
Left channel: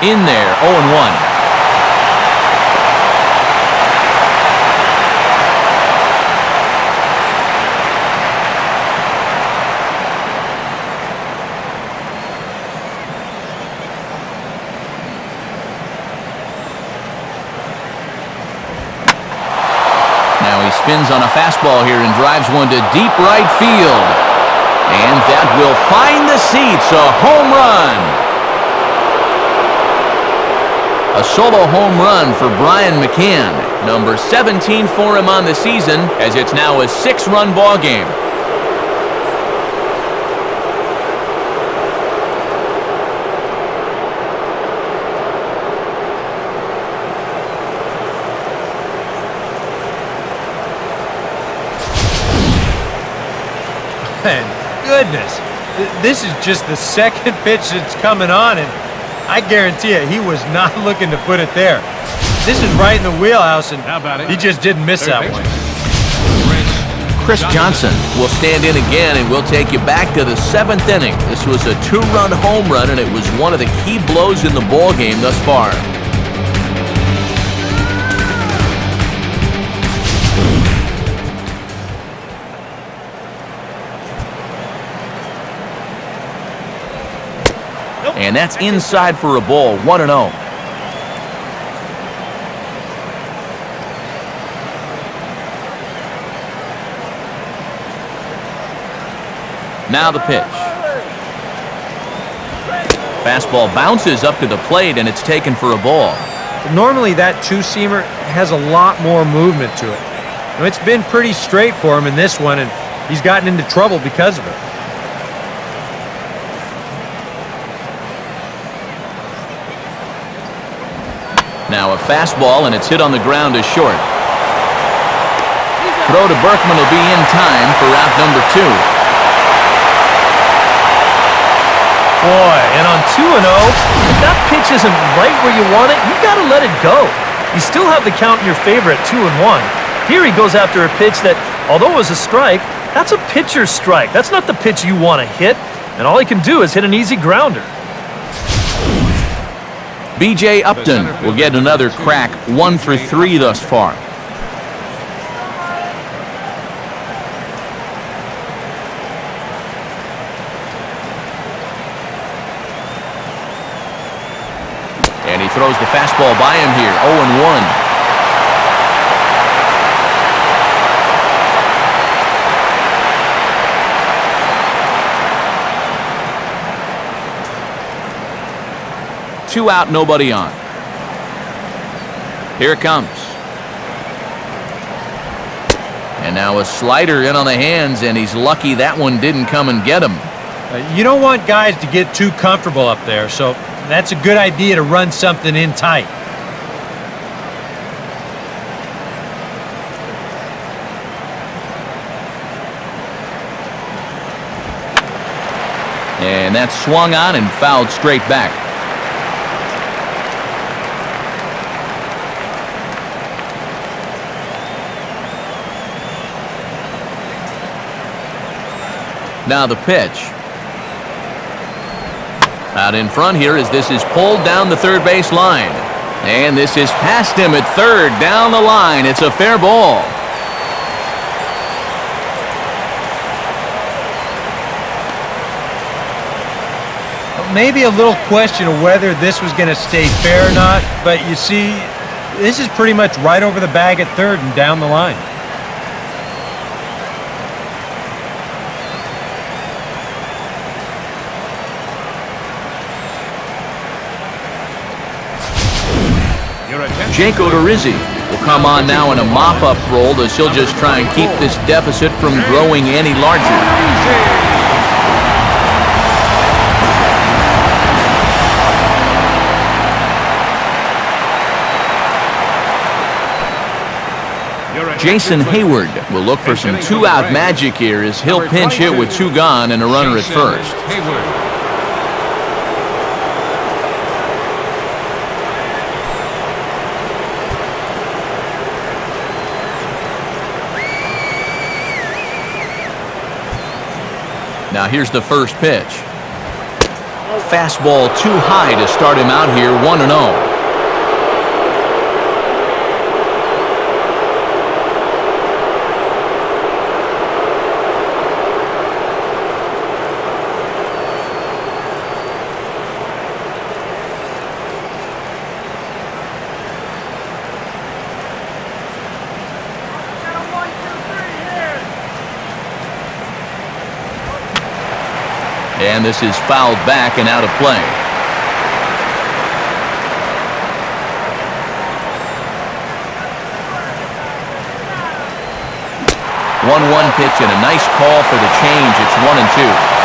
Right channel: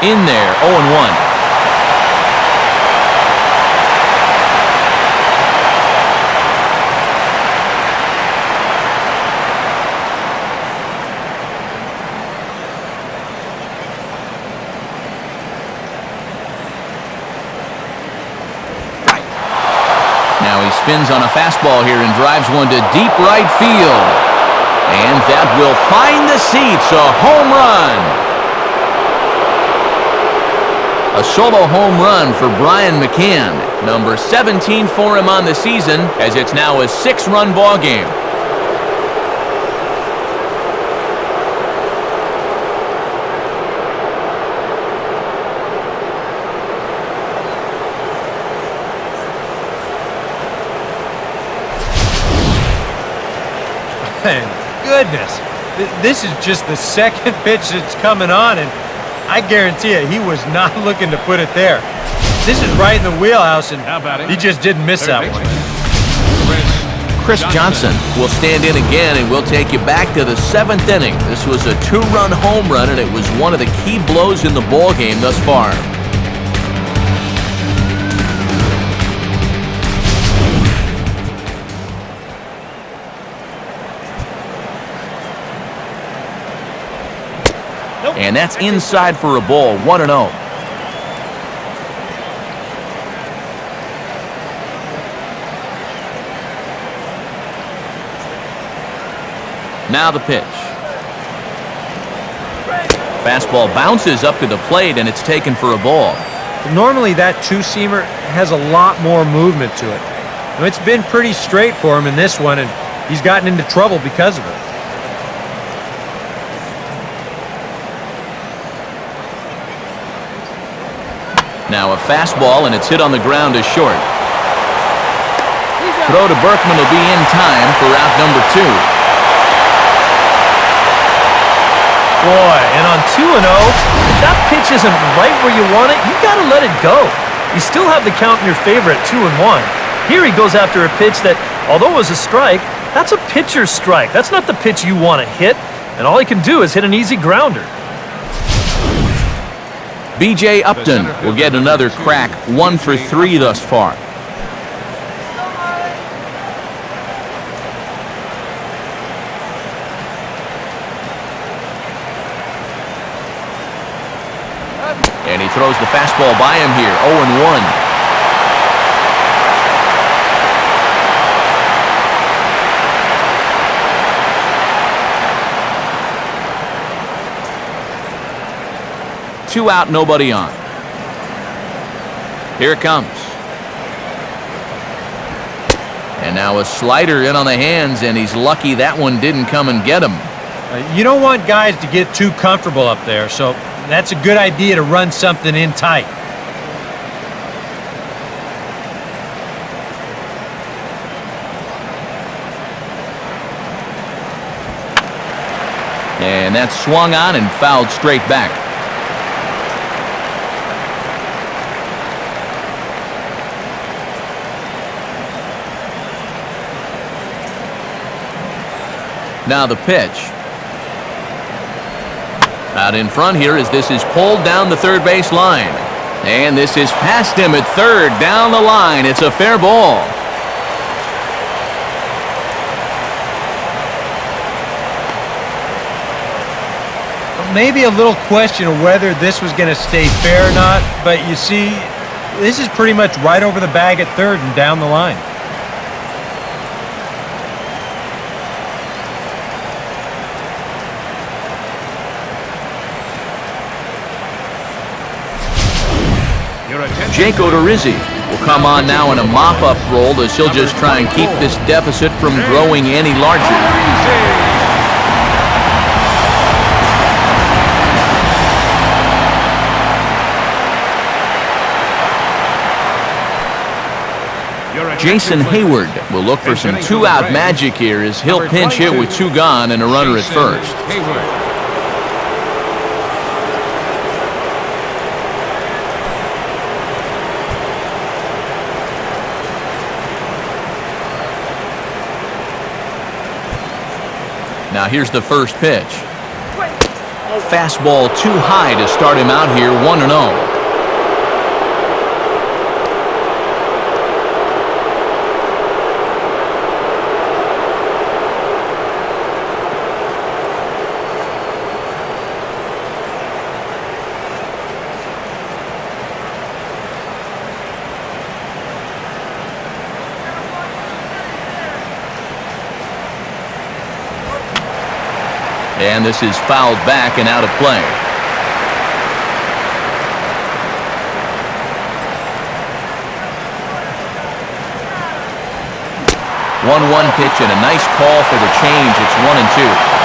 In there, 0-1. Now he spins on a fastball here and drives one to deep right field. And that will find the seats, a home run. A solo home run for Brian McCann, number 17 for him on the season, as it's now a 6-run ball game. Man, goodness. This is just the second pitch that's coming on, and I guarantee you, he was not looking to put it there. This is right in the wheelhouse, and he just didn't miss that one. Chris Johnson will stand in again, and we'll take you back to the 7th inning. This was a 2-run home run, and it was one of the key blows in the ball game thus far. And that's inside for a ball, 1-0. Now the pitch. Fastball bounces up to the plate, and it's taken for a ball. Normally that two-seamer has a lot more movement to it. Now, it's been pretty straight for him in this one, and he's gotten into trouble because of it. Now a fastball, and it's hit on the ground to short. Throw to Berkman will be in time for out number 2. Boy, and on 2-0, if that pitch isn't right where you want it, you got to let it go. You still have the count in your favor at 2-1. Here he goes after a pitch that, although it was a strike, that's a pitcher's strike. That's not the pitch you want to hit, and all he can do is hit an easy grounder. B.J. Upton will get another crack, 1 for 3 thus far. Go, Marlins! And he throws the fastball by him here, 0-1. Two out, nobody on. Here it comes. And now a slider in on the hands, and he's lucky that one didn't come and get him. You don't want guys to get too comfortable up there, so that's a good idea to run something in tight. And that's swung on and fouled straight back. Now the pitch. Out in front here as this is pulled down the third base line. And this is past him at third, down the line. It's a fair ball. maybe a little question of whether this was going to stay fair or not, but you see, this is pretty much right over the bag at third and down the line. Jake Odorizzi will come on now in a mop-up role as he'll just try and keep this deficit from growing any larger. Jason Hayward will look for some two-out magic here as he'll pinch hit with two gone and a runner at first. Now here's the first pitch. Fastball too high to start him out here, 1-0. And this is fouled back and out of play. One pitch and a nice call for the change. It's 1-2.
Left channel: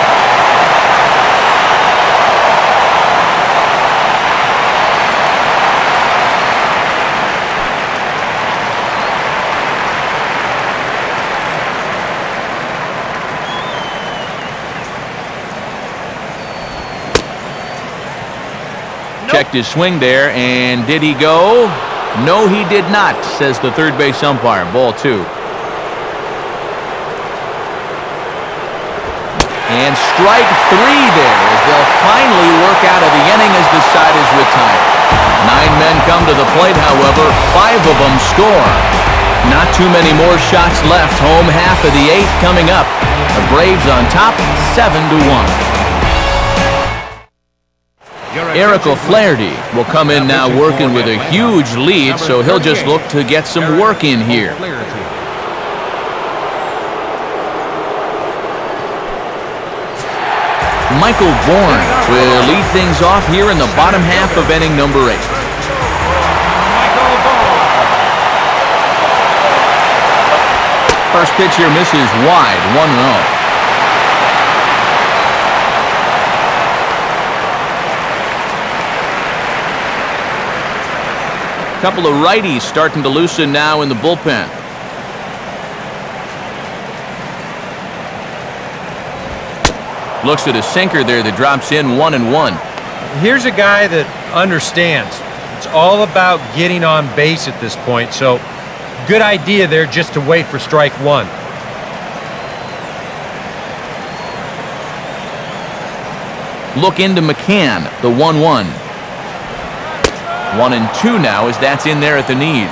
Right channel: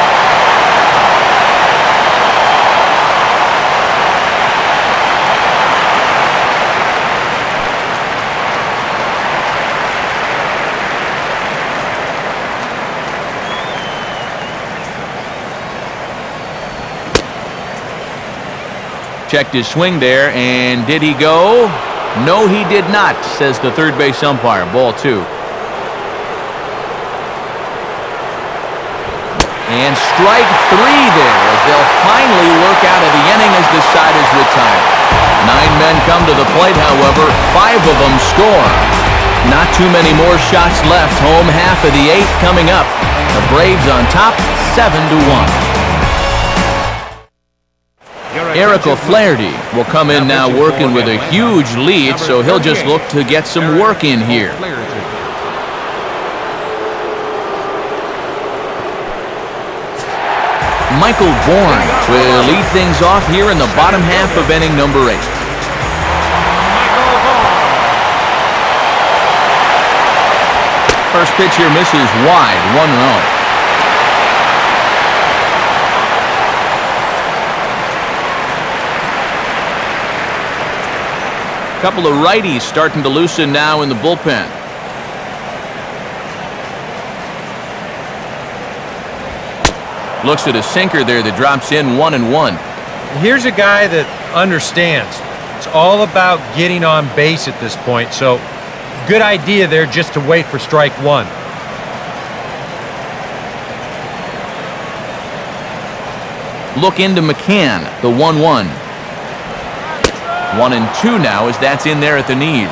Checked his swing there, and did he go? No, he did not, says the third base umpire. Ball two. And strike three there as they'll finally work out of the inning as the side is retired. 9 men come to the plate, however. 5 of them score. Not too many more shots left. Home half of the 8th coming up. The Braves on top, 7-1. Eric O'Flaherty will come in now working with a huge lead, so he'll just look to get some work in here. Michael Bourne will lead things off here in the bottom half of inning number 8. First pitch here misses wide, 1-0. Couple of righties starting to loosen now in the bullpen. Looks at a sinker there that drops in, 1-1. Here's a guy that understands. It's all about getting on base at this point, so good idea there just to wait for strike one. Look into McCann, the 1-1. 1-2 now as that's in there at the knees.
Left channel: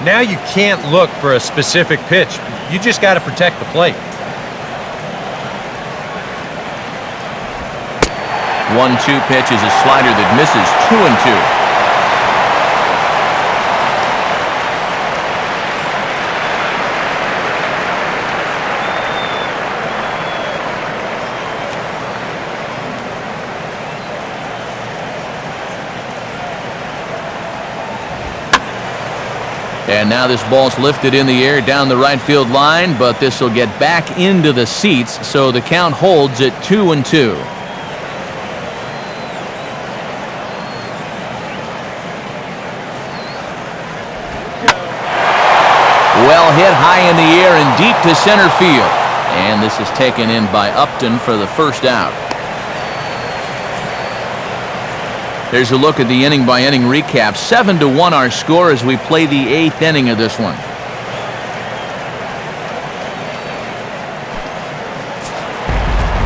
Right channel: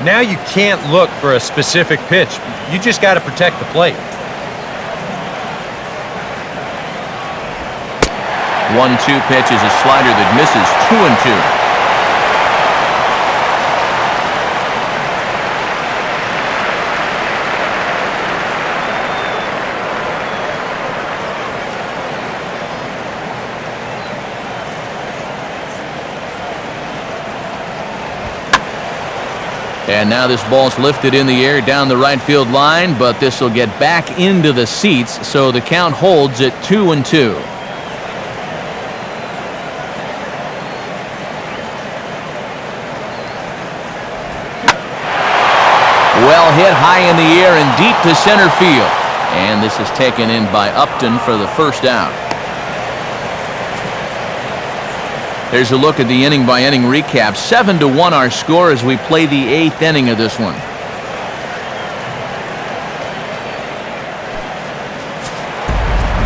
Now you can't look for a specific pitch. You just got to protect the plate. 1-2 pitch is a slider that misses, 2-2. And now this ball's lifted in the air down the right field line, but this will get back into the seats, so the count holds at 2-2. Well hit high in the air and deep to center field. And this is taken in by Upton for the first out. There's a look at the inning-by-inning recap. 7-1 our score as we play the 8th inning of this one.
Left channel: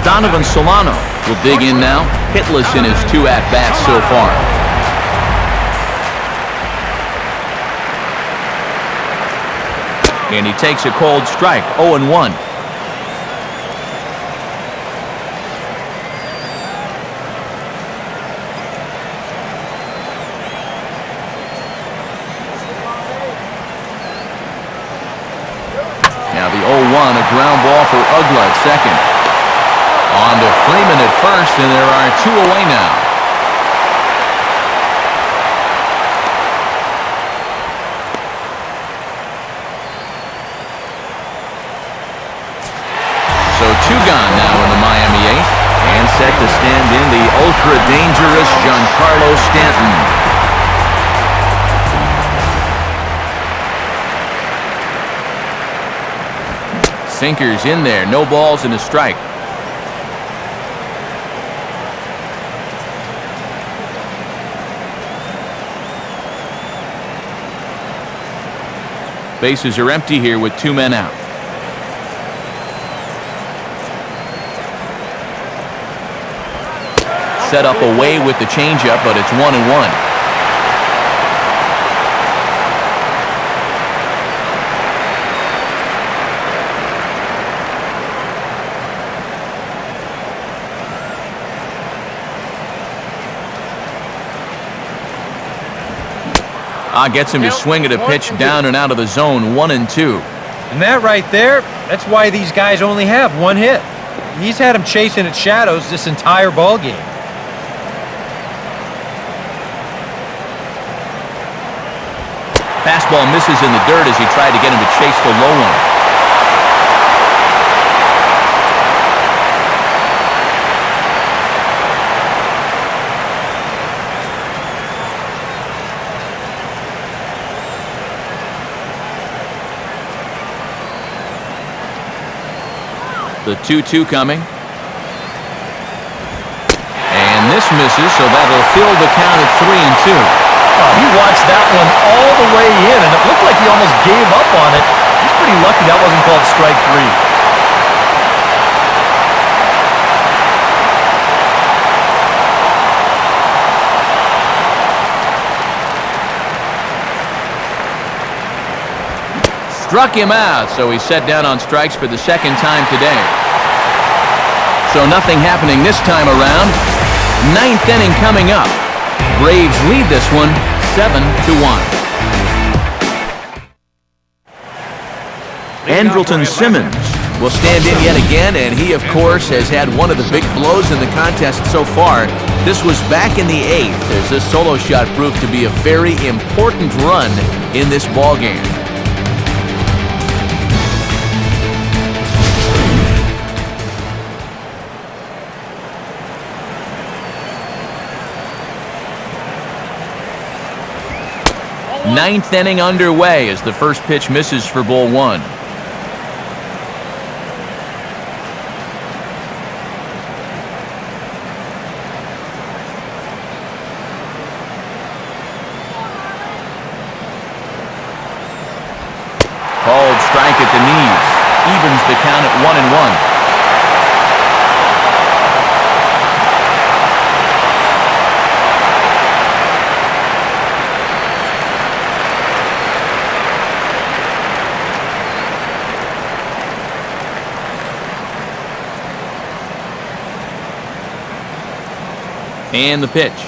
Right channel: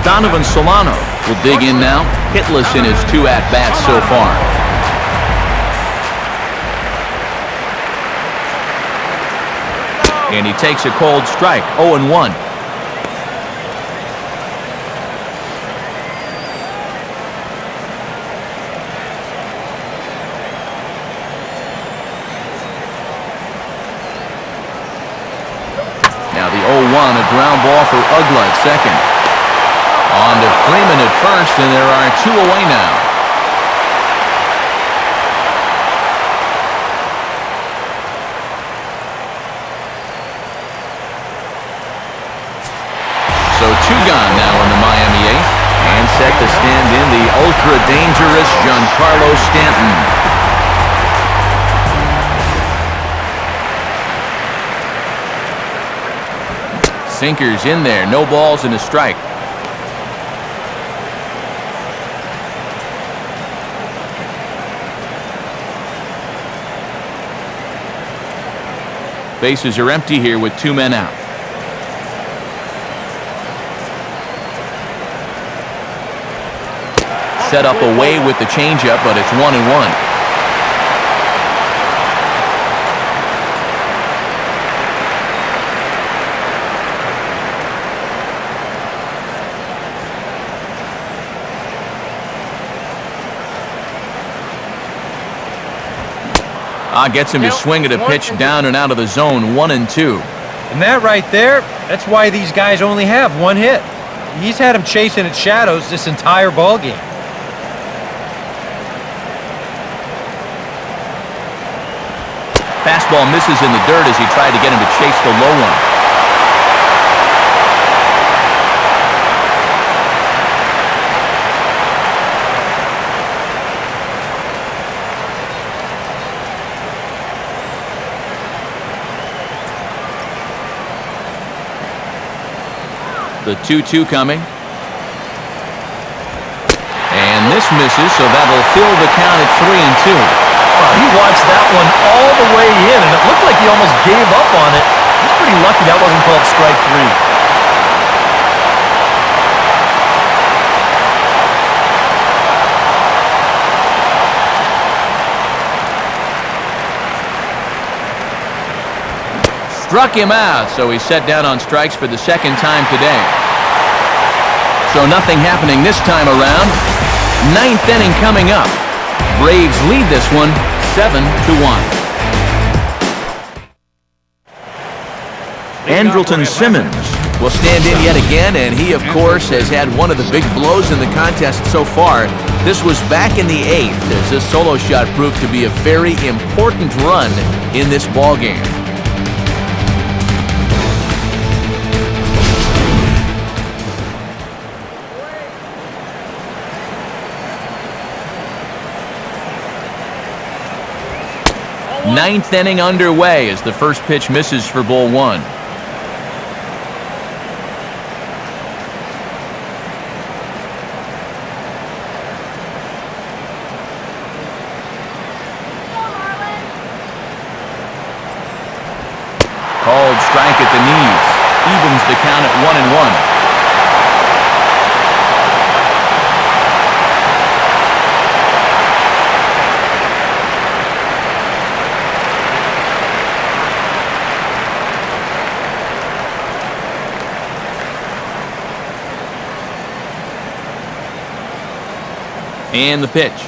Donovan Solano will dig in now, hitless in his 2 at-bats so far. And he takes a cold strike, 0-1. Now the 0-1, a ground ball for Ugla at second. On to Freeman at first, and there are 2 away now. So 2 gone now in the Miami 8th, and set to stand in the ultra-dangerous Giancarlo Stanton. Sinkers in there, no balls and a strike. Bases are empty here with 2 men out. Set up away with the changeup, but it's 1-1. Gets him to swing at a pitch down and out of the zone, 1-2. And that right there, that's why these guys only have 1 hit. He's had him chasing at shadows this entire ball game. Fastball misses in the dirt as he tried to get him to chase the low one. The 2-2 coming. And this misses, so that'll fill the count at 3-2. Well, he watched that one all the way in, and it looked like he almost gave up on it. He's pretty lucky that wasn't called strike 3. Struck him out, so he's set down on strikes for the 2nd time today. So nothing happening this time around. 9th inning coming up. Braves lead this one 7-1. Andrelton Simmons will stand in yet again, and he, of course, has had one of the big blows in the contest so far. This was back in the 8th, as this solo shot proved to be a very important run in this ball game. Ninth inning underway as the first pitch misses for ball 1. Called strike at the knees. Evens the count at 1-1. And the pitch.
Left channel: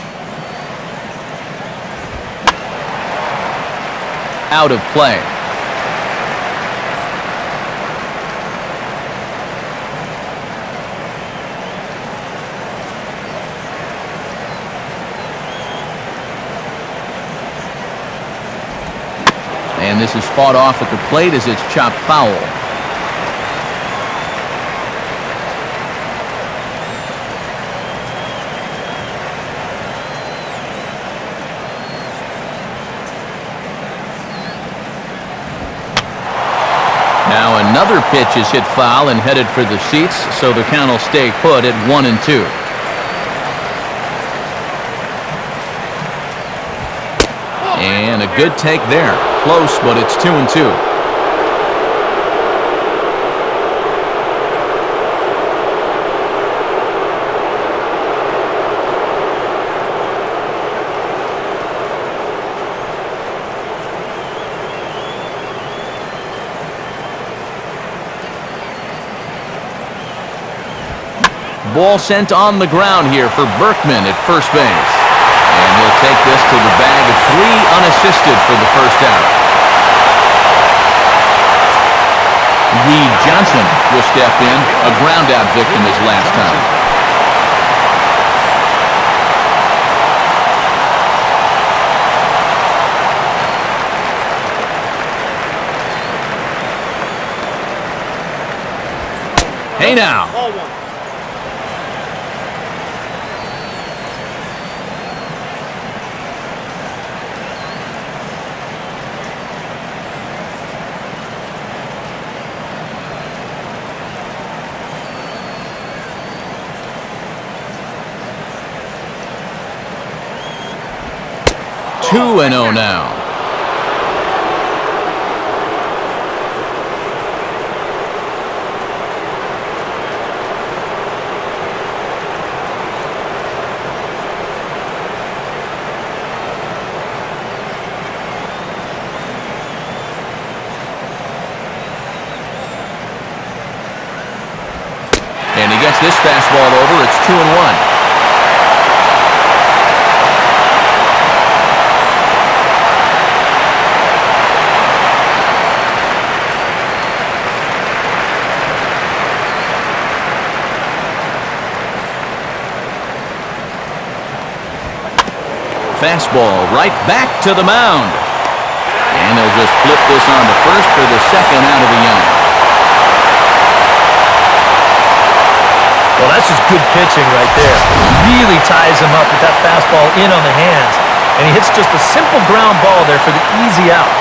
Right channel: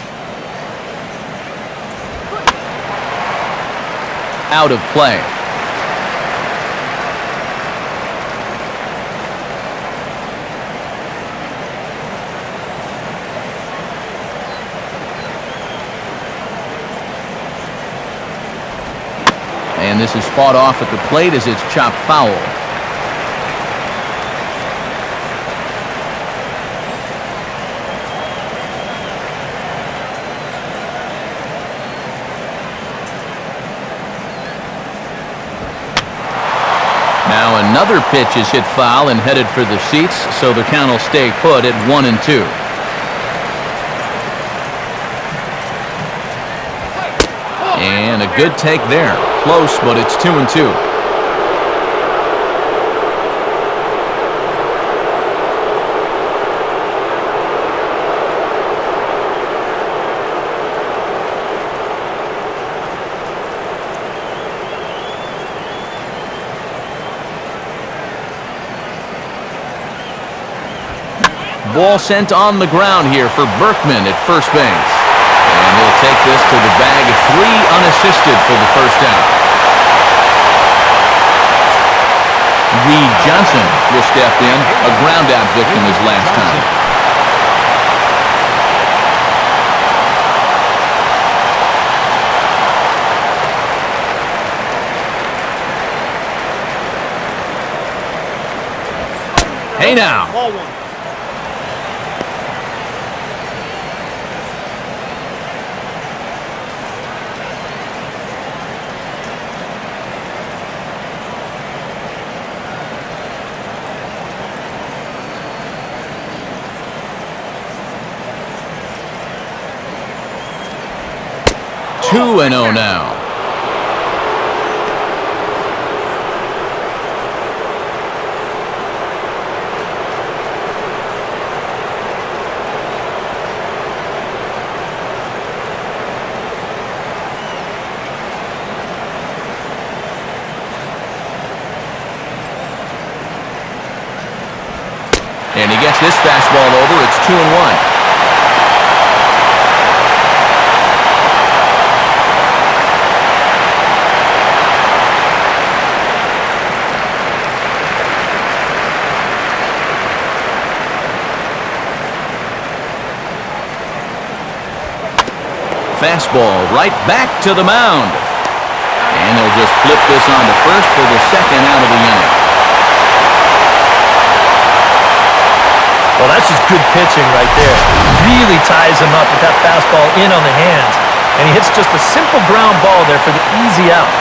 Out of play. And this is fought off at the plate as it's chopped foul. Now another pitch is hit foul and headed for the seats, so the count will stay put at 1-2. And a good take there. Close, but it's 2-2. Ball sent on the ground here for Berkman at first base. And he'll take this to the bag of 3 unassisted for the first out. Reed Johnson will step in, a ground-out victim his last time. Hey now. Ball 1. Two and 0 now. And he gets this fastball over. It's 2-1. Fastball right back to the mound. And they'll just flip this on to first for the second out of the inning. Well, that's just good pitching right there. Really ties him up with that fastball in on the hands. And he hits just a simple ground ball there for the easy out.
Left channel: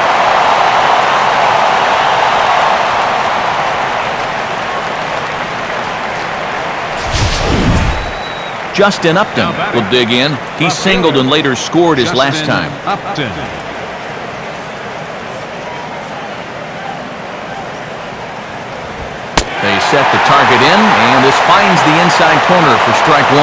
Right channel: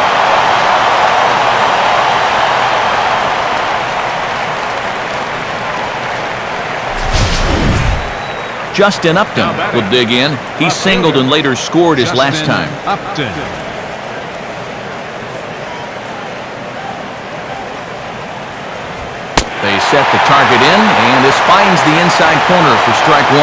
Justin Upton will dig in. He singled and later scored his last time. They set the target in, and this finds the inside corner for strike 1.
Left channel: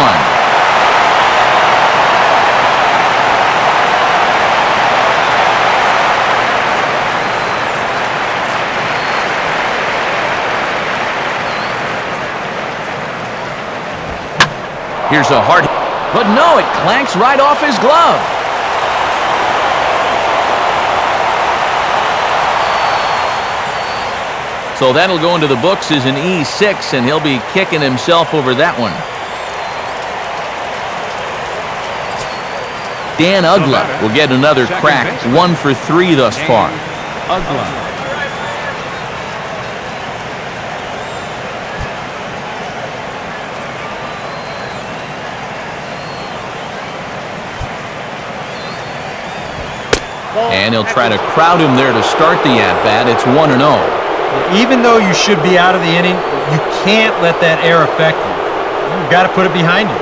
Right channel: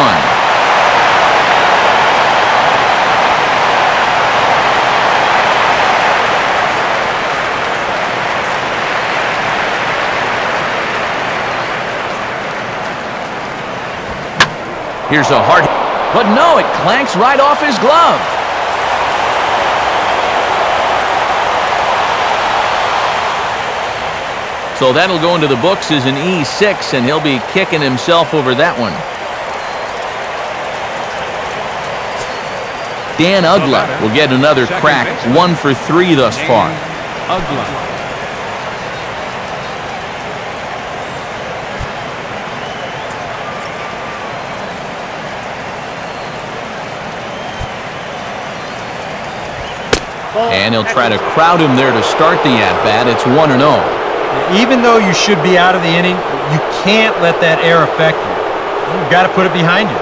Here's a hard hit, but no, it clanks right off his glove. So that'll go into the books as an E6, and he'll be kicking himself over that one. Dan Ugla will get another crack, 1 for 3 thus far. And he'll try to crowd him there to start the at-bat. It's 1-0. Even though you should be out of the inning, you can't let that air affect you. You've got to put it behind you.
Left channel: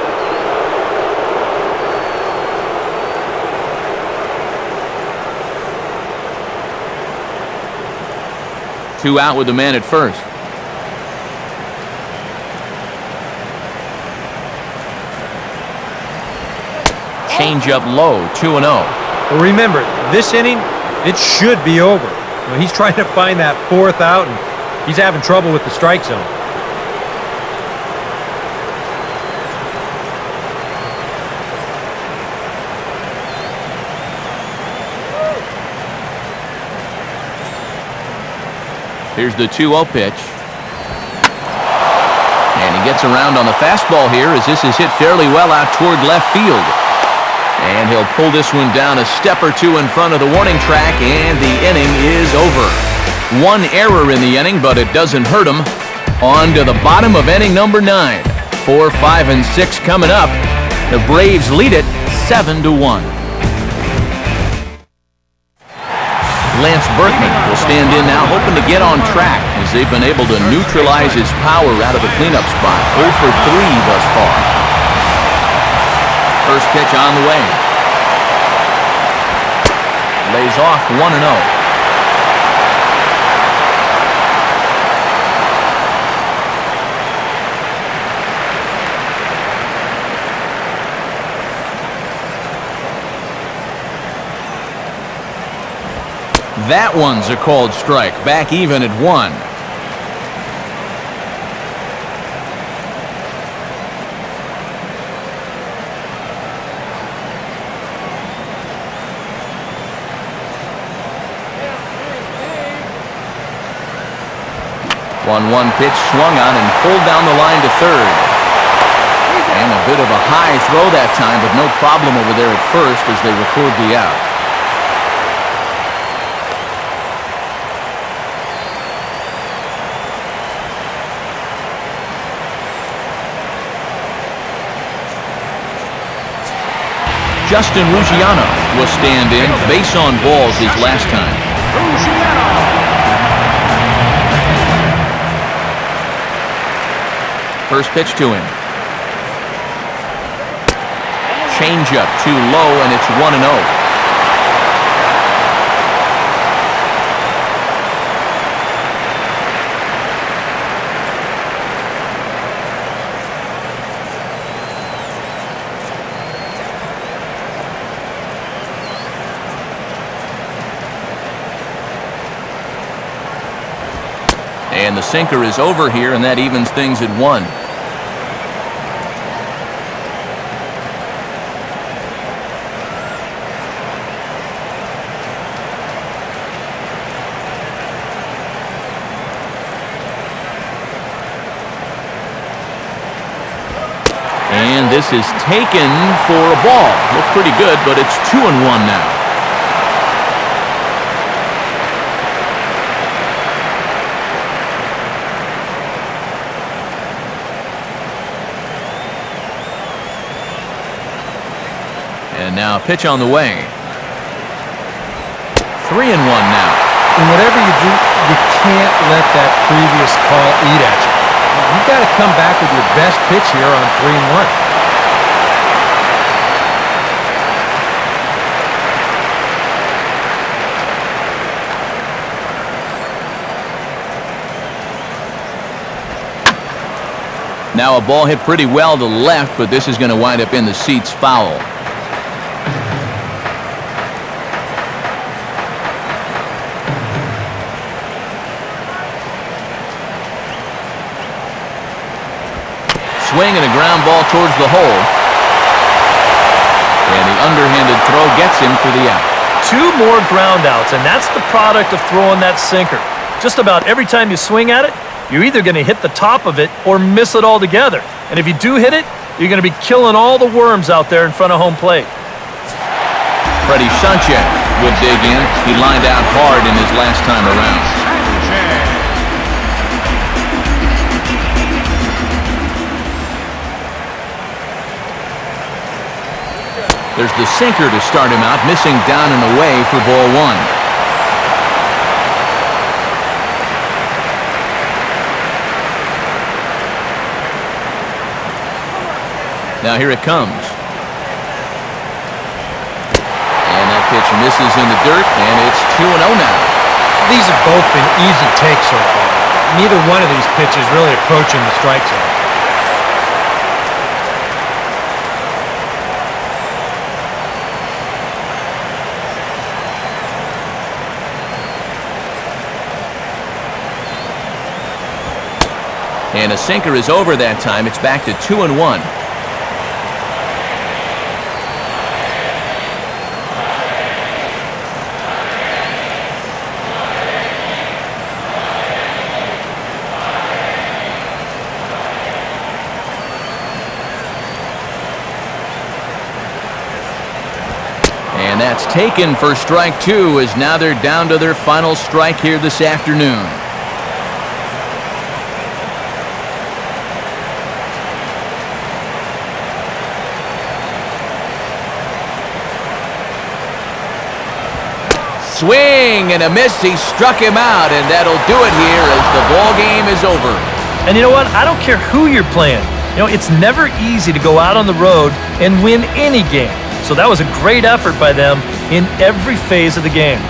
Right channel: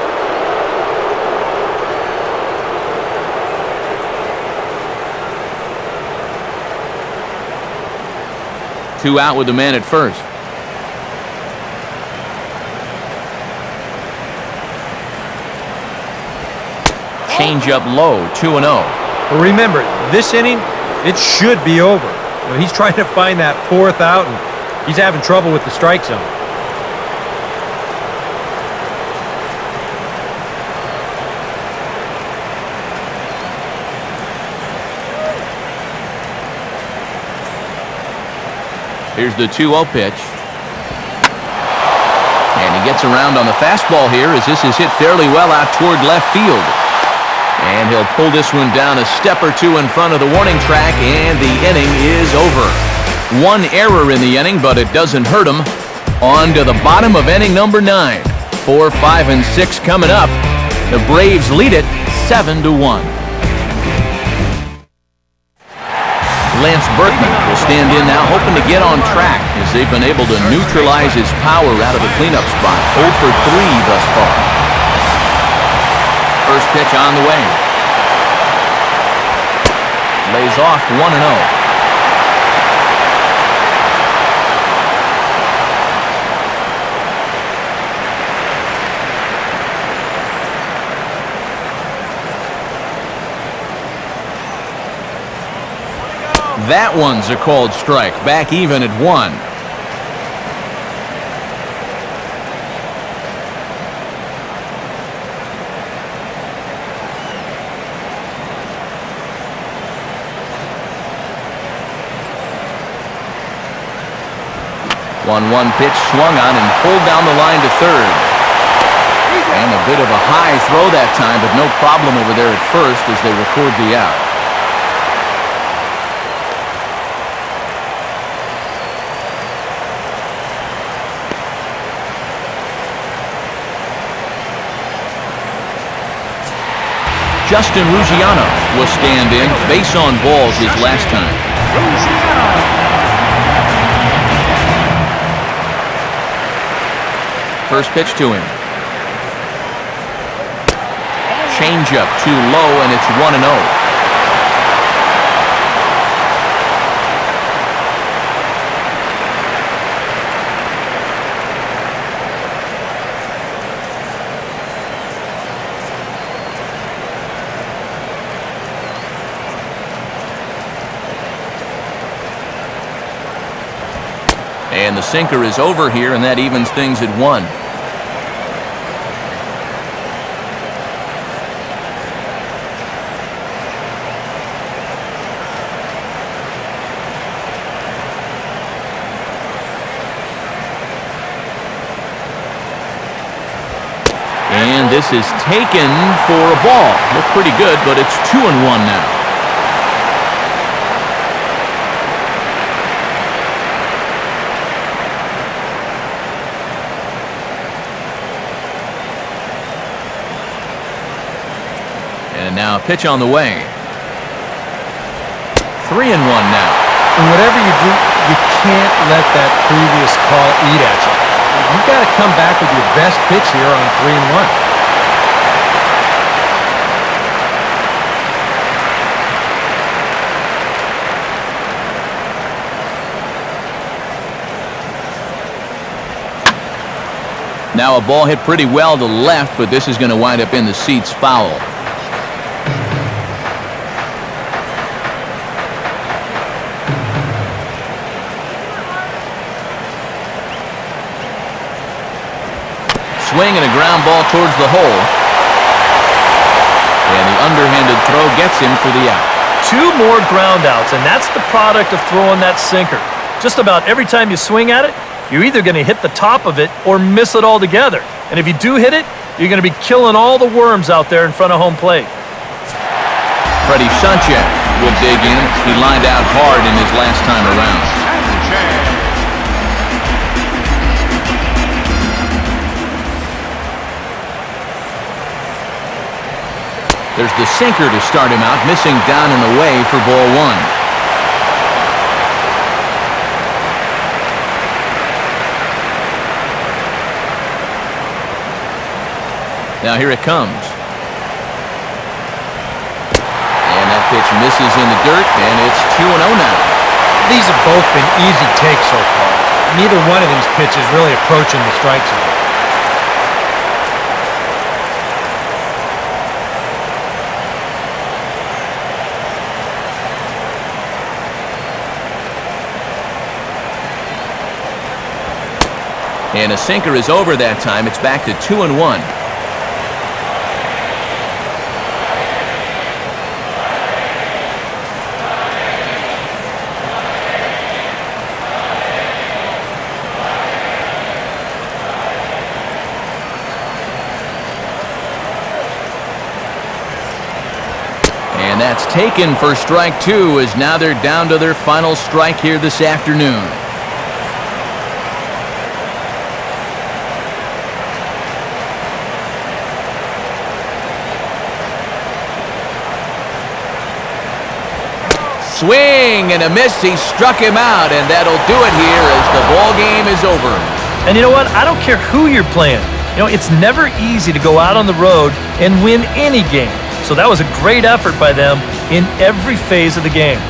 Two out with the man at first. Change up low, 2-0. But remember, this inning, it should be over. You know, he's trying to find that 4th out, and he's having trouble with the strike zone. Here's the 2-0 pitch. And he gets around on the fastball here as this is hit fairly well out toward left field. And he'll pull this one down a step or two in front of the warning track, and the inning is over. 1 error in the inning, but it doesn't hurt him. On to the bottom of inning number 9. 4, 5, and 6 coming up. The Braves lead it 7-1. Lance Berkman will stand in now, hoping to get on track as they've been able to neutralize his power out of the cleanup spot. 0 for 3 thus far. First pitch on the way. Lays off 1-0. That one's a called strike. Back even at 1. 1-1 pitch swung on and pulled down the line to third. And a bit of a high throw that time, but no problem over there at first as they record the out. Justin Ruggiano will stand in. Base on balls his last time. First pitch to him. Changeup too low, and it's 1-0. And the sinker is over here, and that evens things at 1. And this is taken for a ball. Looked pretty good, but it's 2-1 now. And now a pitch on the way. 3-1 now. And whatever you do, you can't let that previous call eat at you. You've got to come back with your best pitch here on 3-1. Now a ball hit pretty well to left, but this is going to wind up in the seats foul. Swing and a ground ball towards the hole. And the underhanded throw gets him for the out. 2 more ground outs, and that's the product of throwing that sinker. Just about every time you swing at it, you're either going to hit the top of it or miss it altogether. And if you do hit it, you're going to be killing all the worms out there in front of home plate. Freddie Sanchez will dig in. He lined out hard in his last time around. There's the sinker to start him out, missing down and away for ball 1. Now here it comes. And that pitch misses in the dirt, and it's 2-0 now. These have both been easy takes so far. Neither one of these pitches really approaching the strike zone. And a sinker is over that time. It's back to 2-1. And that's taken for strike 2, as now they're down to their final strike here this afternoon. Swing and a miss. He struck him out, and that'll do it here as the ball game is over. And you know what? I don't care who you're playing. You know, it's never easy to go out on the road and win any game. So that was a great effort by them in every phase of the game.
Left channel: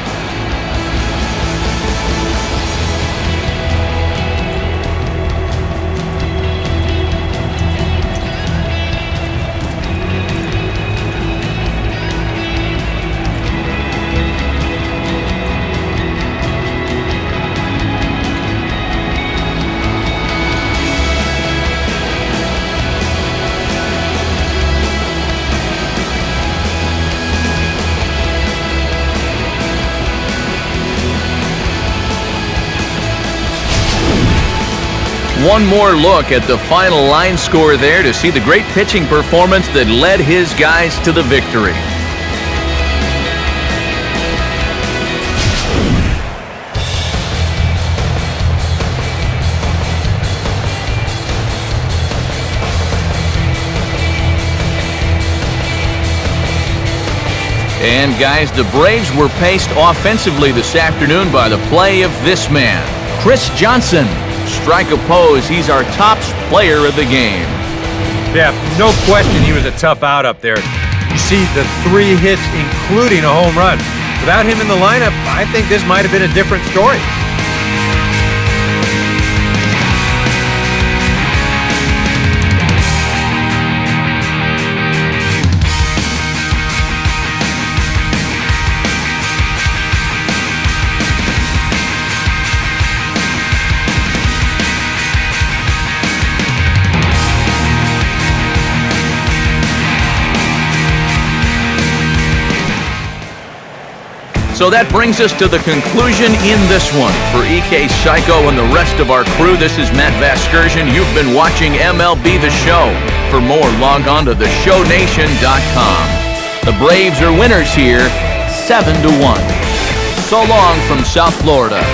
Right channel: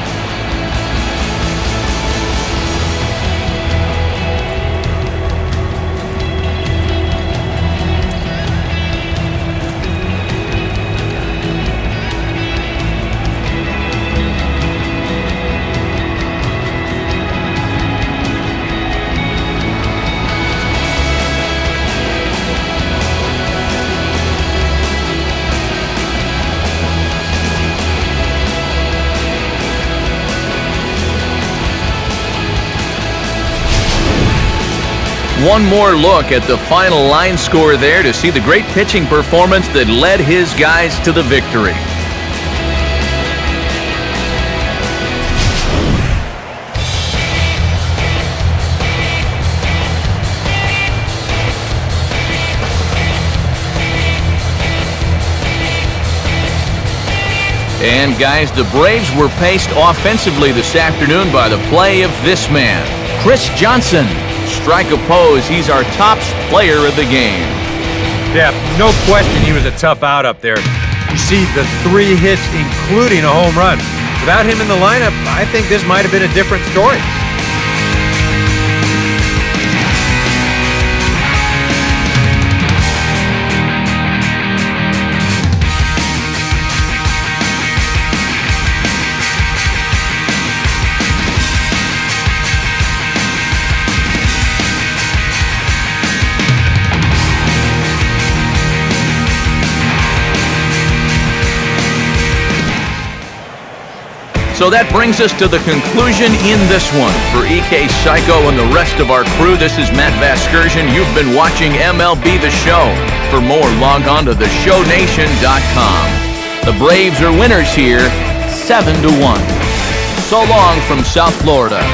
One more look at the final line score there to see the great pitching performance that led his guys to the victory. And guys, the Braves were paced offensively this afternoon by the play of this man, Chris Johnson. Strike oppose, he's our top player of the game. Yeah, no question he was a tough out up there. You see the 3 hits, including a home run. Without him in the lineup, I think this might have been a different story. So that brings us to the conclusion in this one. For EK Psycho and the rest of our crew, this is Matt Vasgersian. You've been watching MLB The Show. For more, log on to theshownation.com. The Braves are winners here, 7-1. So long from South Florida.